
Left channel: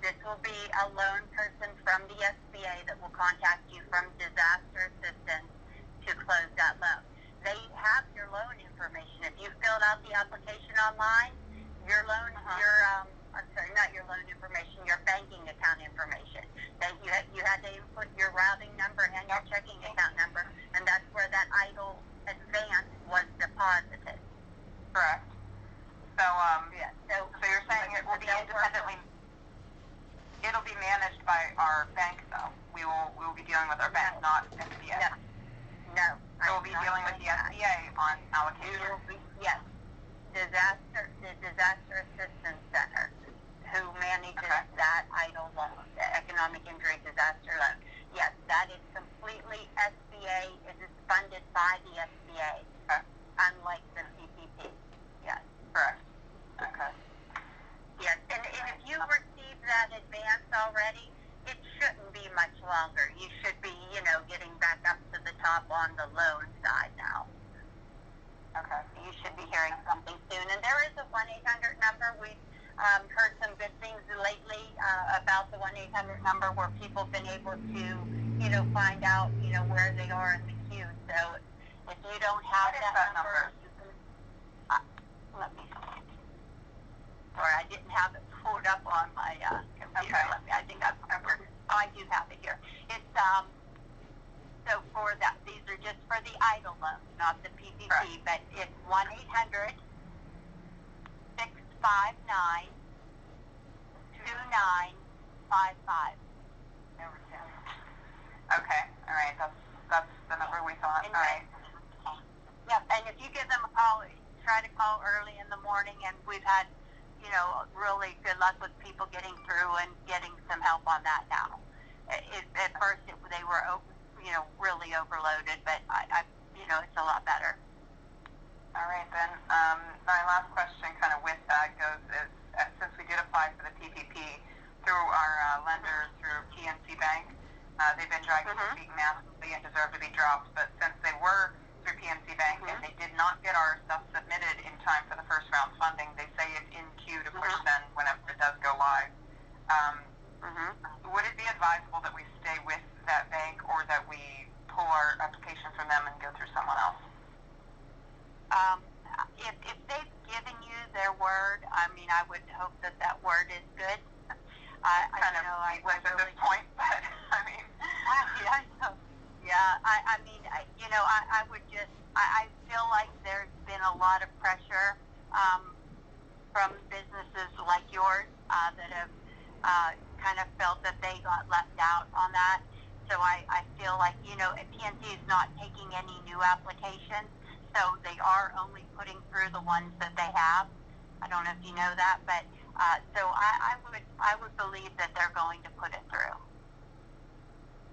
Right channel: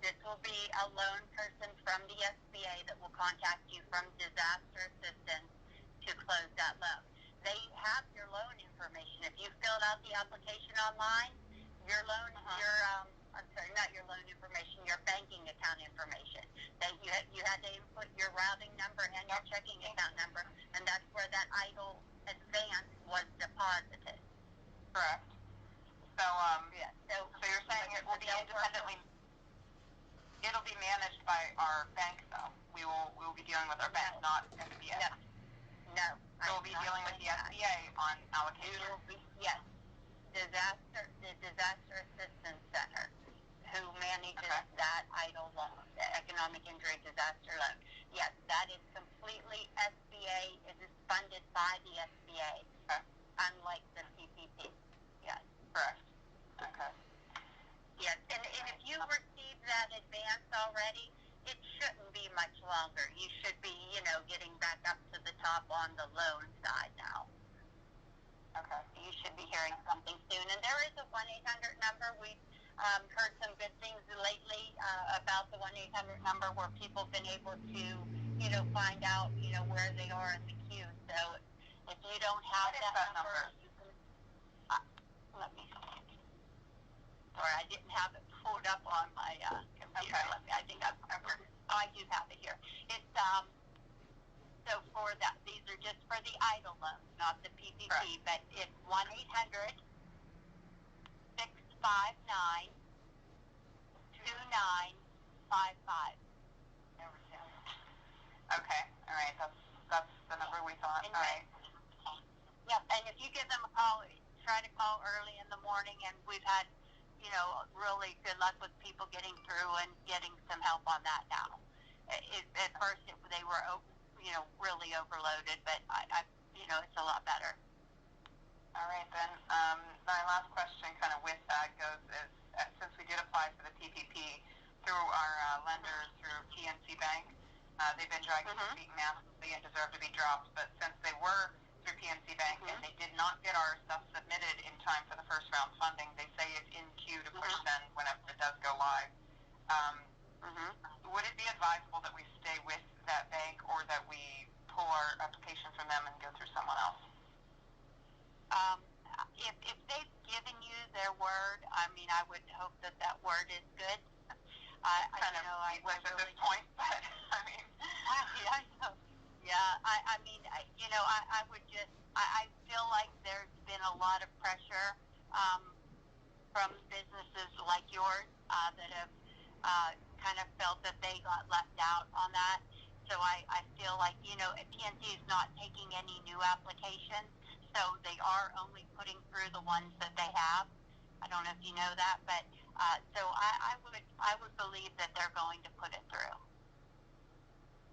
This will be a loan person from the SBA that will contact you from disaster assistance to close that loan. They have your loan information. If you filled out the application online, your loan, not your loan information, your banking account information. That you had to input your routing number and your checking account number, and that's where that idle advance was deposited. Correct. So, so you're saying it will be independently. It'll be managed by our bank, though. We will be dealing with our bank, not SBA. No. So we'll be dealing with the SBA on allocation. Yes. The Disaster Assistance Center, who manages that idle loan, the economic injury disaster loan. Yes, that is completely SBA. It is funded by the SBA, unlike the PPP. Yes. Correct. Okay. Yes, and if you receive that advance already, it shouldn't be much longer. You should be, getting back up to the top on the loan side now. Okay. You should be hearing something soon. And there is a 1-800 number. We've heard some good things lately about the 1-800 number where people have been able to, find out, where they are in the queue. So if you don't have that number, you can, let me see. Sorry, I didn't have it pulled up on my computer. Okay. I think I do have it here. It's so for that, these are just for the idle loans, not the PPP. Correct. But it's 1-800-659-2955. Okay. All right. That's the number we thought. All right. Yep. And if you give them a call, try to call early in the morning, and we've had, really good luck with people getting through and getting some help on that now. At first, they were, really overloaded, but it's a lot better. All right, then. My last question kind of with that goes is, since we did apply for the PPP through our lenders, through PNC Bank, they've been dragging their feet massively and deserve to be dropped, but since they were through PNC Bank and they did not get our stuff submitted in time for the first round funding, they say it's in queue to push then whenever it does go live. Would it be advisable that we stay with that bank or that we pull our application from them and go through someone else? If they've given you their word, I would hope that word is good. I at this point, but I mean, I feel like there's been a lot of pressure from businesses like yours that have kind of felt that they got left out on that. So I feel like, PNC is not taking any new applications, so they are only putting through the ones that they have. I don't know if you know that, but so I would believe that they're going to put it through.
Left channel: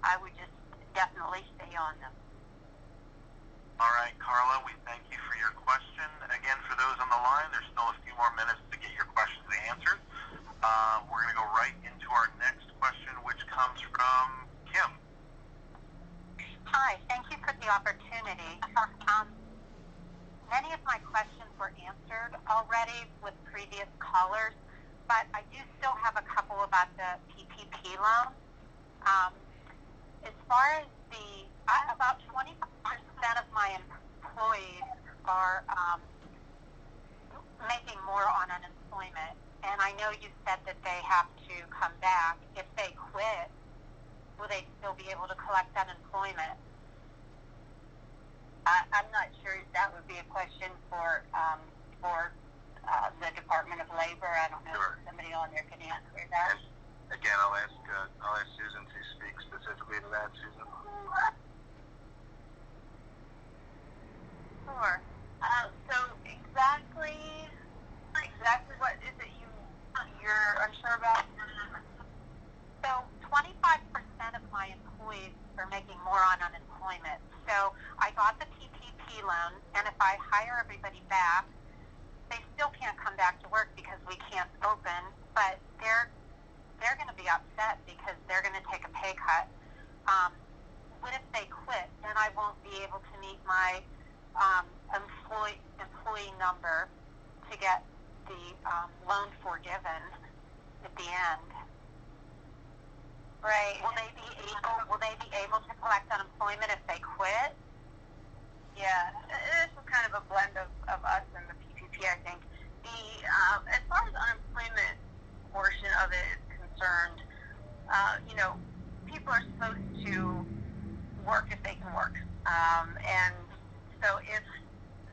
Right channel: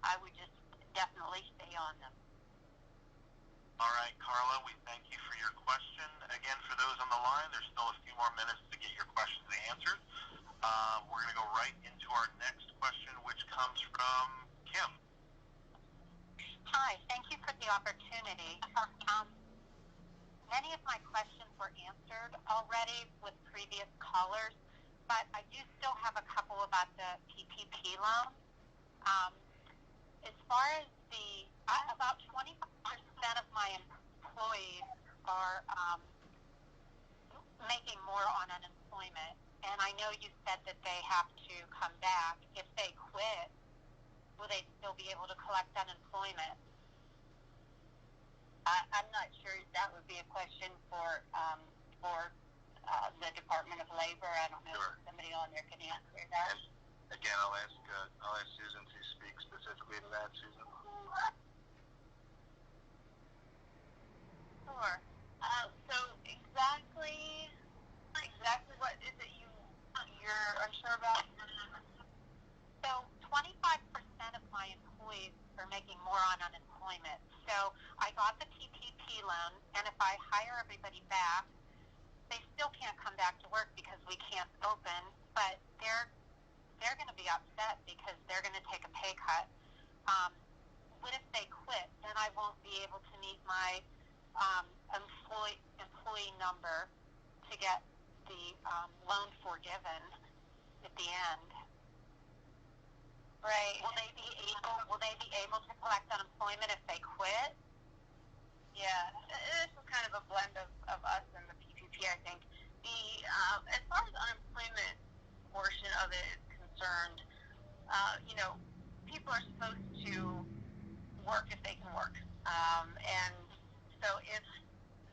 I would just definitely stay on them. All right, Carla, we thank you for your question. Again, for those on the line, there's still a few more minutes to get your questions answered. We're going to go right into our next question, which comes from Kim. Hi, thank you for the opportunity. Many of my questions were answered already with previous callers, but I do still have a couple about the PPP loan. As far as about 25% of my employees are making more on unemployment, and I know you said that they have to come back. If they quit, will they still be able to collect unemployment? I'm not sure if that would be a question for the Department of Labor. I don't know if somebody on there can answer that. Again, I'll ask Susan to speak specifically to that. Susan. Sure. So exactly what is it you're unsure about? So 25% of my employees are making more on unemployment. So I got the PPP loan, and if I hire everybody back, they still can't come back to work because we can't open, but they're going to be upset because they're going to take a pay cut. What if they quit? Then I won't be able to meet my employee number to get the loan forgiven at the end. Right. Will they be able to collect unemployment if they quit? Yeah, this is kind of a blend of us and the PPP, I think. As far as unemployment portion of it is concerned, people are supposed to work if they can work. And so if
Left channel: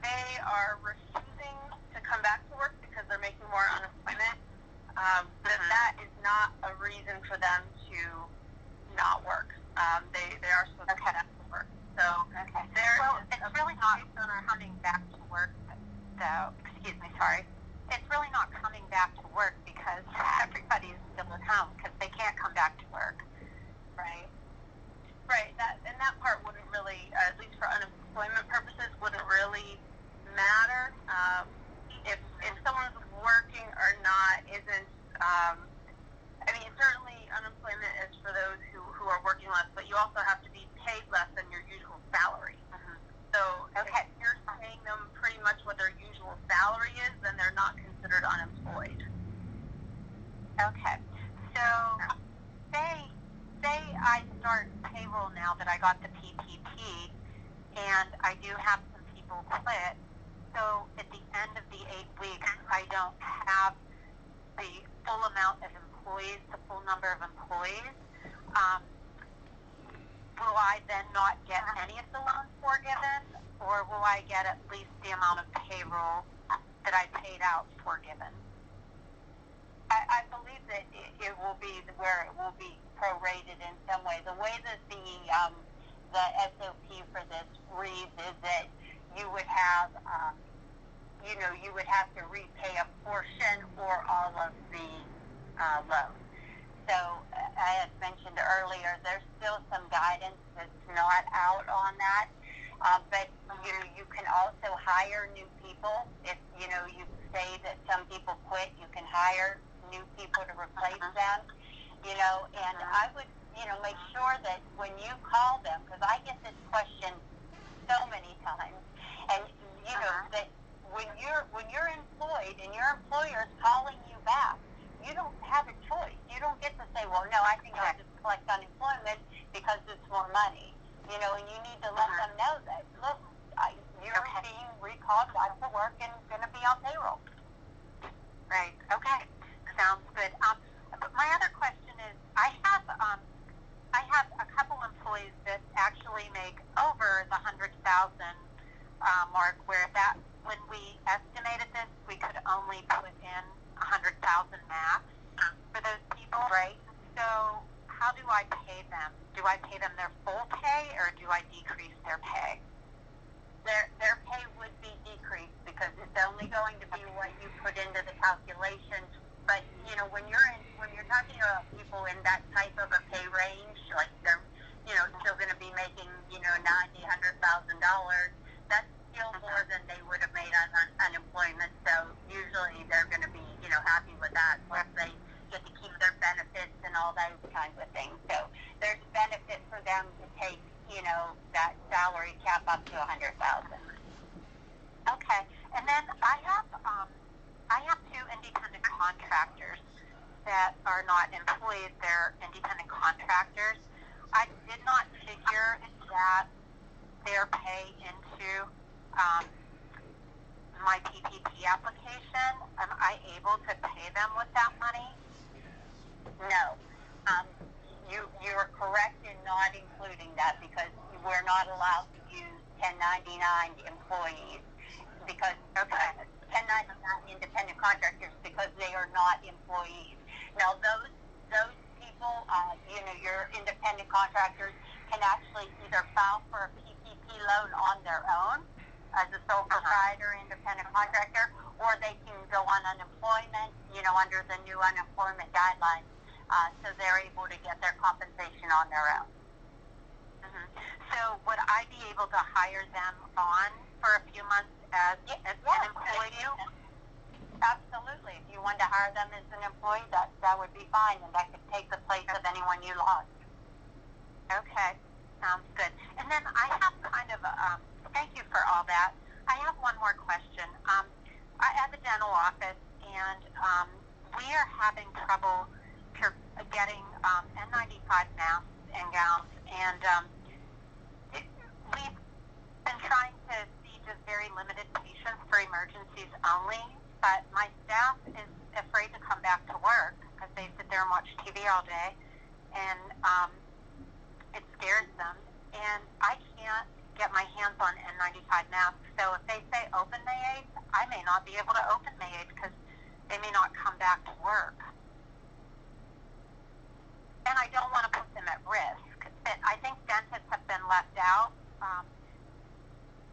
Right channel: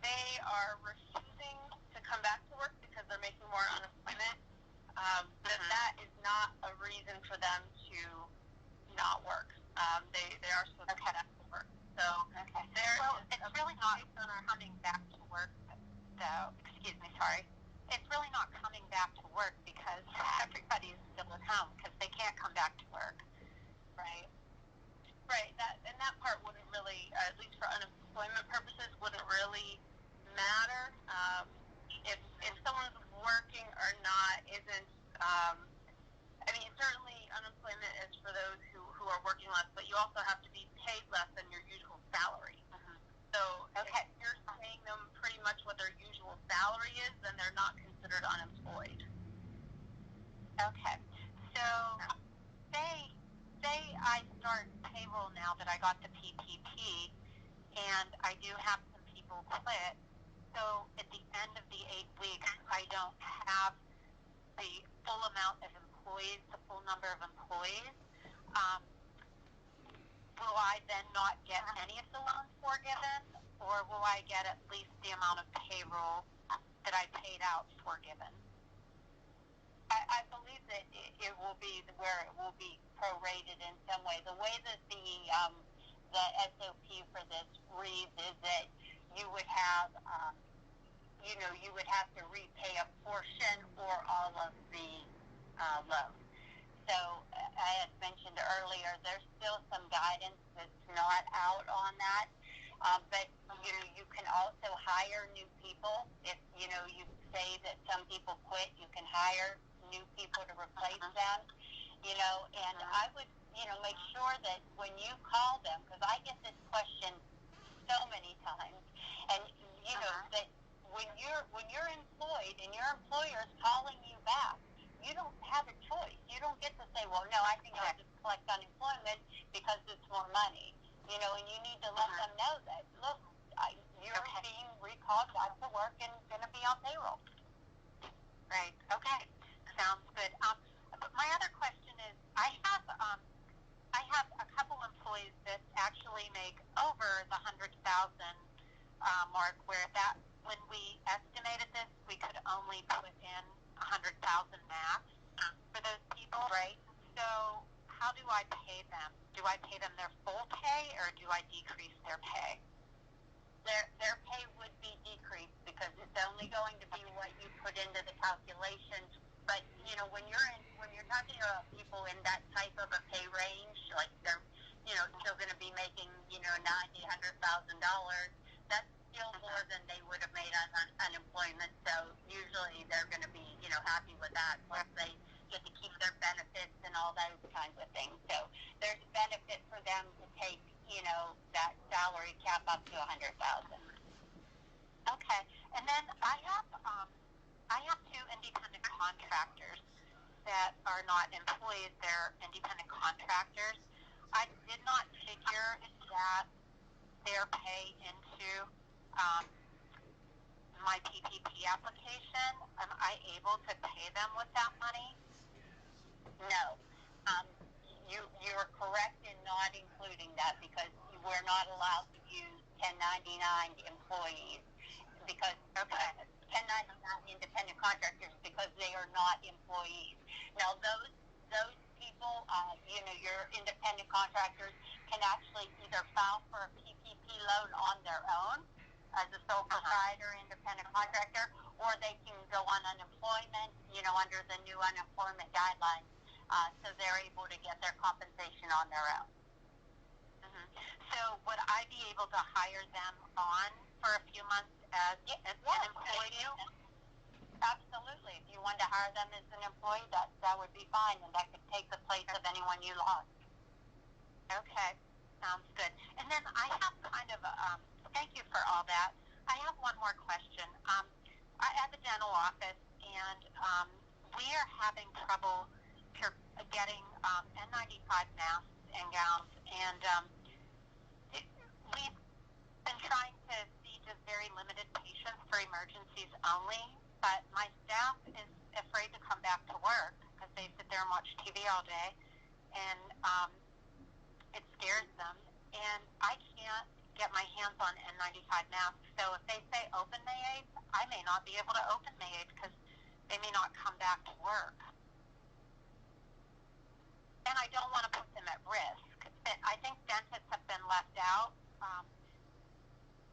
they are refusing to come back to work because they're making more unemployment, then that is not a reason for them to not work. They are supposed to come back to work. So it's really not coming back to work, though. Excuse me, sorry. It's really not coming back to work because everybody is still at home because they can't come back to work. Right. Right. That part wouldn't really, at least for unemployment purposes, wouldn't really matter. If someone's working or not isn't. Certainly unemployment is for those who are working less, but you also have to be paid less than your usual salary. Mm-hmm. So if you're paying them pretty much what their usual salary is, then they're not considered unemployed. Okay. So say I start payroll now that I got the PPP, and I do have some people quit. So at the end of the 8 weeks, I don't have the full amount of employees, the full number of employees. Will I then not get any of the loans forgiven, or will I get at least the amount of payroll that I paid out forgiven? I believe that it will be where it will be prorated in some way. The way that the SOP for this reads is that you would have, you would have to repay a portion or all of the loan. So I had mentioned earlier, there's still some guidance that's not out on that. But you can also hire new people. If you say that some people quit, you can hire new people to replace them. And I would make sure that when you call them, because I get this question so many times, and that when you're employed and your employer is calling you back, you don't have a choice. You don't get to say, well, no, I think I'll just collect unemployment because it's more money. And you need to let them know that, look, you're being recalled back to work and going to be on payroll. Right. Okay. Sounds good. Mark, where that when we estimated this, we could only put in 100,000 max for those people, right? So how do I pay them? Do I pay them their full pay, or do I decrease their pay? Their pay would be decreased because it's only going to be what you put into the calculations. But you know, when you're talking about people in that type of a pay range, like they're still going to be making $90,000, $100,000. That's still more than they would have made on unemployment. So usually they're going to be happy with that. Plus they get to keep their benefits and all those kinds of things. So there's benefit for them to take that salary cap up to 100,000. Okay, and then I have two independent contractors that are not employees; they're independent contractors. I did not figure that their pay into my PPP application. Am I able to pay them with that money? No. You are correct in not including that because we're not allowed to use 1099 employees because 1099 independent contractors because they are not employees. Now those people, your independent contractors can actually either file for a PPP loan on their own as a sole proprietor independent contractor, or they can go on unemployment, under the new unemployment guidelines. So they're able to get their compensation on their own. Mm-hmm. So would I be able to hire them on for a few months as an employee? Absolutely. If you wanted to hire them as an employee, that would be fine, and that could take the place of anyone you lost. Okay, sounds good. And then I have kind of thank you for all that. I have one more question. I have a dental office, and we are having trouble getting N95 masks and gowns, and we've been trying to see just very limited patients for emergencies only, but my staff is afraid to come back to work because they sit there and watch TV all day, and it scares them, and I can't get my hands on N95 masks, so if they say open May 8th, I may not be able to open May 8th because they may not come back to work. And I don't want to put them at risk. I think dentists have been left out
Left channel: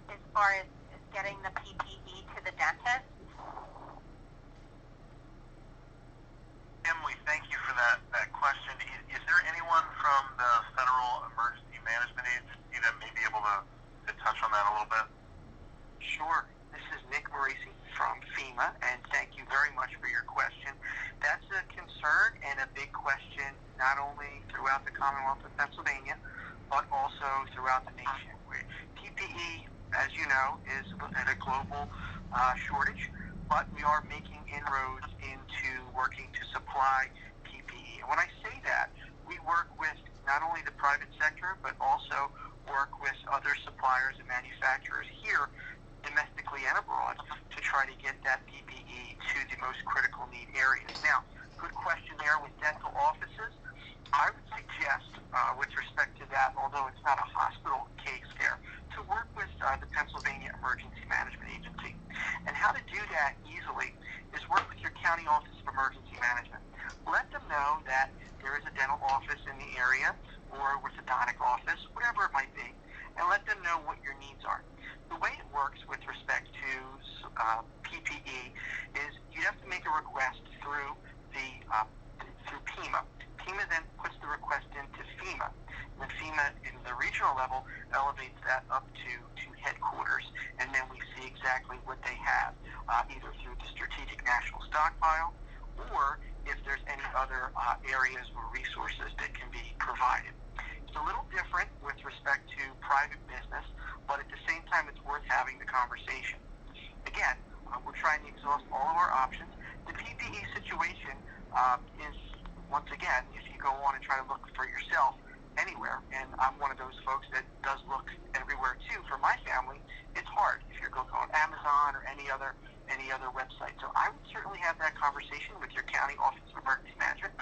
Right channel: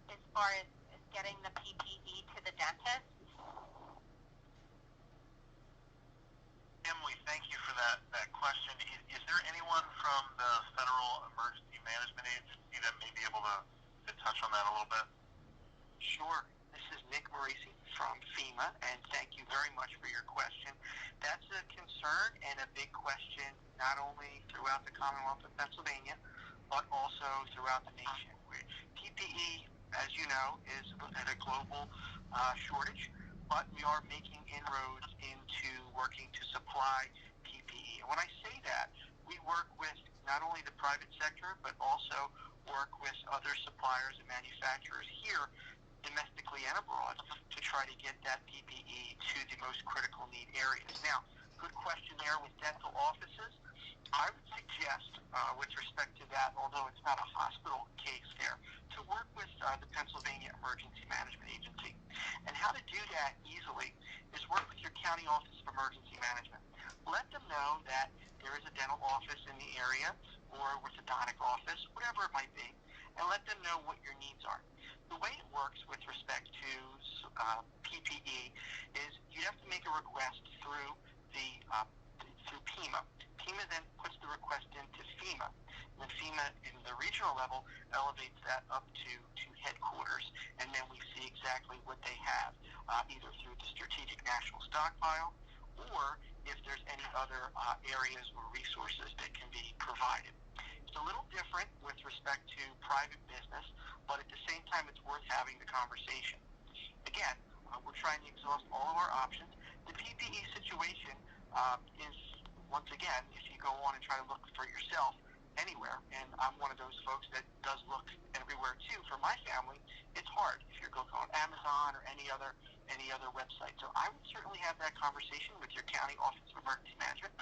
as far as getting the PPE to the dentist. Emily, thank you for that question. Is there anyone from the Federal Emergency Management Agency that may be able to touch on that a little bit? Sure. This is Nick Marisi from FEMA, and thank you very much for your question. That's a concern and a big question not only throughout the Commonwealth of Pennsylvania, but also throughout the nation. PPE, as you know, is at a global shortage, but we are making inroads into working to supply PPE. And when I say that, we work with not only the private sector, but also work with other suppliers and manufacturers here, domestically and abroad, to try to get that PPE to the most critical need areas. Now, good question there with dental offices. I would suggest, with respect to that, although it's not a hospital case there, to work with the Pennsylvania Emergency Management Agency. And how to do that easily is work with your county office of emergency management. Let them know that there is a dental office in the area or orthodontic office, whatever it might be, and let them know what your needs are. The way it works with respect to PPE is you have to make a request through through PEMA. PEMA then puts the request into FEMA. And then FEMA, in the regional level, elevates that up to headquarters, and then we see exactly what they have, either through the Strategic National Stockpile, or if there's any other areas or resources that can be provided. It's a little different with respect to private business, but at the same time, it's worth having the conversation. Again, we're trying to exhaust all of our options. The PPE situation is, once again, if you go on and try to look for yourself anywhere, and I'm one of those folks that does look everywhere too. For my family, it's hard if you're going on Amazon or any other website. So I would certainly have that conversation with your county office of emergency management,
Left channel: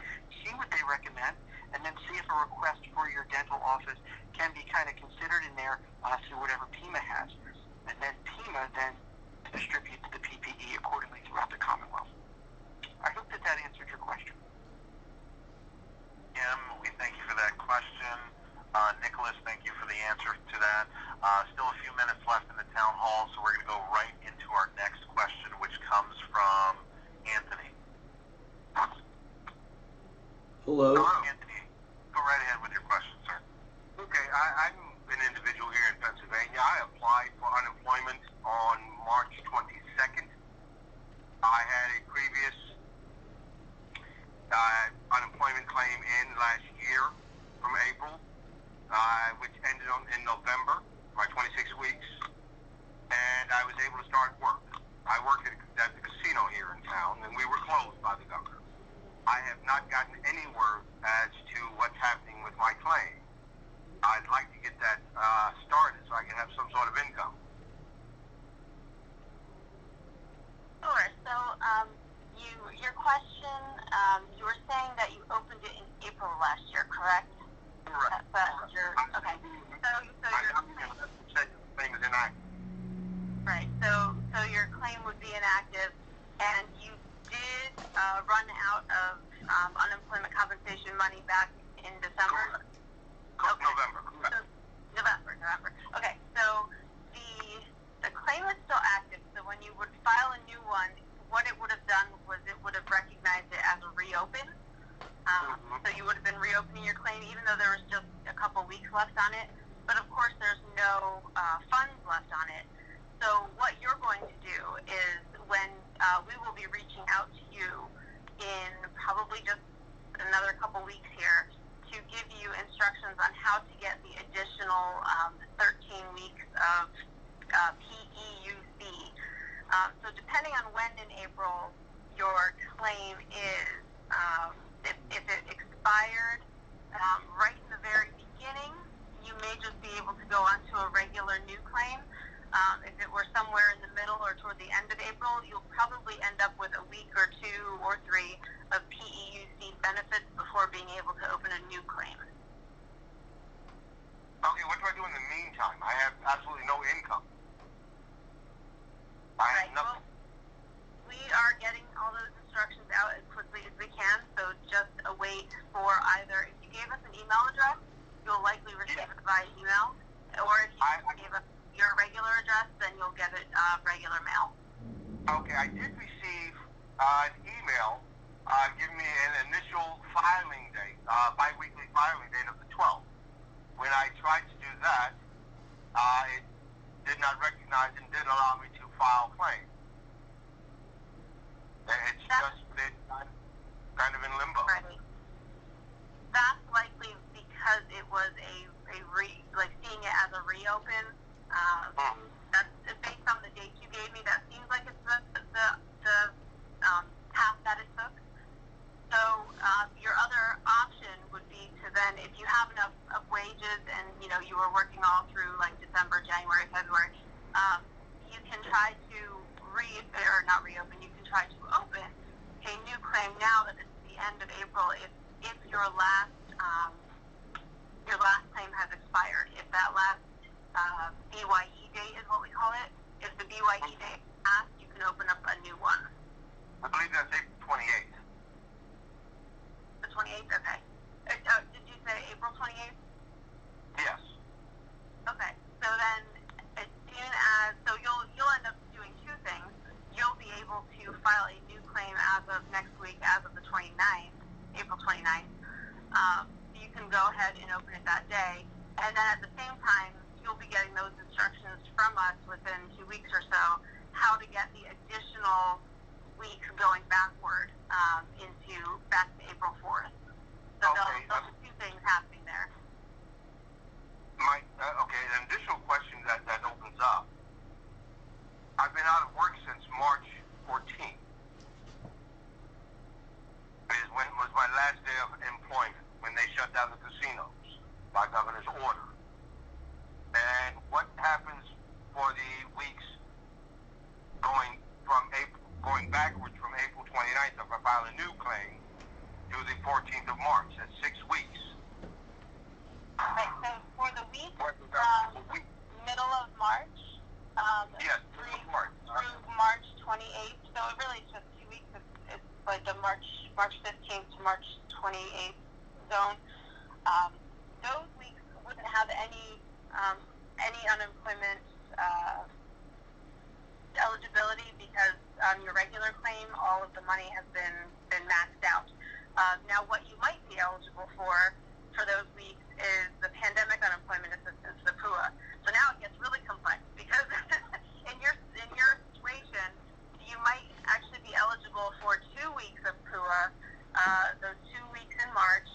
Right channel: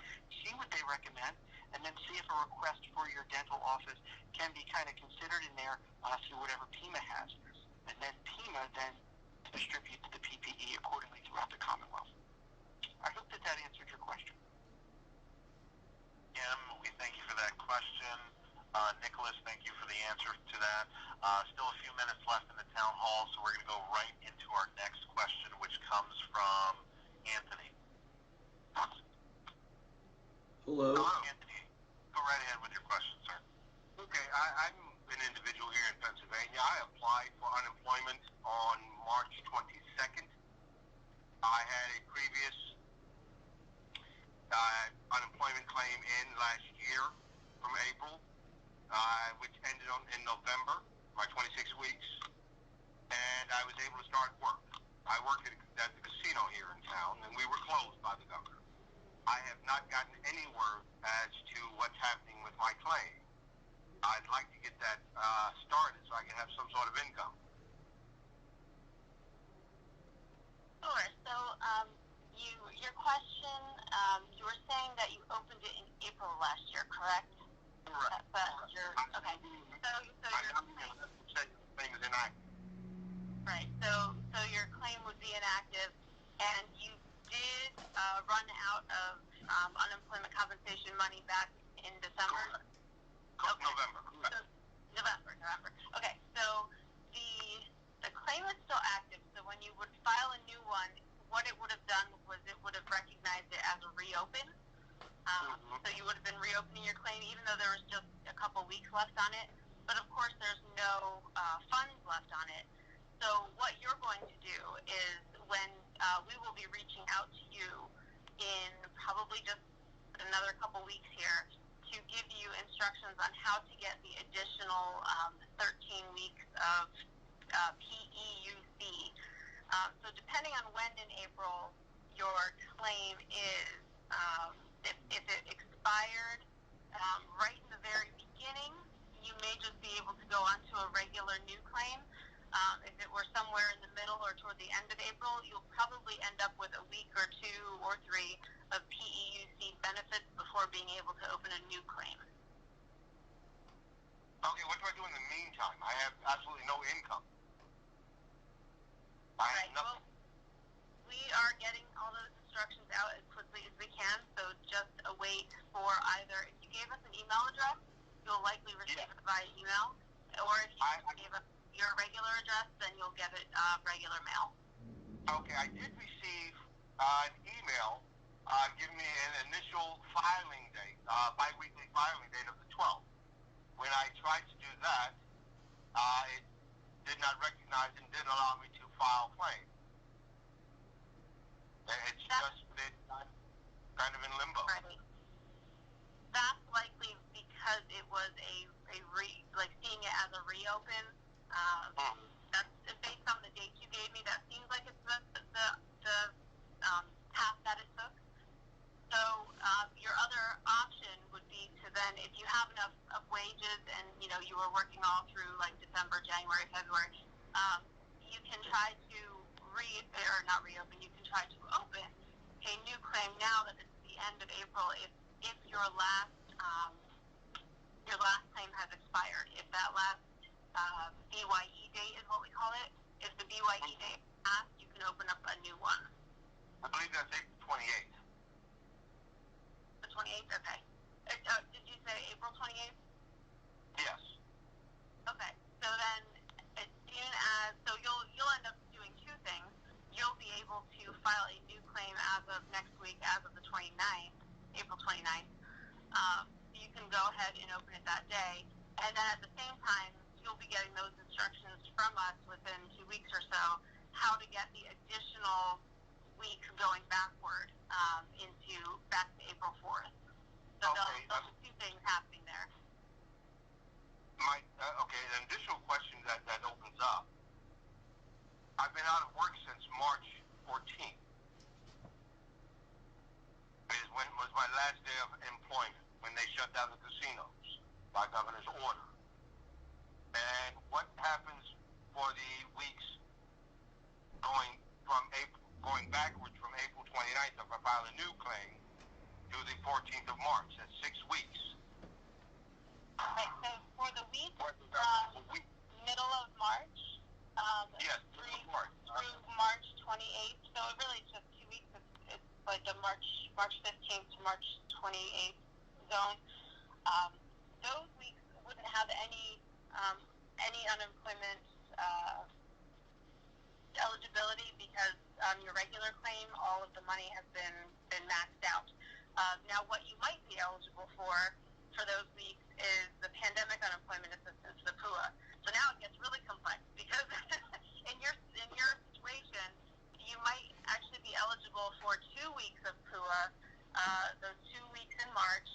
see what they recommend, and then see if a request for your dental office can be kind of considered in there through whatever PEMA has. and then FEMA then distributes the PPE accordingly throughout the Commonwealth. I hope that answered your question. Kim, we thank you for that question. Nicholas, thank you for the answer to that. Still a few minutes left in the town hall, so we're going to go right into our next question, which comes from Anthony. Hello. Anthony, go right ahead with your question, sir. Okay, I'm an individual here in Pennsylvania. I applied for unemployment on March 22nd. I had a previous unemployment claim in last year from April, which ended in November, my 26 weeks, and I was able to start work. I worked at the casino here in town, and we were closed by the governor. I have not gotten any word as to what's happening with my claim. I'd like to get that started so I can have some sort of income. Sure. So, your question, you were saying that you opened it in April last year, correct? Correct. Okay. So your claim is inactive. Right. So your claim would be inactive, and you did run out of unemployment compensation money back in December. Correct. November. Correct. November. Okay. So the claim is still active. So when you would file a new one, what it would have done was it would have recognized it as a reopen. So you would have been reopening your claim even though there was just a couple weeks left on it. But of course there's no funds left on it. So what you're going to do is when we will be reaching out to you in probably just another couple weeks here to give you instructions on how to get the additional 13 weeks of PEUC. So depending on when in April your claim is, if it expired right in the very beginning, you may just be able to go onto a regular new claim. If it were somewhere in the middle or toward the end of April, you'll probably end up with a week or 2 or 3 of PEUC benefits before being able to open a new claim. Okay, what do I do in the meantime? I have absolutely no income. Right. Well, we are getting all those instructions out as quickly as we can, so just await for either, if you gave us an email address, you'll likely receive it via email, or if you gave us your regular address, then you'll get it regular mail. Okay, I did receive an email giving me an initial filing date, bi-weekly filing date of the 12th. When I tried to do that, it did not recognize and did allow me to file claim. It's just been kind of in limbo. Right. That's likely because it was seeing it as a reopen. That's based on the dates you gave me. That seems like it's the path that it took. So your other option would be to then, if you have enough of wages and you were working all through like December, January, February, you can try to not reopen. You can try to open a new claim now that it's the end of April. If your last claim has expired, if that last BYE date is what we call it, if the BYE date passed, you can open up a new one. I believe that's April 28th. The 28th? Okay. Did you say April 28th? Yes. Okay. So then, as soon as, you'll end up doing 2 things. You'll be able to file a new claim as of next week, as of the 29th, April 29th. You can go ahead and open it that day. And then at the same time, you'll be getting those instructions from us within 2 weeks or so, how to get the additional weeks going backward back to April 4th. So okay. Those are 2 things happening there. An additional question that opens up. I've been out of work since March 14th. Was my last day of employment when they shut down the casinos by governor's order. And what happens for the weeks going backwards from April 29th if I file a new claim to the 14th of March? That's 6 weeks. Right, so for the week from middle of March Yes, through March 28th. So it really is just 2 weeks. It's like the March 15th to March 28th zone. Those weeks wouldn't have any unemployment eligibility because on your regular claim, all of the money has been maxed out. Now, what you might be eligible for those weeks is the pandemic unemployment assistance, the PUA. So now it gets really complex because in your situation, you might actually be eligible for 2 weeks of PUA, those 2 weeks in March,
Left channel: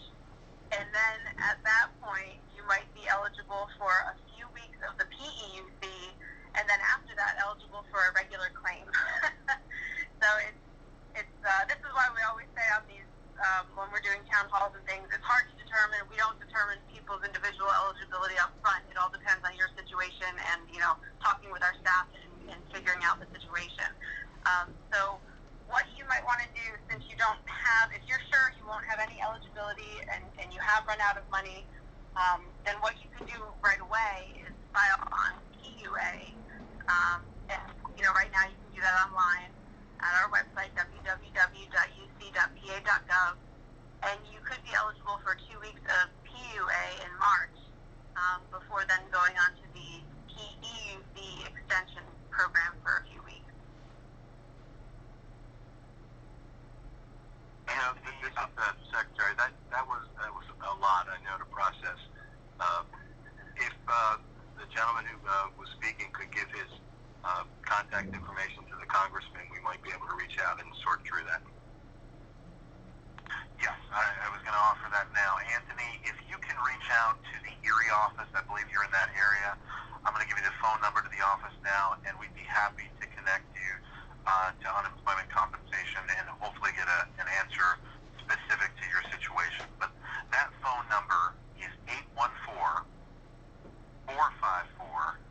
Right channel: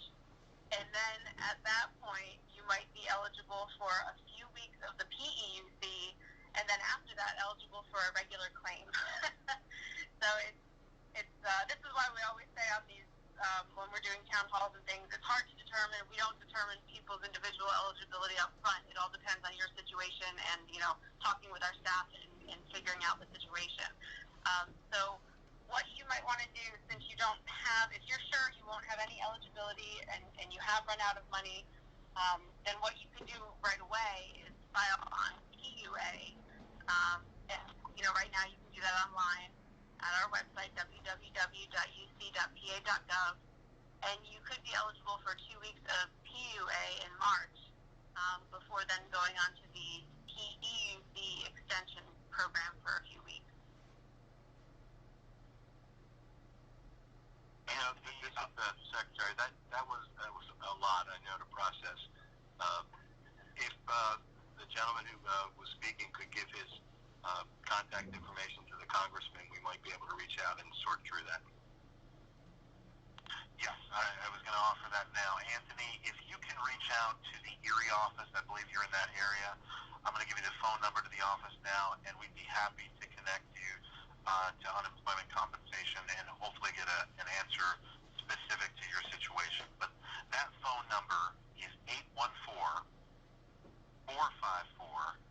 and then at that point, you might be eligible for a few weeks of the PEUC, and then after that, eligible for a regular claim. So this is why we always say on these when we're doing town halls and things, it's hard to determine. We don't determine people's individual eligibility up front. It all depends on your situation and, talking with our staff and figuring out the situation. So what you might want to do, since you don't have, if you're sure you won't have any eligibility and you have run out of money, then what you can do right away is file on PUA. And, right now you can do that online at our website, www.uc.pa.gov, and you could be eligible for 2 weeks of PUA in March before then going on to the PEUC extension program for a few weeks. This is the Secretary. That was a lot, I know, to process. If the gentleman who was speaking could give his contact information to the Congressman, we might be able to reach out and sort through that. Yes, I was going to offer that now. Anthony, if you can reach out to the Erie office, I believe you're in that area. I'm going to give you the phone number to the office now, and we'd be happy to connect you to unemployment compensation and hopefully get an answer specific to your situation. But that phone number is 814-454-8190.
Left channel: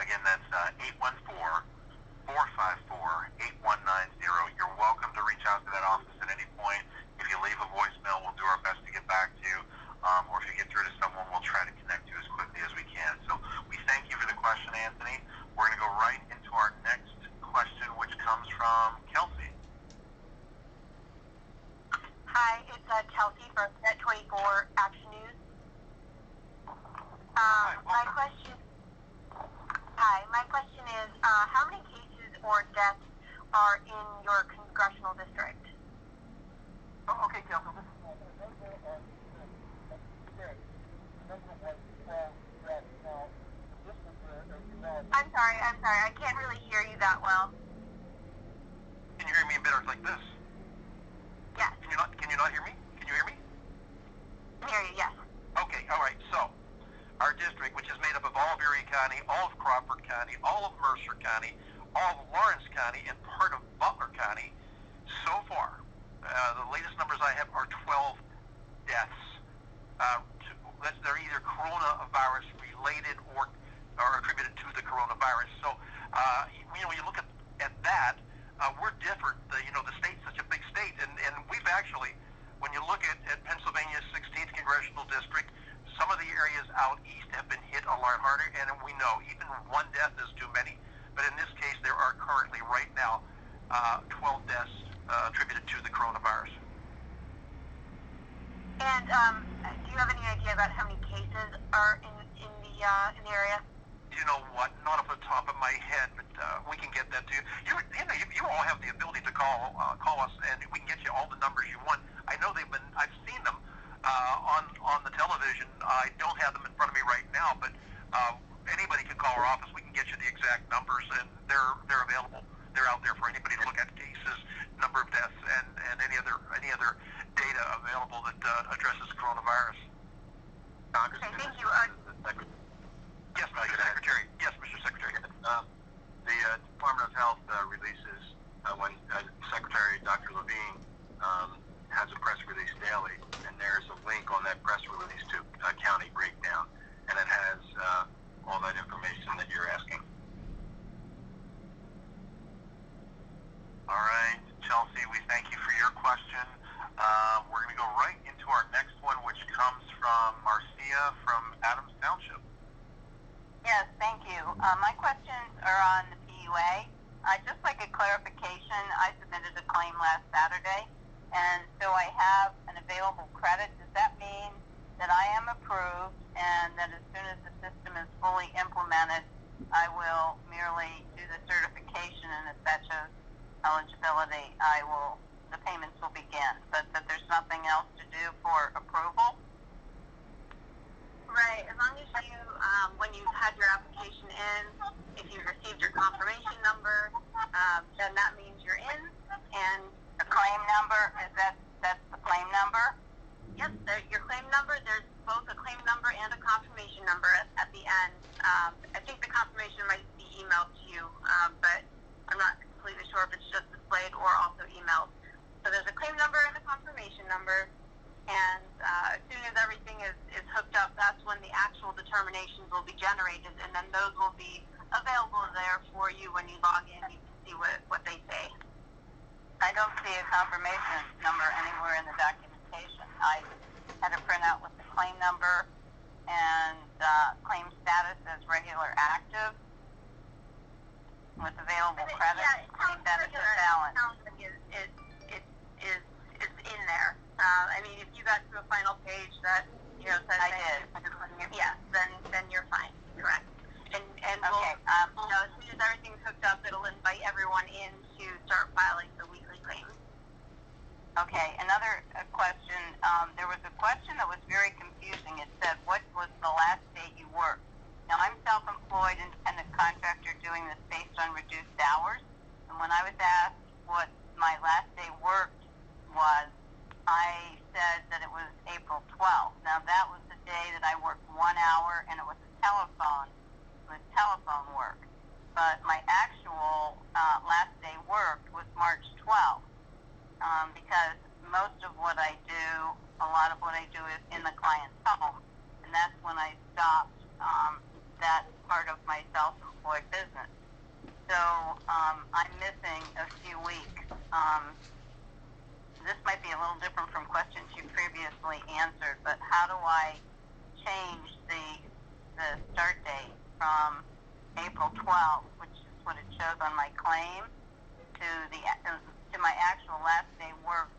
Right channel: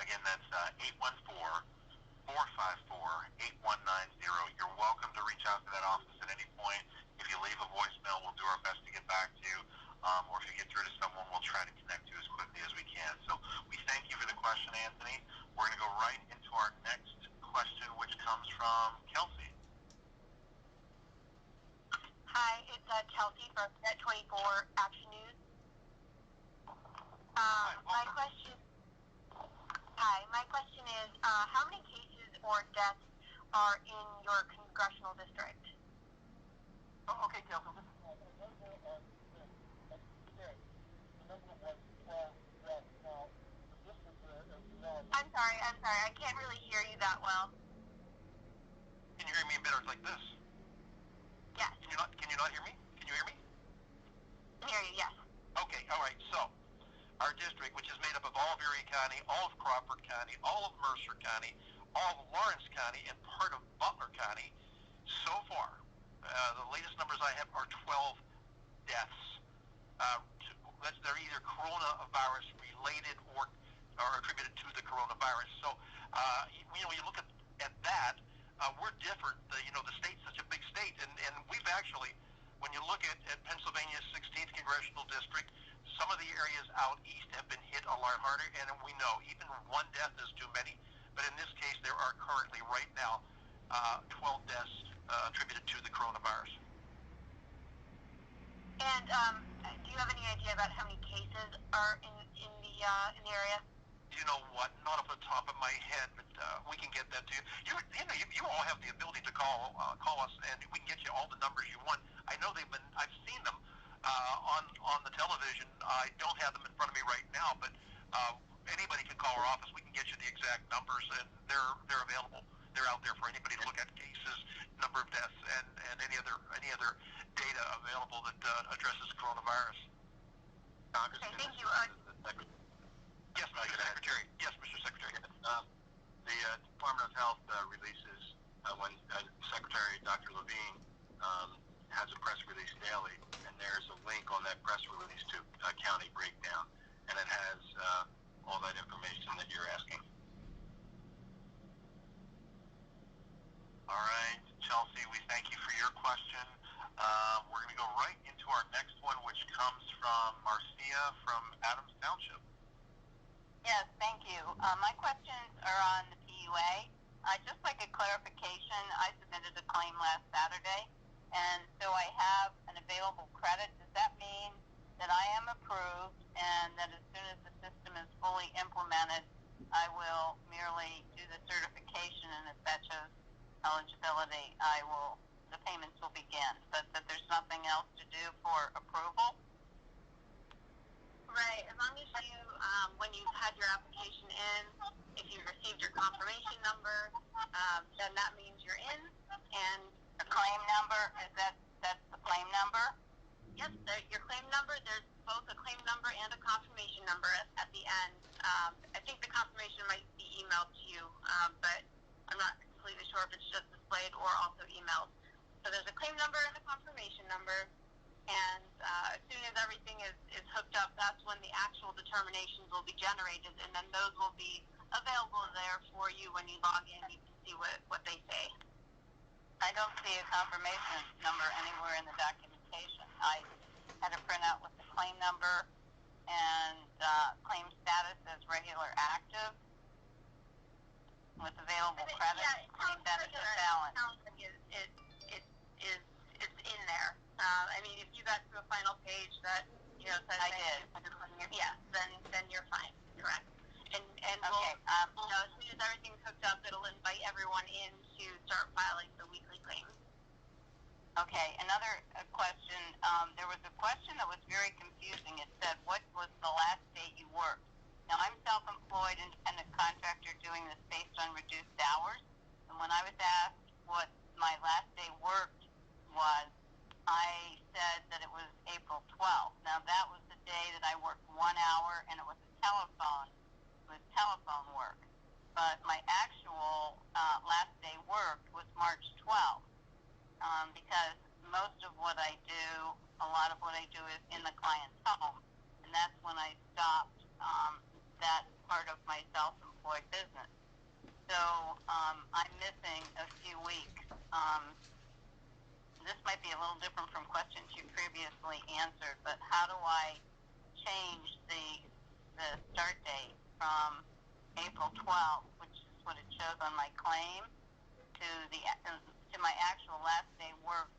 Again, that's 814-454-8190. You're welcome to reach out to that office at any point. If you leave a voicemail, we'll do our best to get back to you. Or if you get through to someone, we'll try to connect you as quickly as we can. So we thank you for the question, Anthony. We're going to go right into our next question, which comes from Kelsey. Hi, it's Kelsey from Net24 Action News. My question is, how many cases or deaths are in your congressional district? Oh, okay, Kelsey. I'm sorry, I can't really hear you that well. Can you hear me better like this? Yes. Can you not hear me? Can you hear me? I hear you, yes. Okay, all right. So, our district, which is made up of all of Erie County, all of Crawford County, all of Mercer County, all of Lawrence County, and part of Butler County, so far, the latest numbers I have are 12 deaths. They're either coronavirus related or attributed to the coronavirus. So, you look at that, we're different. The state's such a big state, and we've actually, when you look at Pennsylvania's 16th congressional district, some of the areas out east have been hit a lot harder, and we know even one death is too many. But in this case, there are currently, right now, 12 deaths attributed to the coronavirus. And do you have any idea about how many cases are in the area? You know what? Not off the top of my head, but we can get that to you. You all have the ability to call us, and we can get you all the numbers you want. I know I've seen them on the television. I don't have them in front of me right now, but anybody can call our office. We can get you the exact numbers, and they're available. They're out there for anybody to look at: cases, number of deaths, and any other data available that addresses coronavirus. Okay, thank you. Yes, Mr. Secretary. Yes, Mr. Secretary. The Department of Health releases when Secretary Dr. Levine has a press release daily, and there's a link on that press release to a county breakdown, and it has all that information that you're asking. All right, Chelsea, we thank you for your question. We're going to go right into our next one, which comes from Marcia from Adams Township. Yes. Yes, thank you. My questions are on the PUA. I'd just like a clarification. I submitted a claim last Saturday, and so I have an available credit. Does that mean that I am approved and that as soon as the system is fully implemented, I will merely do the certification, and if that shows eligibility, the payments will begin, but that there's nothing else to do for approval? Right, as long as you, when you've had your application in, if you've received your confirmation number, then that means you're in, and the claim number, that's the claim number? Yep, your claim number, there's both a claim number and a confirmation number at the end. I think the confirmation might be emailed to you, but I'm not completely sure if it's just displayed or also emailed. So there's a claim number and a confirmation number, and as soon as everything is hooked up, that's when the actual determinations will be generated, and then those will be available there for you when you log in. You can see what they say. I don't see a confirmation number anywhere in the documentation. I had a printout with the claim number and claim status as regular active with available credit. Claim status as balance. It's in there. I mean, if you got to a final page that says I did. Yeah, then you're fine. Correct. And okay. As soon as everything's hooked up, it'll invite everyone in to start filing the weekly claims. Okay. Another question. There was a question that was very confusing. It said, "What was the last day you worked?" Now, I'm self-employed independent contractor doing this based on reduced hours, and when I was asked what my last day worked was, I said that it was April 12th. Now, that was the day that I worked 1 hour, and it was telephone work. But my actual last day worked was March 12th, because most of what I do, a lot of what I do is in the client's home, and that's when I stopped that part of my self-employed business. So I'm missing a few weeks. This might be a little different from questions you previously answered, but how do I change the start date from April 12th, which is what it shows on my claim, to my actual last day worked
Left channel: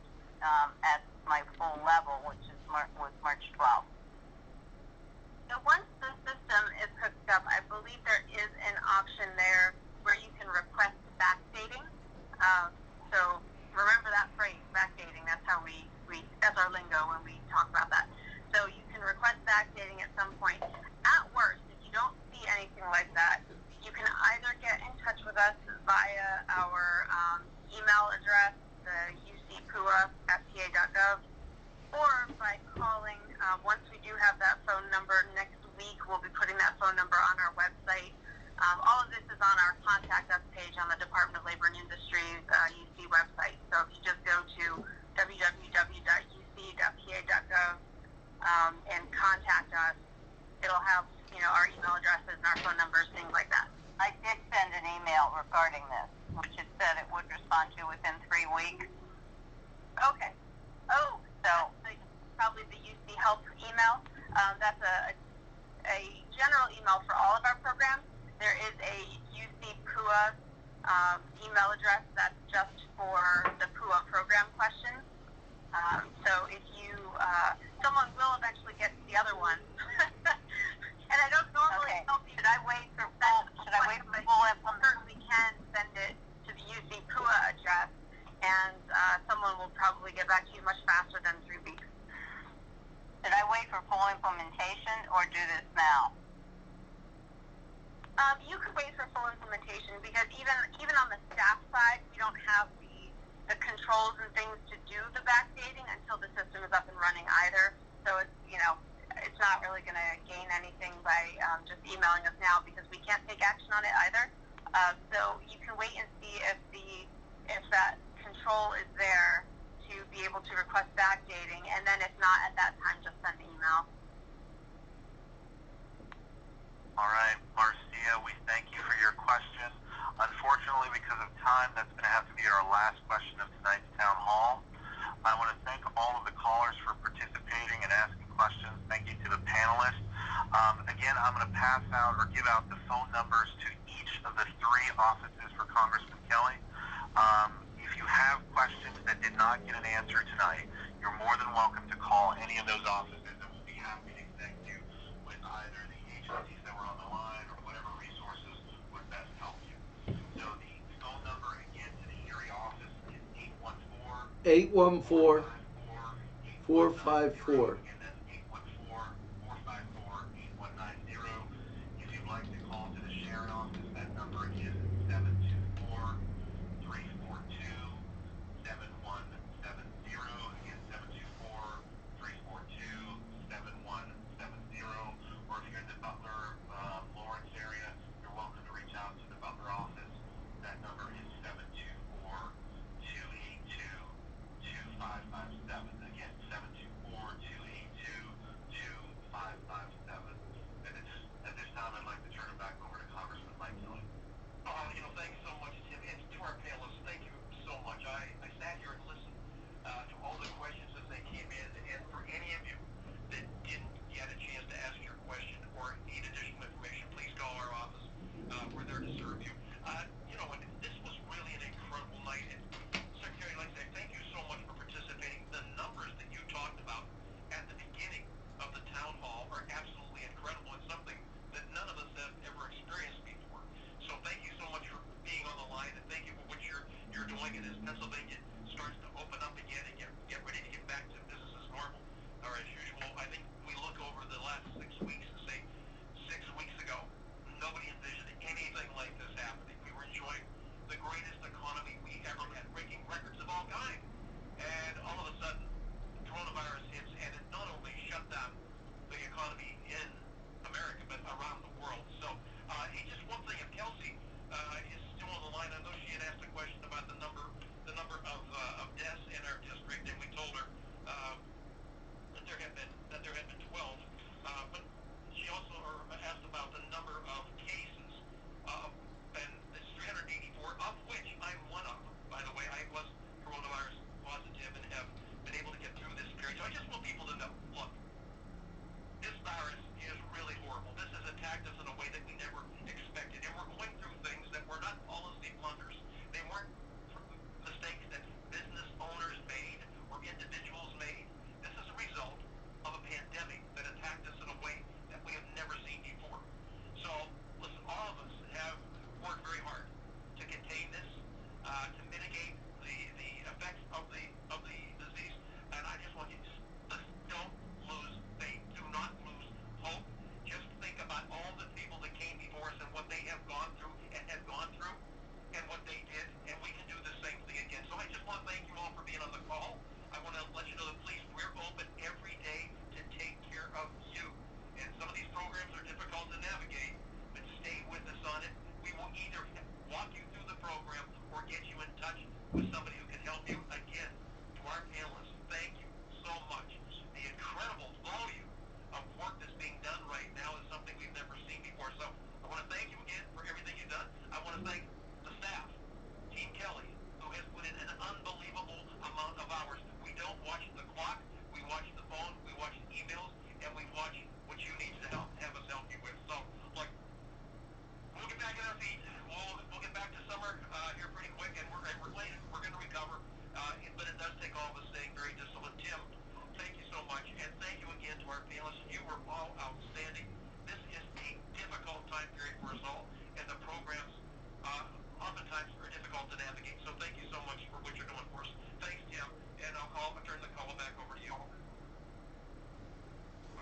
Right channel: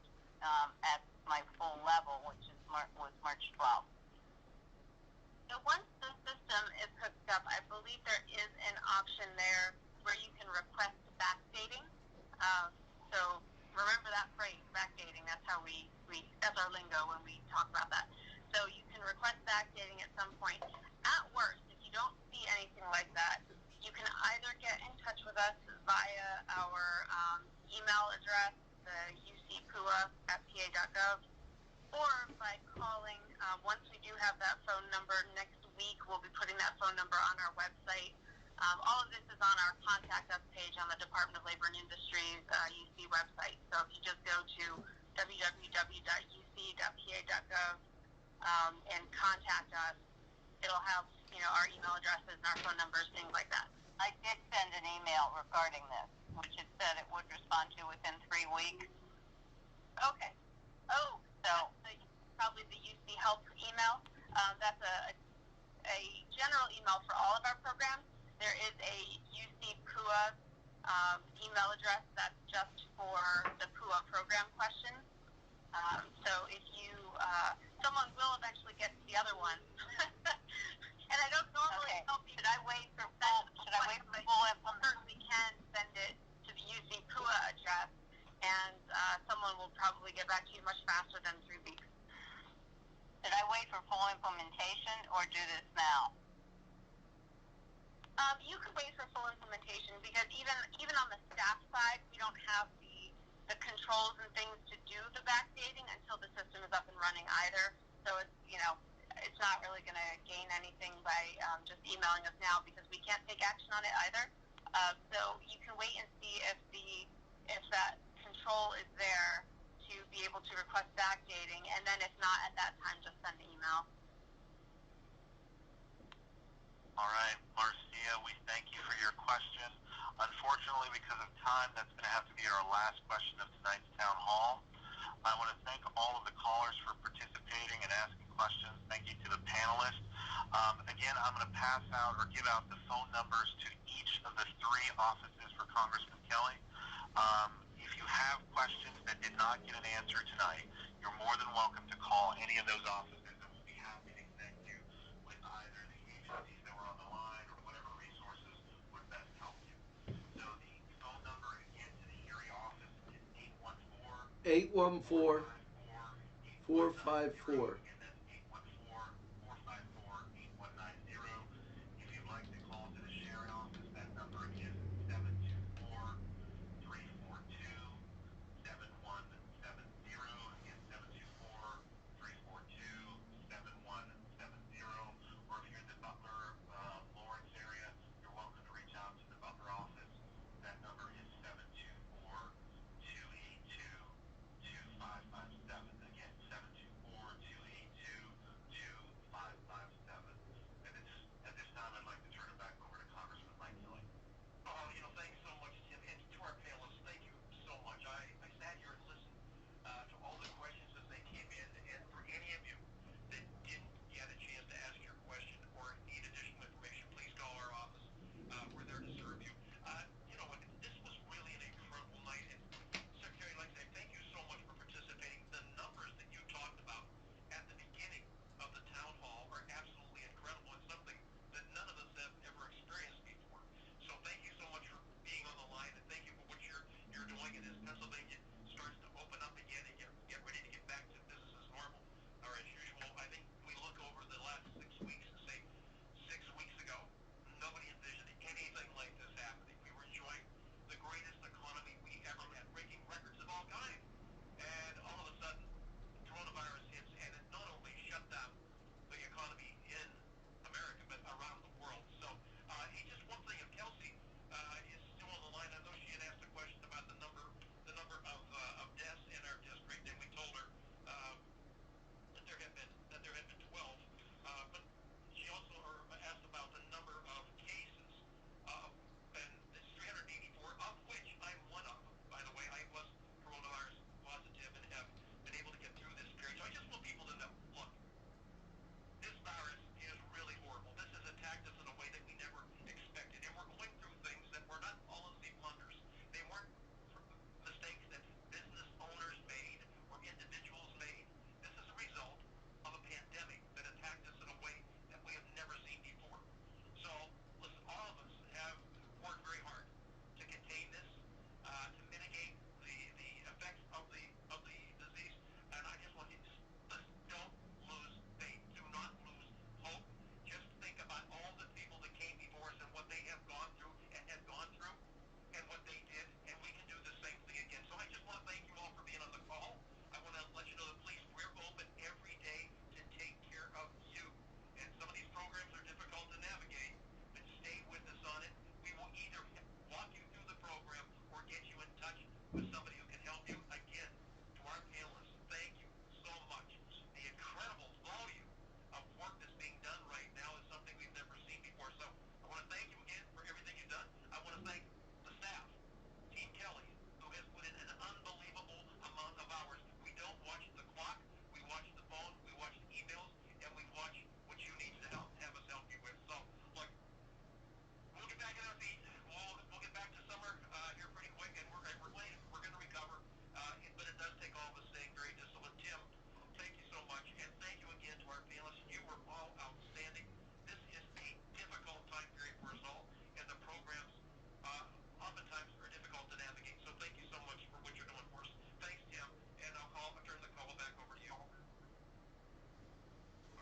at my full level, which was March 12th? So once the system is hooked up, I believe there is an option there where you can request backdating. So remember that phrase, backdating. That's how that's our lingo when we talk about that. So you can request backdating at some point. At worst, if you don't see anything like that, you can either get in touch with us via our email address, the ucpua@pa.gov, or by calling. Once we do have that phone number next week, we'll be putting that phone number on our website. All of this is on our Contact Us page on the Department of Labor and Industries UC website. So if you just go to www.uc.pa.gov and contact us, it'll have our email addresses and our phone numbers, things like that. I did send an email regarding this, which it said it would respond to within 3 weeks. Okay. Oh, so probably the UC Help email. That's a general email for all of our programs. There is a UC PUA email address that's just for the PUA program questions. So if you, someone will eventually get to the other one. And I don't normally help you. Should I wait for full implementation? Certainly can send it to the UC PUA address, and someone will probably get back to you much faster than 3 weeks. Should I wait for full implementation or do this now? You could wait for full implementation because even on the staff side, we don't have the controls and things to do the backdating until the system is up and running either. So it's not really going to gain anything by just emailing us now because we can't take action on it either. So you can wait and see if that control is there to be able to request backdating, and then if not, at that time, just send an email. All right, Marcia, we thank you for your question. Unfortunately, because of time, that's going to have to be our last question of tonight's town hall. I want to thank all of the callers for participating and asking questions. Thank you to the panelists. Again, I'm going to pass out or give out the phone numbers to each of the 3 offices for Congressman Kelly. If you have questions that did not get an answer tonight, you're more than welcome to call any of those offices, and we'll be happy to connect you with either the agencies that were on the line or whatever resources would best help you. So the phone number again to the Erie office is 814 814-454. and that's 814-454-8190. If you'd like to call to the Sharon office, that number is 724-342-7170. Again, 724-342-7170. Or if you're in the Butler, Lawrence area, you're welcome to reach out to the Butler office. That number is 724-282-2557. Again, 724-282-2557. And at this time, I'd like to turn it back over to Congressman Mike Kelly. Thanks so much, Tim, and to our panelists, thank you so much. I sat here and listened to all the questions as they came in, and for any of you that didn't get a chance to ask your question or need additional information, please call our office. We're there to serve you. This was really an incredible night, and Secretary Alexei, thank you so much for participating. The numbers that you talked about at the beginning of the town hall are absolutely incredible and something that none of us have ever experienced before. So thank you so much for being on the line, and thank you for what you're doing. And as Pennsylvania starts to open up again and get ready to get back to business as normal or as usual, I think we look over the last 6 weeks and say 6 weeks ago, nobody envisioned anything like this happening. We were enjoying the greatest economy we ever had, breaking records of all kinds. And all of a sudden, coronavirus hits, and it not only shut down the economy in America, but around the world. So, hey, just one thing, if Kelsey is still on the line, I know she had asked a question about the number of deaths in our district, and we told her that there had been 12, but she also asked about the number of cases, and it's 384, of which I'm one of. By the way, I was coronavirus positive and have been able to get through this period. So I just want people to know, look, this virus is really horrible. This has attacked us in a way that we never expected, and we're going through things that were not policy blunders. They weren't mistakes that business owners made or individuals made. This is a result of a pandemic that attacked us in a way that we have never seen before. So, listen, all of us have worked very hard to contain this, to mitigate the effects of the disease. And I just want you to don't lose faith. Do not lose hope. Just think about all the people that came before us and what they have gone through and have gone through and what they did, and we can do the same thing again. So I just want to thank you all for being on the call. I want to let you know that, please, we're open every day to take care of you. And some of these programs are difficult to navigate, but stay with us on it. We will either walk you through the program or get you in touch with somebody who can help you. Again, to our panelists, thank you so much. The incredible volume of work that's being done right now is something we've never seen before. So I want to thank you again for everything you've done. I want to thank the staff, Team Kelly, who has put in an unbelievable amount of hours. We don't watch the clock. We watch the phone. We watch the emails, and we watch what you need to have us help you with. So, look, we'll get back on our feet. We'll get back to summer here pretty quick, and we're going to recover. But it does take all of us staying very disciplined. Tim, thank you so much, and thank you again to our panelists. You were all outstanding. This is a difficult time period for us all, and the programs oftentimes are difficult to navigate. So thank you so much for what you're doing for us. Thanks, Tim, and I'll turn the call back over to you. All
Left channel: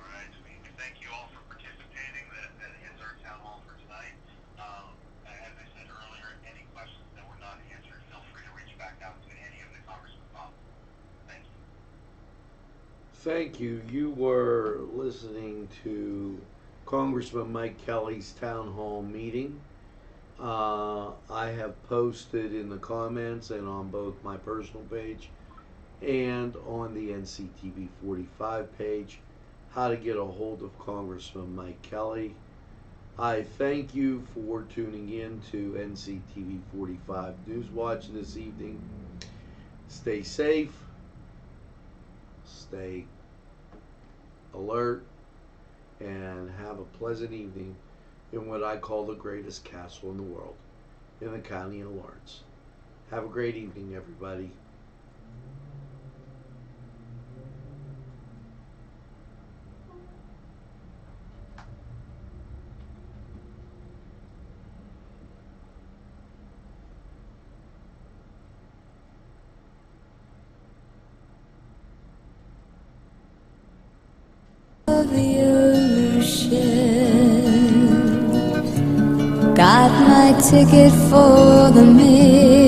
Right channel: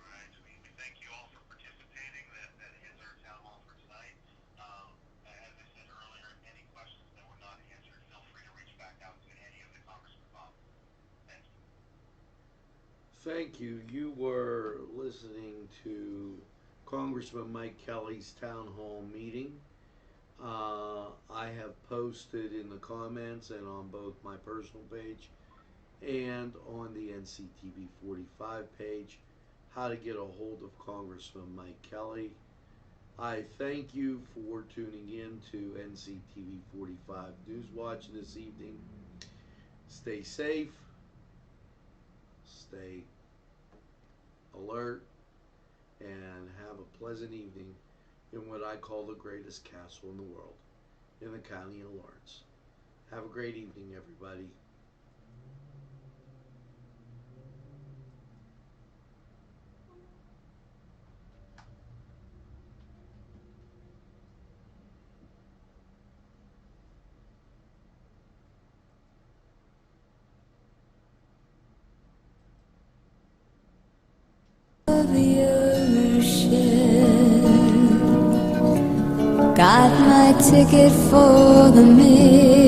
right, we thank you all for participating. That ends our town hall for tonight. As I said earlier, any questions that were not answered, feel free to reach back out to any of the congressman's offices. Thank you. Thank you. You were listening to Congressman Mike Kelly's town hall meeting. I have posted in the comments and on both my personal page and on the NCTV45 page how to get a hold of Congressman Mike Kelly. I thank you for tuning in to NCTV45 NEWSWATCH this evening. Stay safe, stay alert and have a pleasant evening in what I call the greatest castle in the world, in the county of Lawrence. Have a great evening, everybody. The ocean, got my ticket for the midnight